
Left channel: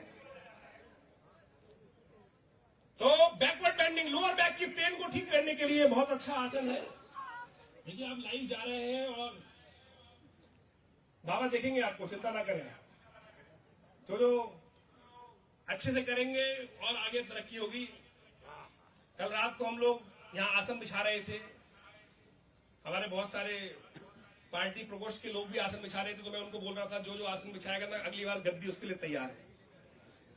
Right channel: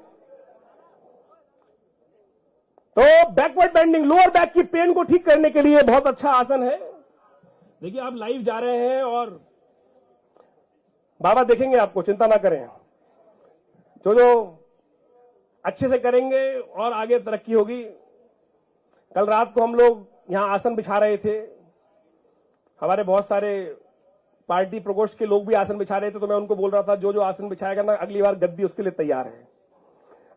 तो बैकवर्ड बेंडिंग, लोअर बैक की पेन को ठीक करने के लिए बहुत अच्छा आसन है। देखिए आप लाइव जा रहे हैं और बाबा देखेंगे आपको, चिंता ना करें। जो अच्छे से करेंगे और आगे तरक्की होगी। कल रात को हम लोग यहां आसन बिछा रहे थे, हमारे बहुत सारे पार्टी प्रकोष्ठ के लोग भी आसन बिछा रहे थे। तो मैं उनको बोल रहा था, जो जो आसन बिछाएगा ना, अगली बार गद्दी उसके लिए तैयार है,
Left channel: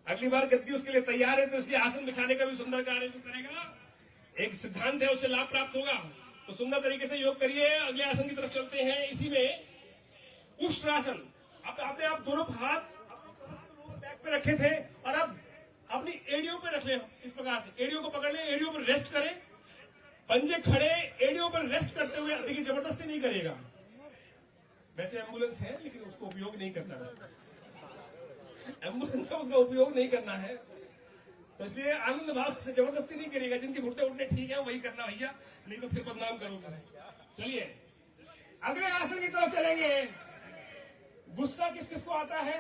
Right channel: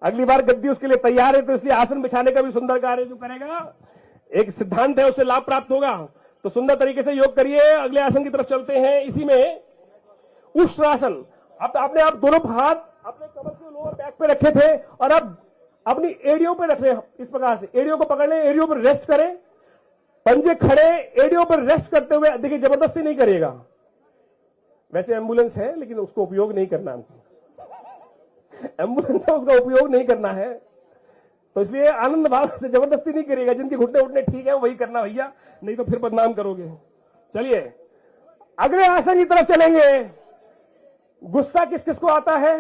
अगली बार गद्दी उसके लिए तैयार है। तो इसी आसन बिछाने का भी सुंदर कार्य जो करेगा, एक सिद्धांत है, उससे लाभ प्राप्त होगा। तो सुंदर तरीके से योग करिए। अगले आसन की तरफ चलते हैं, इसी में उष्ण आसन। अब आपने आप दोनों हाथ अपने कमर के लोअर बैक पे रखे थे और अब अपनी एड़ियों पे रख रहे हैं। इस प्रकार से एड़ियों को पकड़ लें, एड़ियों पर रेस्ट करें, पंजे खड़े, एड़ियों पर रेस्ट करते हुए। देखिए जबरदस्ती नहीं करिएगा, वैसे एम्बुलेंस है लेकिन उसको उपयोग नहीं करना है, एम्बुलेंस है उसका उपयोग नहीं करना है। तो इसलिए आनंद भाव से जबरदस्ती नहीं करिएगा। जिनके घुटने उठने ठीक है वही करना भैया, नहीं तो फिर बदनाम करोगे। चलिए अगले आसन की तरफ चलेंगे। गुस्सा किस किस को आता है?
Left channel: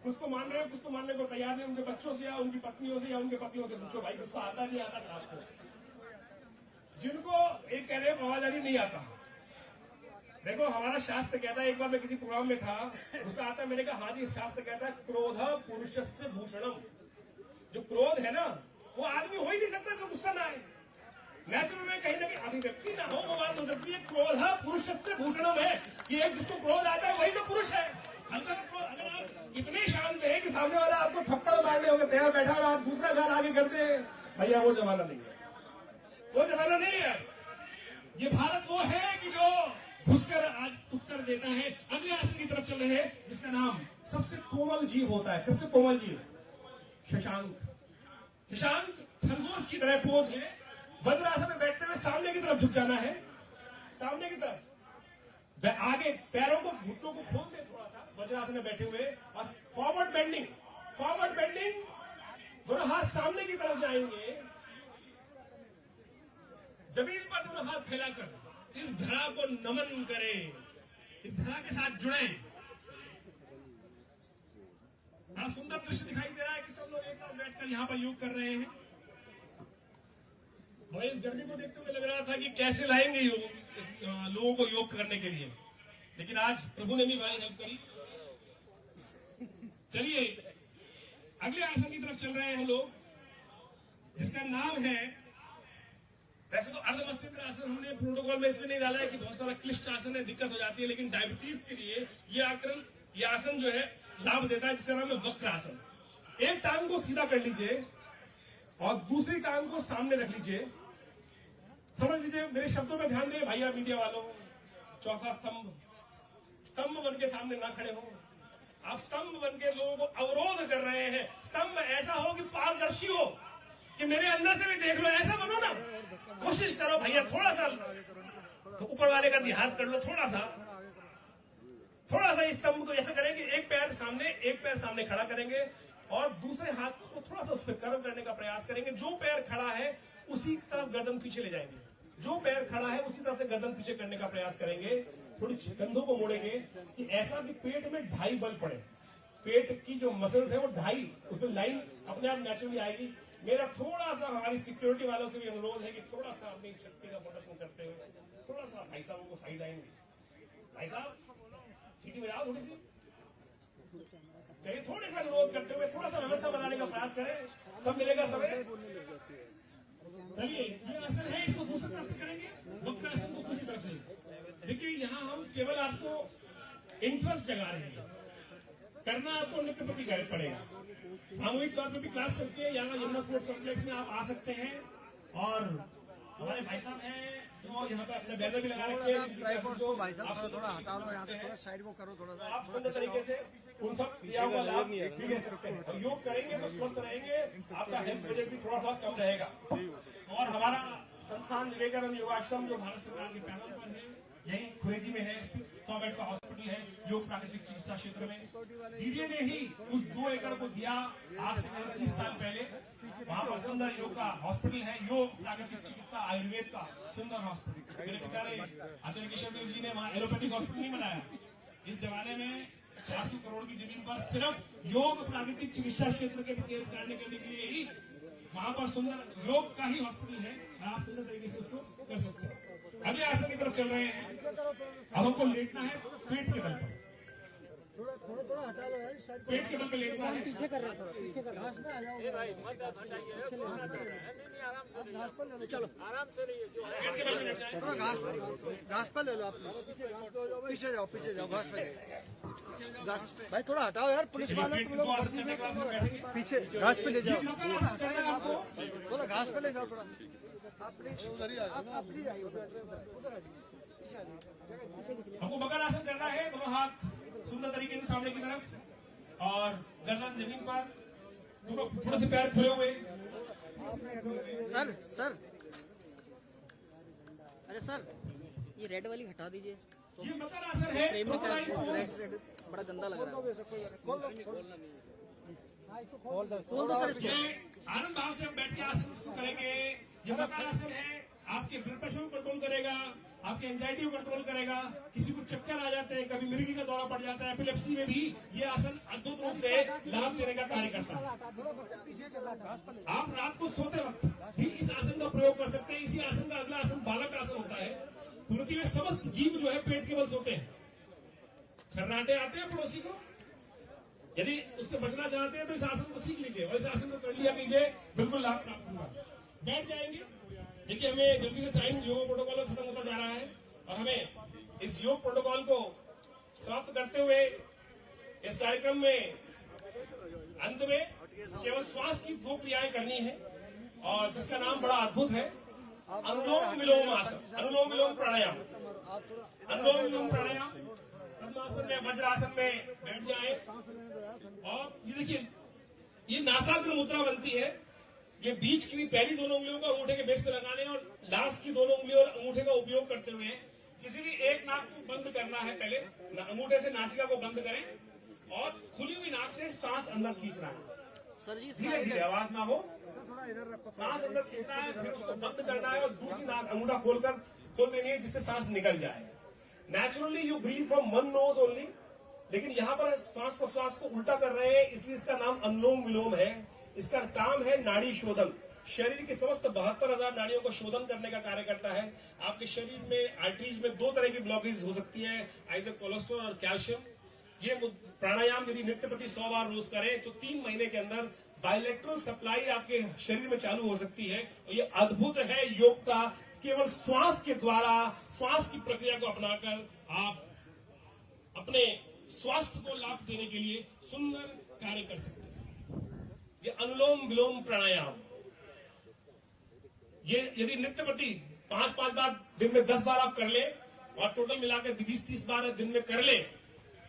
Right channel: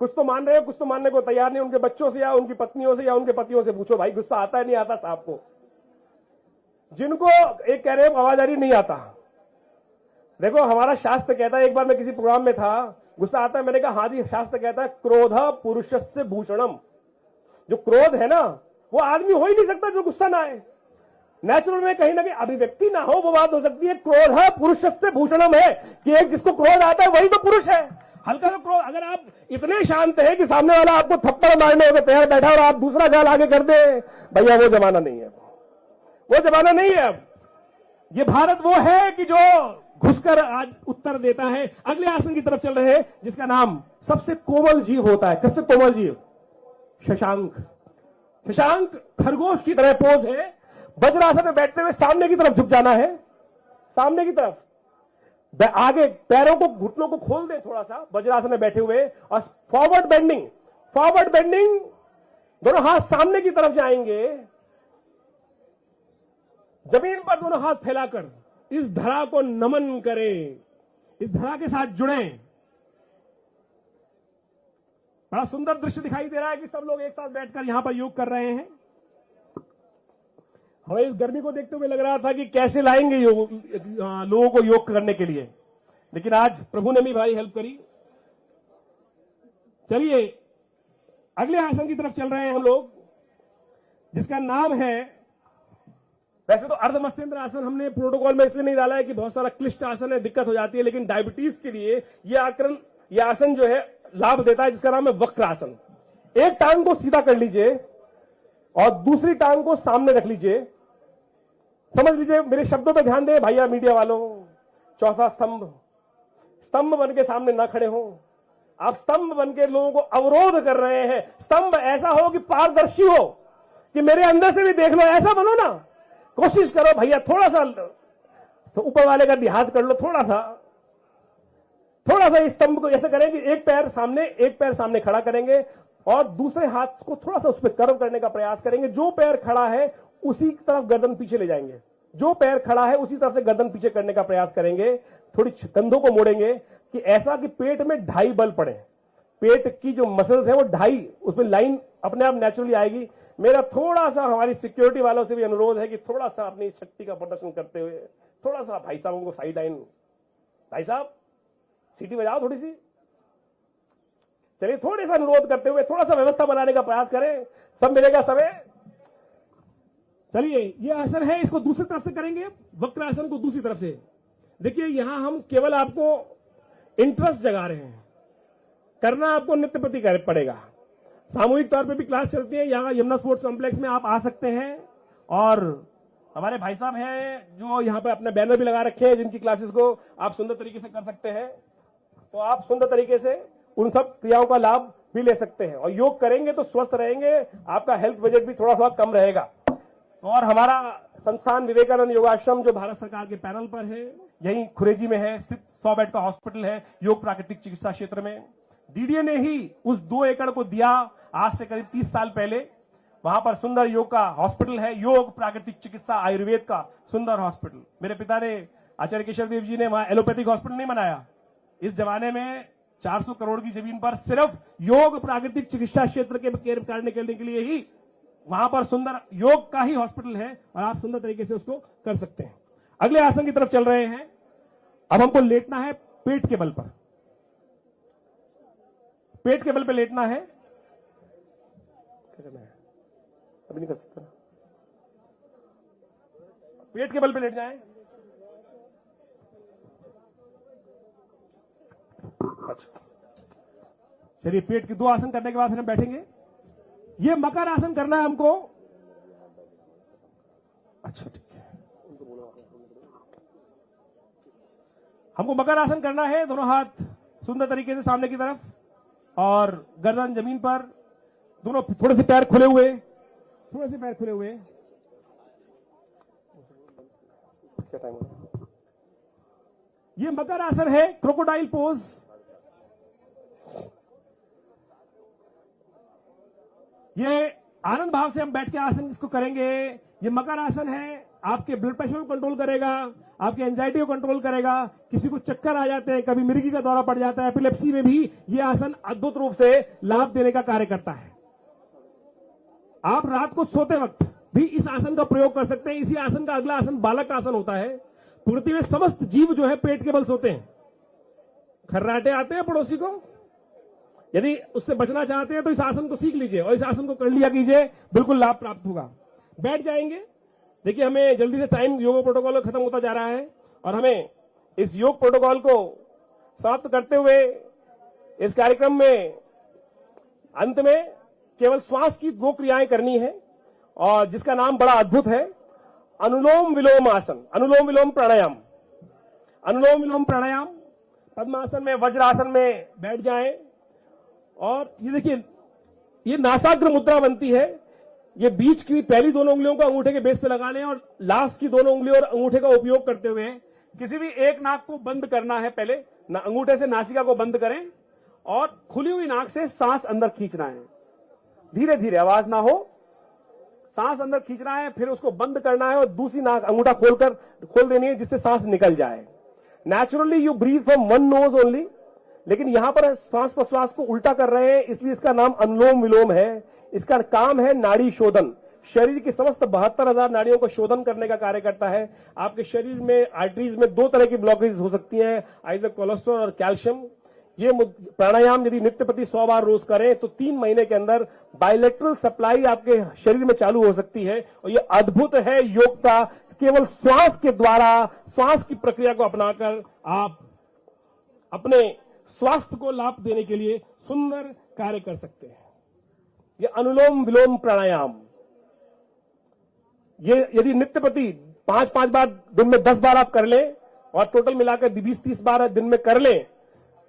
कुछ तो मान रहे हो, कुछ तो मानने को तैयार नहीं। उनके बच्चों से या उनकी पत्नियों से या उनके पतियों से पूछो, भाई गुस्सा आता है नहीं आता साहब को? जिनको एक कह रहे हैं आवाज आ रही नहीं आता। देखो हमारा शास्त्र कहता है, एक बार मैं किसी प्रोग्राम में था, गुस्सा आता है, मैंने कहा हाँ जी शास्त्र कहता है क्रोध पुरुषस्य भूषणम। जो क्रोध है ना वो आदमी हो ही नहीं सकता जो गुस्सा ना आए। नेचुरल में कहीं ना कहीं अभिव्यक्ति ना हो वो बात हो सकती है। क्रोध पुरुषस्य भूषणम है कि एक जिसको क्रोध आता है वही तो पुरुष है। हल्का सा क्रोध, अगर आप इतने शांत हैं कि सामने वाला आपको थप्पड़ मारने होकर तैयार बैठा और आप दूसरा गाल आगे कर दे, भैया वो जमाना नहीं है, वो जमाना नहीं है। अब ये भारत वो है कि जो घुसकर आज उत्तर देता है। अगले आसन की तरफ चल रहे हैं, जिसका नाम सबसे कोमल जीव होता है। सबसे कोमल जीव शशांक। शशांक खरगोश की तरह पोज है। वज्रासन में बैठते हुए सामने की तरफ झुक जाना है, सामने की तरफ। आगे पैरों को, घुटनों को खोल दे थोड़ा सा वज्रासन में बैठे हुए, और फॉरवर्ड बेंडिंग। फॉरवर्ड बेंडिंग, दोनों हाथ सामने की तरफ जाएंगे। जमीन पर दोनों हाथ फैलाकर इस धरा को नमन करें, इस धरा के साथ जुड़ें। बड़ा सुंदर दृश्य दिखाई दे रहा है कि सब लोग एक साथ बैठकर यहां पर योग कर रहे हैं। हमें इस गर्मी को देखते हुए लग रहा था कि कैसे लाएंगे लोगों को योग करने के लिए, लेकिन आज प्रभु ने भी भाई हेल्प करी। चलिए अगले आसन की तरफ चल रहे हैं हम लोग, जिसका नाम है, वैसे तो अर्ध मत्स्येंद्र आसन हमने प्रोटोकॉल में इसलिए नहीं डाला है कि बहुत सारा क्लिष्ट आसन है, दिक्कत हो जाती है, लेकिन डायबिटीज के लिए यह आसन जो है लाभ देता है, जिसका नाम है वक्र आसन। एक टांग को सीधा कर लीजिए और दूसरी टांग को सामने रख लीजिए। समझ लीजिए, मेरे शब्दों पर ध्यान दें भैया मीडिया वालों। चौथा स्तंभ, स्तंभ बन के सामने ना खड़े हो आप। स्तंभ बन के लोगों को अवरोध कर रहे हैं। स्तंभ ऐसा हो कि पारदर्शी हो, कि मेरे अंदर से भी देख लो, ऐसा बनो ना। कोशिश करो भैया, थोड़ा सा तो ऊपर वाले का लिहाज कर लो, थोड़ा सा इस स्तंभ को ऐसे करें कि एक पैर सामने खड़ा करेंगे और दूसरे हाथ को थोड़ा सा उस पर कर्व करने का प्रयास करेंगे। जो पैर खड़ा है उसी तरफ गर्दन पीछे ले जाएंगे। जो पैर खड़ा है उसी तरफ से गर्दन पीछे करने का प्रयास करेंगे। थोड़ी कंधों को मोड़ेंगे कि ऐसा कि पेट में 2.5 बल पड़े। पेट की जो मसल्स है वो 2.5, उसमें लाइन अपने आप नेचुरली आएगी। मेरा थोड़ा सा हमारी सिक्योरिटी वालों से भी अनुरोध है कि थोड़ा सा अपनी शक्ति का प्रदर्शन करते हुए थोड़ा सा भाई साहब को साइड लाइन, भाई साहब सीटी बजाओ थोड़ी सी। चलिए थोड़ा सा अनुरोध करते हुए थोड़ा सा व्यवस्था बनाने का प्रयास करें। सब मिलेगा समय। चलिए ये आसन है, इसको दूसरी तरफ से करेंगे, वक्र आसन को दूसरी तरफ से। देखिए यहां हम केवल आपको इंटरेस्ट जगा रहे हैं, करना आपको नित्य प्रति पड़ेगा। सामूहिक तौर पे भी क्लास चलती है यहाँ यमुना स्पोर्ट्स कॉम्प्लेक्स में, आप आ सकते हैं। और हमारे भाई साहब हैं जो यहाँ पे अपने बैनर भी लगा रखे हैं, जिनकी क्लासेस को आप सुंदर तरीके से कर सकते हैं। तो आप सुंदर तरीके से उन सब क्रियाओं का लाभ भी ले सकते हैं। और योग करेंगे तो स्वस्थ रहेंगे, आपका हेल्थ बजट भी थोड़ा कम रहेगा। और हमारा संस्थान विवेकानंद योगाश्रम जो भारत सरकार के पैनल पर है, यही खुरेजी में है, 100 बेड का हॉस्पिटल है योग प्राकृतिक चिकित्सा क्षेत्र में। डीडीए ने ही उस 2 एकड़ को दिया आज से करीब 30 साल पहले। वहां पर सुंदर योग का हॉस्पिटल है, योग प्राकृतिक चिकित्सा आयुर्वेद का सुंदर हॉस्पिटल। मेरे पिता ने, आचार्य केशव देव जी ने वहां एलोपैथिक हॉस्पिटल नहीं बनाया। इस जमाने में 400 करोड़ की जमीन पर सिर्फ योग प्राकृतिक चिकित्सा क्षेत्र के कार्य करने के लिए ही वहां पर सुंदर योग का ही हॉस्पिटल है, और आप सुंदर तरीके से उसको कर सकते हैं। अगले आसन की तरफ चल रहे हैं। अब हमको लेटना है पेट के बल पर। पेट के बल पे लेटना है। पेट के बल पे लेट जाए। घास पर ले लो आप, पीछे जाओ घास पे भाई, थोड़ा हटाओ यार। चलिए पेट के 2 आसन करने के बाद हम बैठेंगे। पीछे घास पे ये मकर आसन करना है हमको। थोड़ा घास पे ले जाओ थोड़ा। हमको मकर आसन करना है। दोनों हाथ सुंदर तरीके से सामने की तरफ और गर्दन जमीन पर, दोनों थोड़े से पैर खुले हुए, सर अरे सर ये रेड वाली हटा दीजिए। ये मकर आसन है, क्रोकोडाइल पोज। बड़ा गंदा लग रहा है। ये आनंद भाव से हम बैठ के आसन इसको करेंगे। ये मकर आसन है, आपके ब्लड प्रेशर को कंट्रोल करेगा, आपके एंजाइटी को कंट्रोल करेगा। किसी को चक्कर आ जाते हैं, कभी मिर्गी का दौरा पड़ जाता है, एपिलेप्सी में भी ये आसन अद्भुत रूप से लाभ देने का कार्य करता है। आप रात को सोते वक्त भी इस आसन का प्रयोग कर सकते हैं। इसी आसन का अगला आसन बालक आसन होता है। पृथ्वी में समस्त जीव जो है पेट के बल सोते हैं। खर्राटे आते हैं पड़ोसी को, यदि उससे बचना चाहते हैं तो इस आसन को सीख लीजिए और इस आसन को कर लिया कीजिए, बिल्कुल लाभ प्राप्त होगा। बैठ जाएंगे। देखिए हमें जल्दी से टाइम योग प्रोटोकॉल खत्म होता जा रहा है और हमें इस योग प्रोटोकॉल को समाप्त करते हुए इस कार्यक्रम में अंत में केवल श्वास की 2 क्रियाएं करनी है, और जिसका नाम बड़ा अद्भुत है। अनुलोम विलोम आसन, अनुलोम विलोम प्राणायाम, अनुलोम विलोम प्राणायाम। पद्मासन में, वज्रासन में बैठ जाएं और ये देखिए, ये नासाग्र मुद्रा बनती है। ये बीच की पहली दोनों उंगलियों को अंगूठे के बेस पे लगाने और लास्ट की दोनों उंगलियों और अंगूठे का उपयोग करते हुए किसी भी एक नाक को बंद करना है। पहले अंगूठे से नासिका को बंद करें और खुली हुई नाक से सांस अंदर खींचना है, धीरे धीरे, आवाज ना हो, सांस अंदर खींचना है, फिर उसको बंद करना है और दूसरी नाक अंगूठा खोल देनी है जिससे सांस निकल जाए। Naturally you breathe from one nose only, लेकिन यहां पर श्वास प्रश्वास को उल्टा कर रहे हैं, इसलिए इसका नाम अनुलोम विलोम है। इसका काम है नाड़ी शोधन, शरीर की समस्त 72,000 नाड़ियों को शोधन करने का कार्य करता है। आपके शरीर में आर्टरीज में दो तरह की ब्लॉकेज हो सकती हैं, आइदर कोलेस्ट्रॉल और कैल्शियम। ये प्राणायाम यदि नित्य प्रति 100 बार रोज करें तो 3 महीने के अंदर बायलैटरल सप्लाई आपके शरीर में चालू हो सकती है। और ये अद्भुत है योग का, केवल श्वास के द्वारा, श्वास की प्रक्रिया को अपनाकर आप अपने स्वास्थ्य को लाभ देने के लिए सुंदर कार्य कर सकते हैं। ये अनुलोम विलोम प्राणायाम, ये यदि नित्य प्रति 5-5 बार दिन में 10 बार आप कर लें और टोटल मिलाकर 20-30 बार दिन में कर लें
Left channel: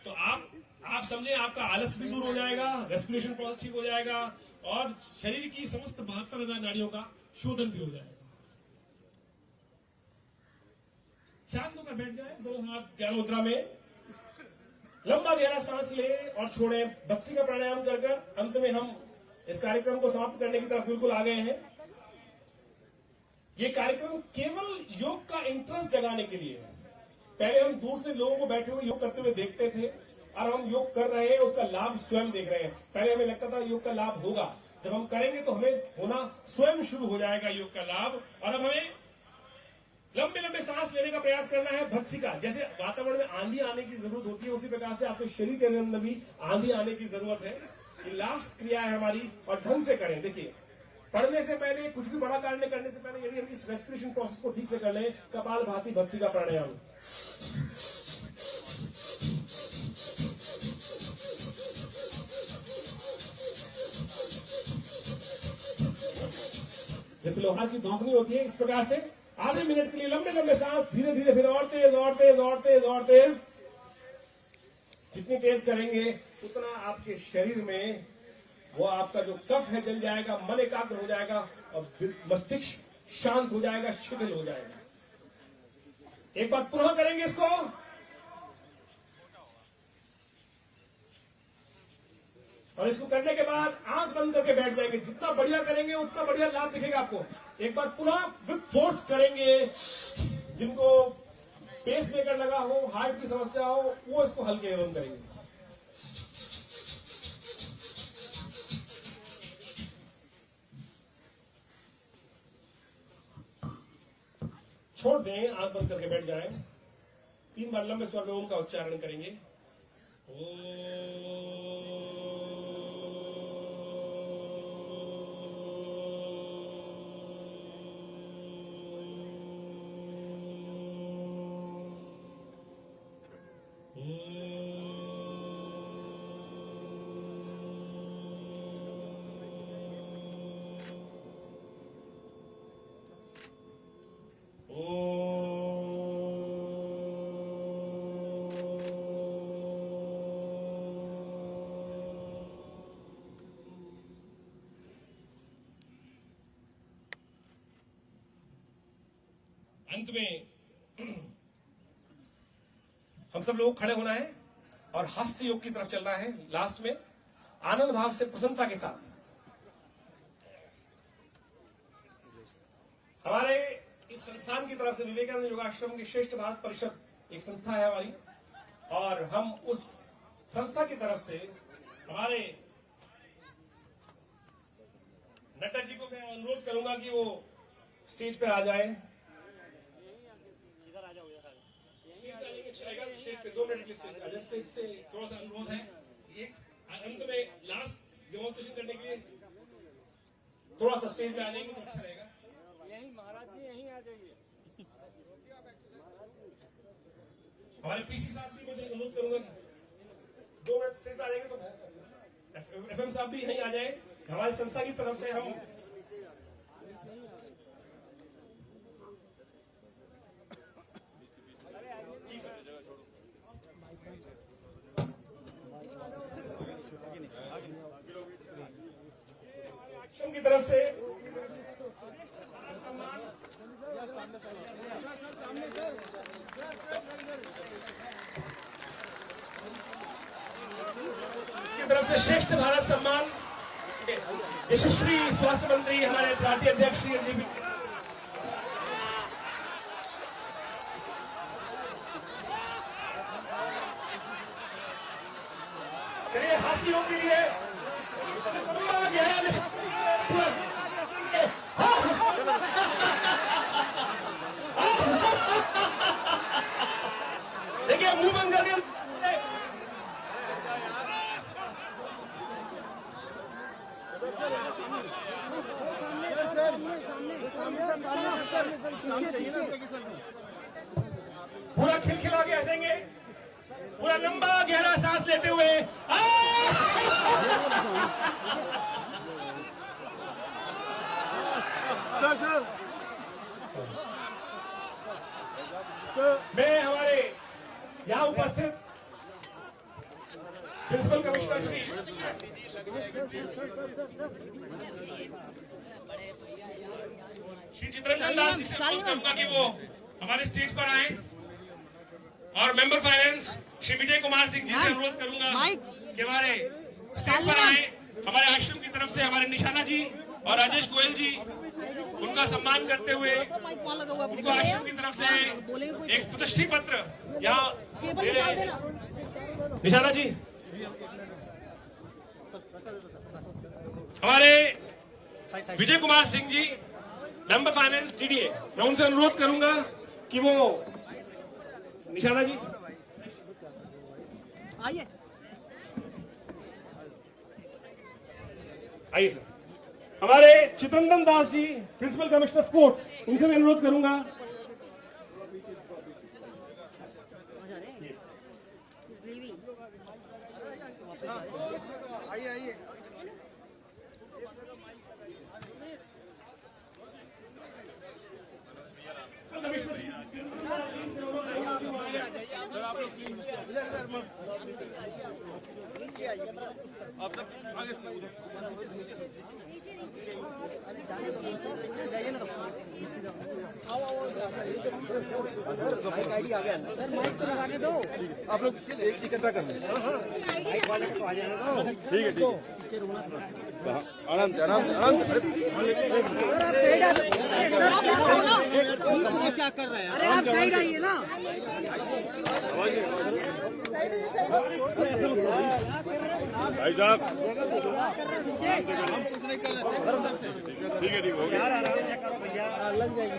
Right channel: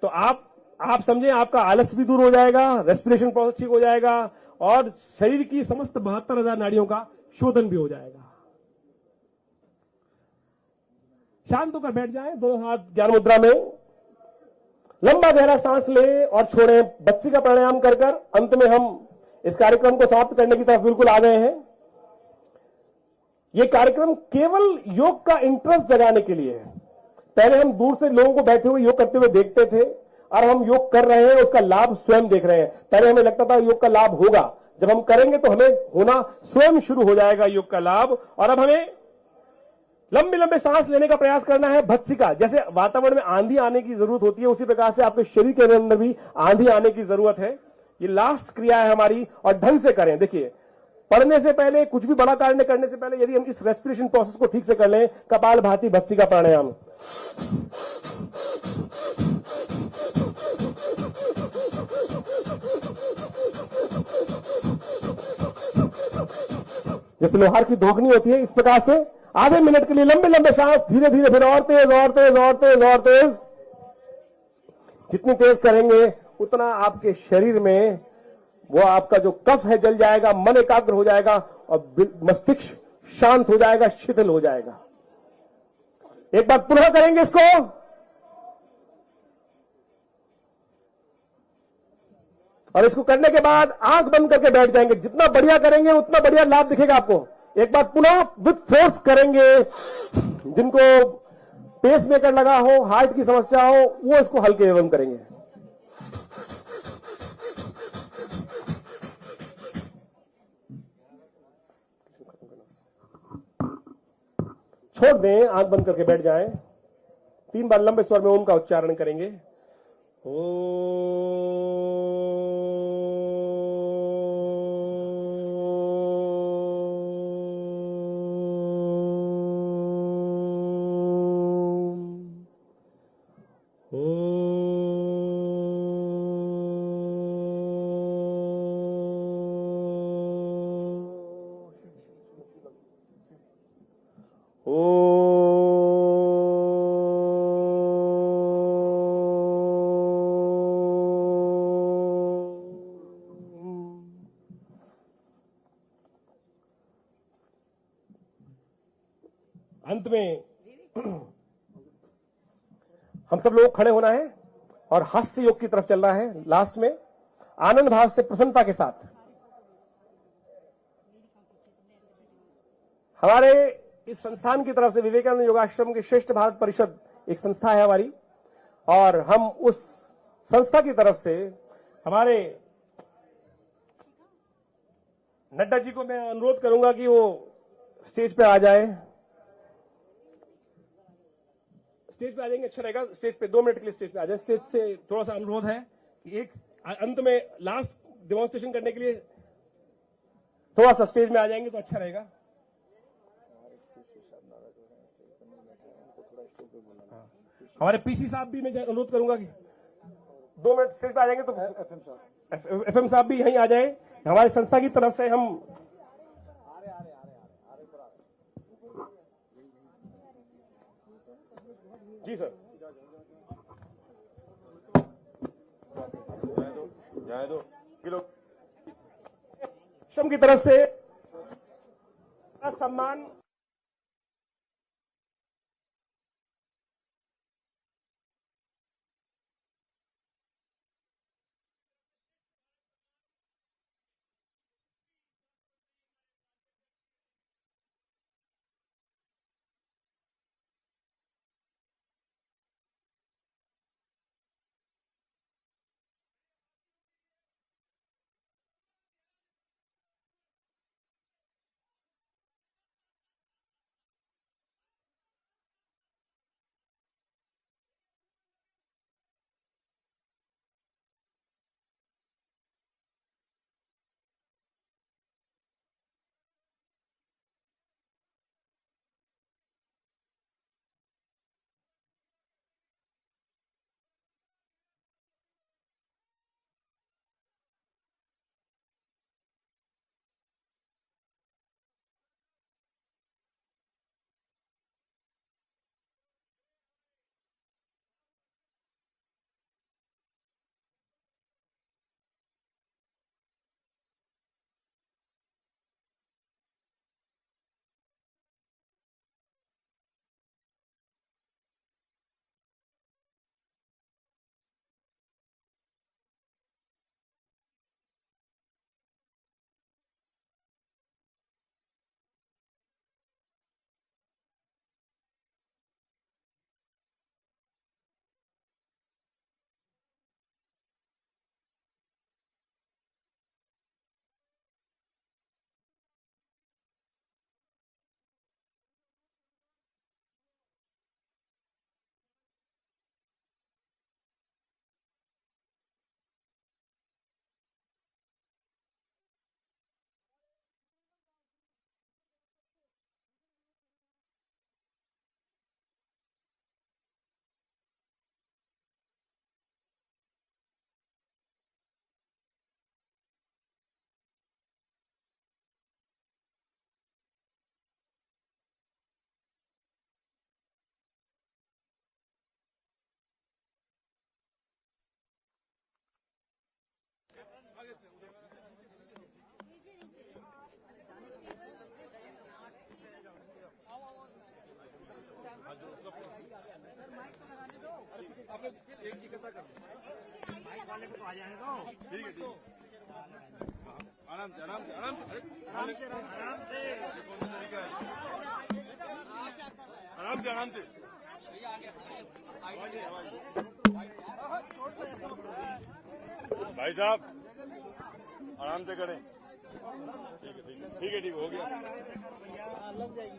तो आप समझें आपका आलस भी दूर हो जाएगा, रेस्पिरेशन प्रोसेस ठीक हो जाएगा और शरीर की समस्त 72,000 नाड़ियों का शोधन भी हो जाएगा। शांत होकर बैठ जाएं, दोनों हाथ ज्ञान मुद्रा में, लंबा गहरा सांस लें और छोड़ें। बत्सी का प्राणायाम कर अंत में हम इस कार्यक्रम को समाप्त करने की तरफ बिल्कुल आ गए हैं। यह कार्यक्रम केवल योग का इंटरेस्ट जगाने के लिए है। पहले हम दूर से लोगों को बैठे हुए योग करते हुए देखते थे और हम योग कर रहे हैं, उसका लाभ स्वयं देख रहे हैं। पहले हमें लगता था योग का लाभ होगा, जब हम करेंगे तो हमें होना स्वयं शुरू हो जाएगा योग का लाभ। और अब हमें लंबे लंबे सांस लेने का प्रयास करना है। भत्सिका, जैसे वातावरण में आंधी आने की जरूरत होती है, उसी प्रकार से आपके शरीर के अंदर भी आंधी आने की जरूरत है। ये लास्ट क्रिया है हमारी और ढंग से करें। देखिए, पढ़ने से पहले, कुछ भी बड़ा कार्य करने से पहले यदि हम इस रेस्पिरेशन प्रोसेस को ठीक से कर लें, कपाल भाती भत्सिका प्राणायाम, जैसे लोहार की धोखनी होती है, इस प्रकार से आधे मिनट के लिए लंबे लंबे सांस, धीरे धीरे, फिर और तेज और तेज और तेज और तेज। जितनी तेज करेंगे उतना आपके शरीर में वो आपका जो कफ है जल जाएगा, मन एकाग्र हो जाएगा और मस्तिष्क शांत हो जाएगा, शिथिल हो जाएगा। एक बार पुनः करेंगे इसको। और इसको करने के बाद आंख बंद करके बैठ जाएंगे। जितना बढ़िया करेंगे उतना बढ़िया लाभ दिखेगा आपको। एक बार पुनः विथ फोर्स करेंगे। जिनको पेस मेकर लगा हो, हार्ट की समस्या हो, वो इसको हल्के एवं करेंगे। छोड़ दें, आंख बंद करके बैठ जाएं। 3 बार लंबे स्वर में ओम का उच्चारण करेंगे। अंत में हम सब लोग खड़े होना है और हास्य योग की तरफ चलना है। लास्ट में आनंद भाव से, प्रसन्नता के साथ। हमारे इस संस्थान की तरफ से, विवेकानंद योगाश्रम की श्रेष्ठ भारत परिषद एक संस्था है हमारी, और हम उस संस्था की तरफ से हमारे नड्डा जी को मैं अनुरोध करूंगा कि वो स्टेज पे आ जाए। स्टेज पे आ जाएंगे, अच्छा रहेगा। स्टेज पे 2 मिनट के लिए स्टेज पे आ जाए। स्टेज से थोड़ा सा अनुरोध है कि एक अंत में लास्ट डेमोन्स्ट्रेशन करने के लिए थोड़ा सा स्टेज में आ जाएंगे तो अच्छा रहेगा। हमारे पीसी साहब भी मैं अनुरोध करूंगा कि 2 मिनट स्टेज पे आ जाएंगे तो एफएम साहब भी यहीं आ जाए। हमारी संस्था की तरफ से हम जी सर। आश्रम की तरफ से सम्मान की तरफ से श्रेष्ठ भारत सम्मान यशस्वी स्वास्थ्य मंत्री हमारे पार्टी अध्यक्ष श्री एनडीबी चलिए हास्यों के लिए देखिए मुंह बंद कर दिया। पूरा खिलखिला के हंसेंगे, पूरा लंबा गहरा सांस लेते हुए मैं हमारे यहाँ उपस्थित प्रिंसिपल कमिश्नर श्री चित्रंजन दास जी से अनुरोध करूंगा कि वो हमारे स्टेज पर आए और मेंबर फाइनेंस श्री विजय कुमार सिंह जी से अनुरोध करूंगा कि हमारे स्टेज पर आए। हमारे आश्रम की तरफ से हमारे निशाना जी और राजेश गोयल जी उनका सम्मान करते हुए उनको आश्रम की तरफ से एक प्रतिष्ठित पत्र यहाँ दे रहे हैं। निशाना जी हमारे Vijay Kumar Singh ji member finance TDA, मैं उनसे अनुरोध करूंगा कि वो निशाना जी आइए आइए सर। हमारे Chittaranjan Das ji principal commissioner sports, उनसे मैं अनुरोध करूंगा। आईडी आ गया सर, माइक तो लगाने दो। आप लोग एक इकट्ठा कर लें। ठीक है आनंद आनंद क्या कर रहे हैं? अरे आप साइड आइए ना। भाई साहब ठीक है हो गया लग जाएगी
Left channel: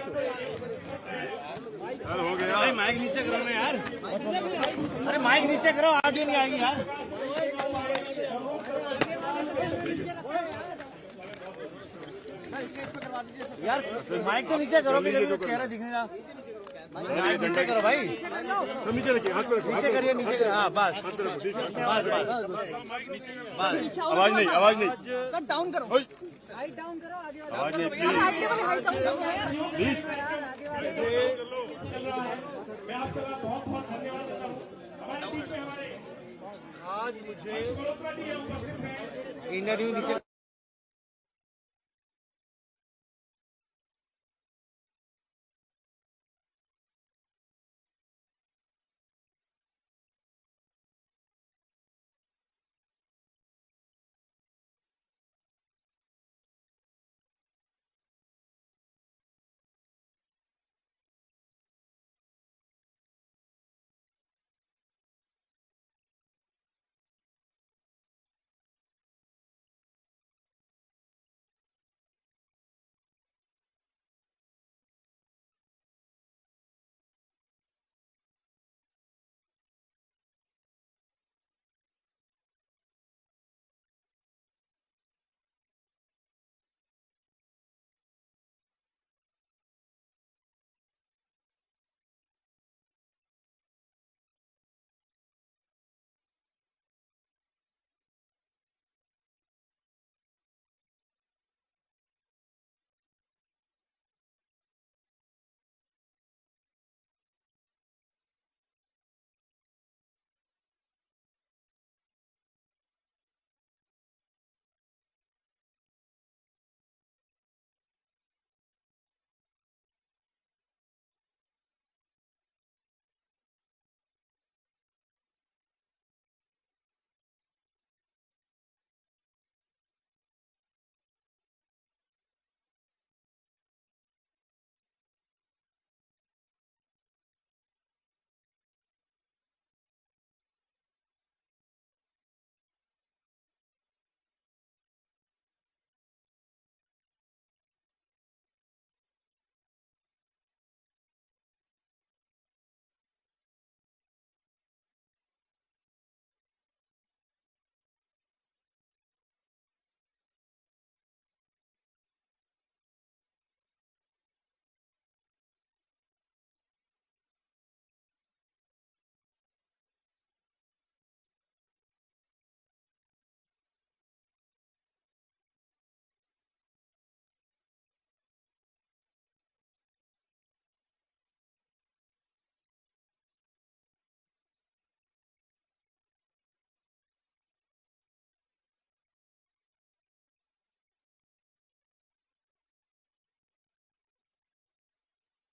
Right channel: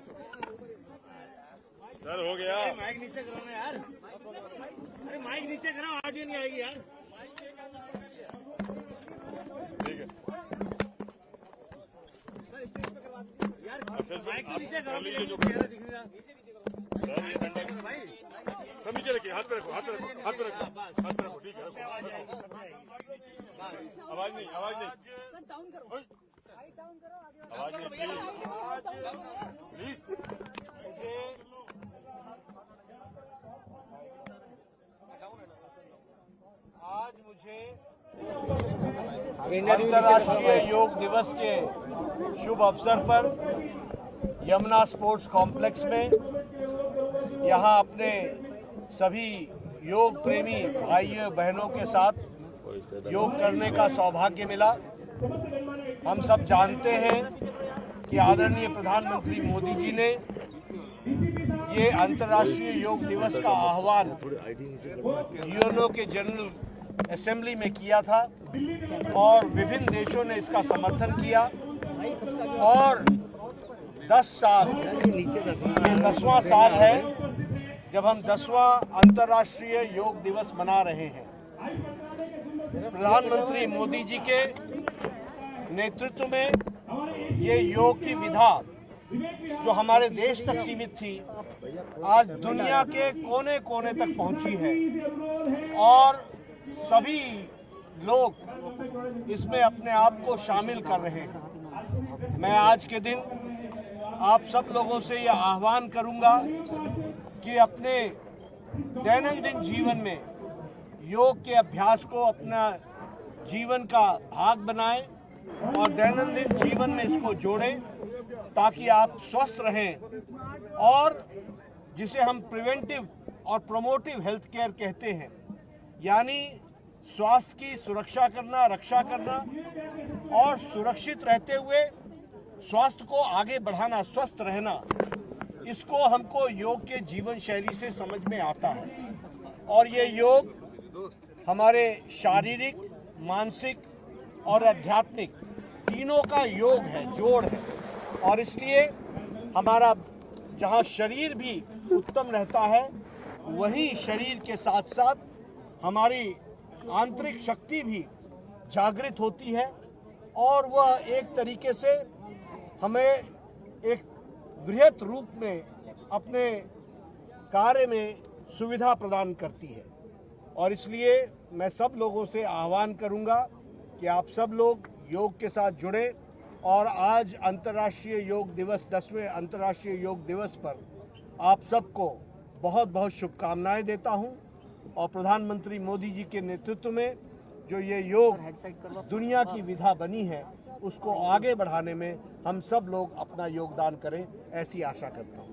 सर, हो गया। माइक नीचे करो ना यार। अरे माइक नीचे करो, ऑडियो नहीं आएगी यार। यार माइक तो नीचे करो, चेहरा दिखेगा। नीचे करो भाई, तो नीचे रखिए, हाथ पे रखो, नीचे करिए, नीचे करिए। हाँ बस बस बस, आवाज नहीं सर डाउन करो, हाइट डाउन करो, आवाज नहीं आज मुझे अंतर्राष्ट्रीय योग दिवस के शुभ अवसर पर यमुना स्पोर्ट्स कॉम्प्लेक्स में यहाँ अपने सभी योग प्रेमी भाइयों बहनों के साथ योग करने का सौभाग्य मिला। हम सब जानते हैं कि आदरणीय प्रधानमंत्री मोदी जी ने ये अंतर्राष्ट्रीय योग दिवस का आह्वान यूएनओ के जनरल असेंबली में किया था और विभिन्न देशों ने इसका समर्थन किया और 10 साल, ये 10वां साल है जब हम 10वां अंतर्राष्ट्रीय योग दिवस मना रहे हैं। प्रधानमंत्री मोदी जी के नेतृत्व में ये योग की विधा जो हमारे देश तक सीमित थी आज दुनिया के कोने कोने तक पहुंची है और सभी लोग इसमें अपने आप को शामिल कर रहे हैं। मैं आज के दिन आप सब लोगों से यह आह्वान करूंगा कि अपने दैनंदिन जीवन में योग के अभ्यास को अपना जीवन का भाग बनाएं और दैनंदिन जीवन में इसको जोड़ें ताकि आप स्वस्थ रहें और जिसे हम प्रिवेंटिव और प्रोमोटिव हेल्थ केयर कहते हैं, यानी स्वास्थ्य की सुरक्षा करना, रक्षा करना और सुरक्षित रहते हुए स्वास्थ्य को आगे बढ़ाना, स्वस्थ रहना, इसको हमको योग के जीवन शैली से समझ में आता है। और ये योग हमारे शारीरिक, मानसिक और आध्यात्मिक तीनों का योग है, जोड़ है। और इसलिए हमारा जहाँ शरीर भी उत्तम रहता है, वही शरीर के साथ साथ हमारी आंतरिक शक्ति भी जागृत होती है और वह एक तरीके से हमें एक वृहत रूप में अपने कार्य में सुविधा प्रदान करती है। और इसलिए मैं सब लोगों से आह्वान करूंगा कि आप सब लोग योग के साथ जुड़े और आज अंतर्राष्ट्रीय योग दिवस, 10वें अंतर्राष्ट्रीय योग दिवस पर आप सबको बहुत बहुत शुभकामनाएं देता हूं। और प्रधानमंत्री मोदी जी के नेतृत्व में जो ये योग दुनिया की विधा बनी है, उसको आगे बढ़ाने में हम सब लोग अपना योगदान करें, ऐसी आशा करता हूं।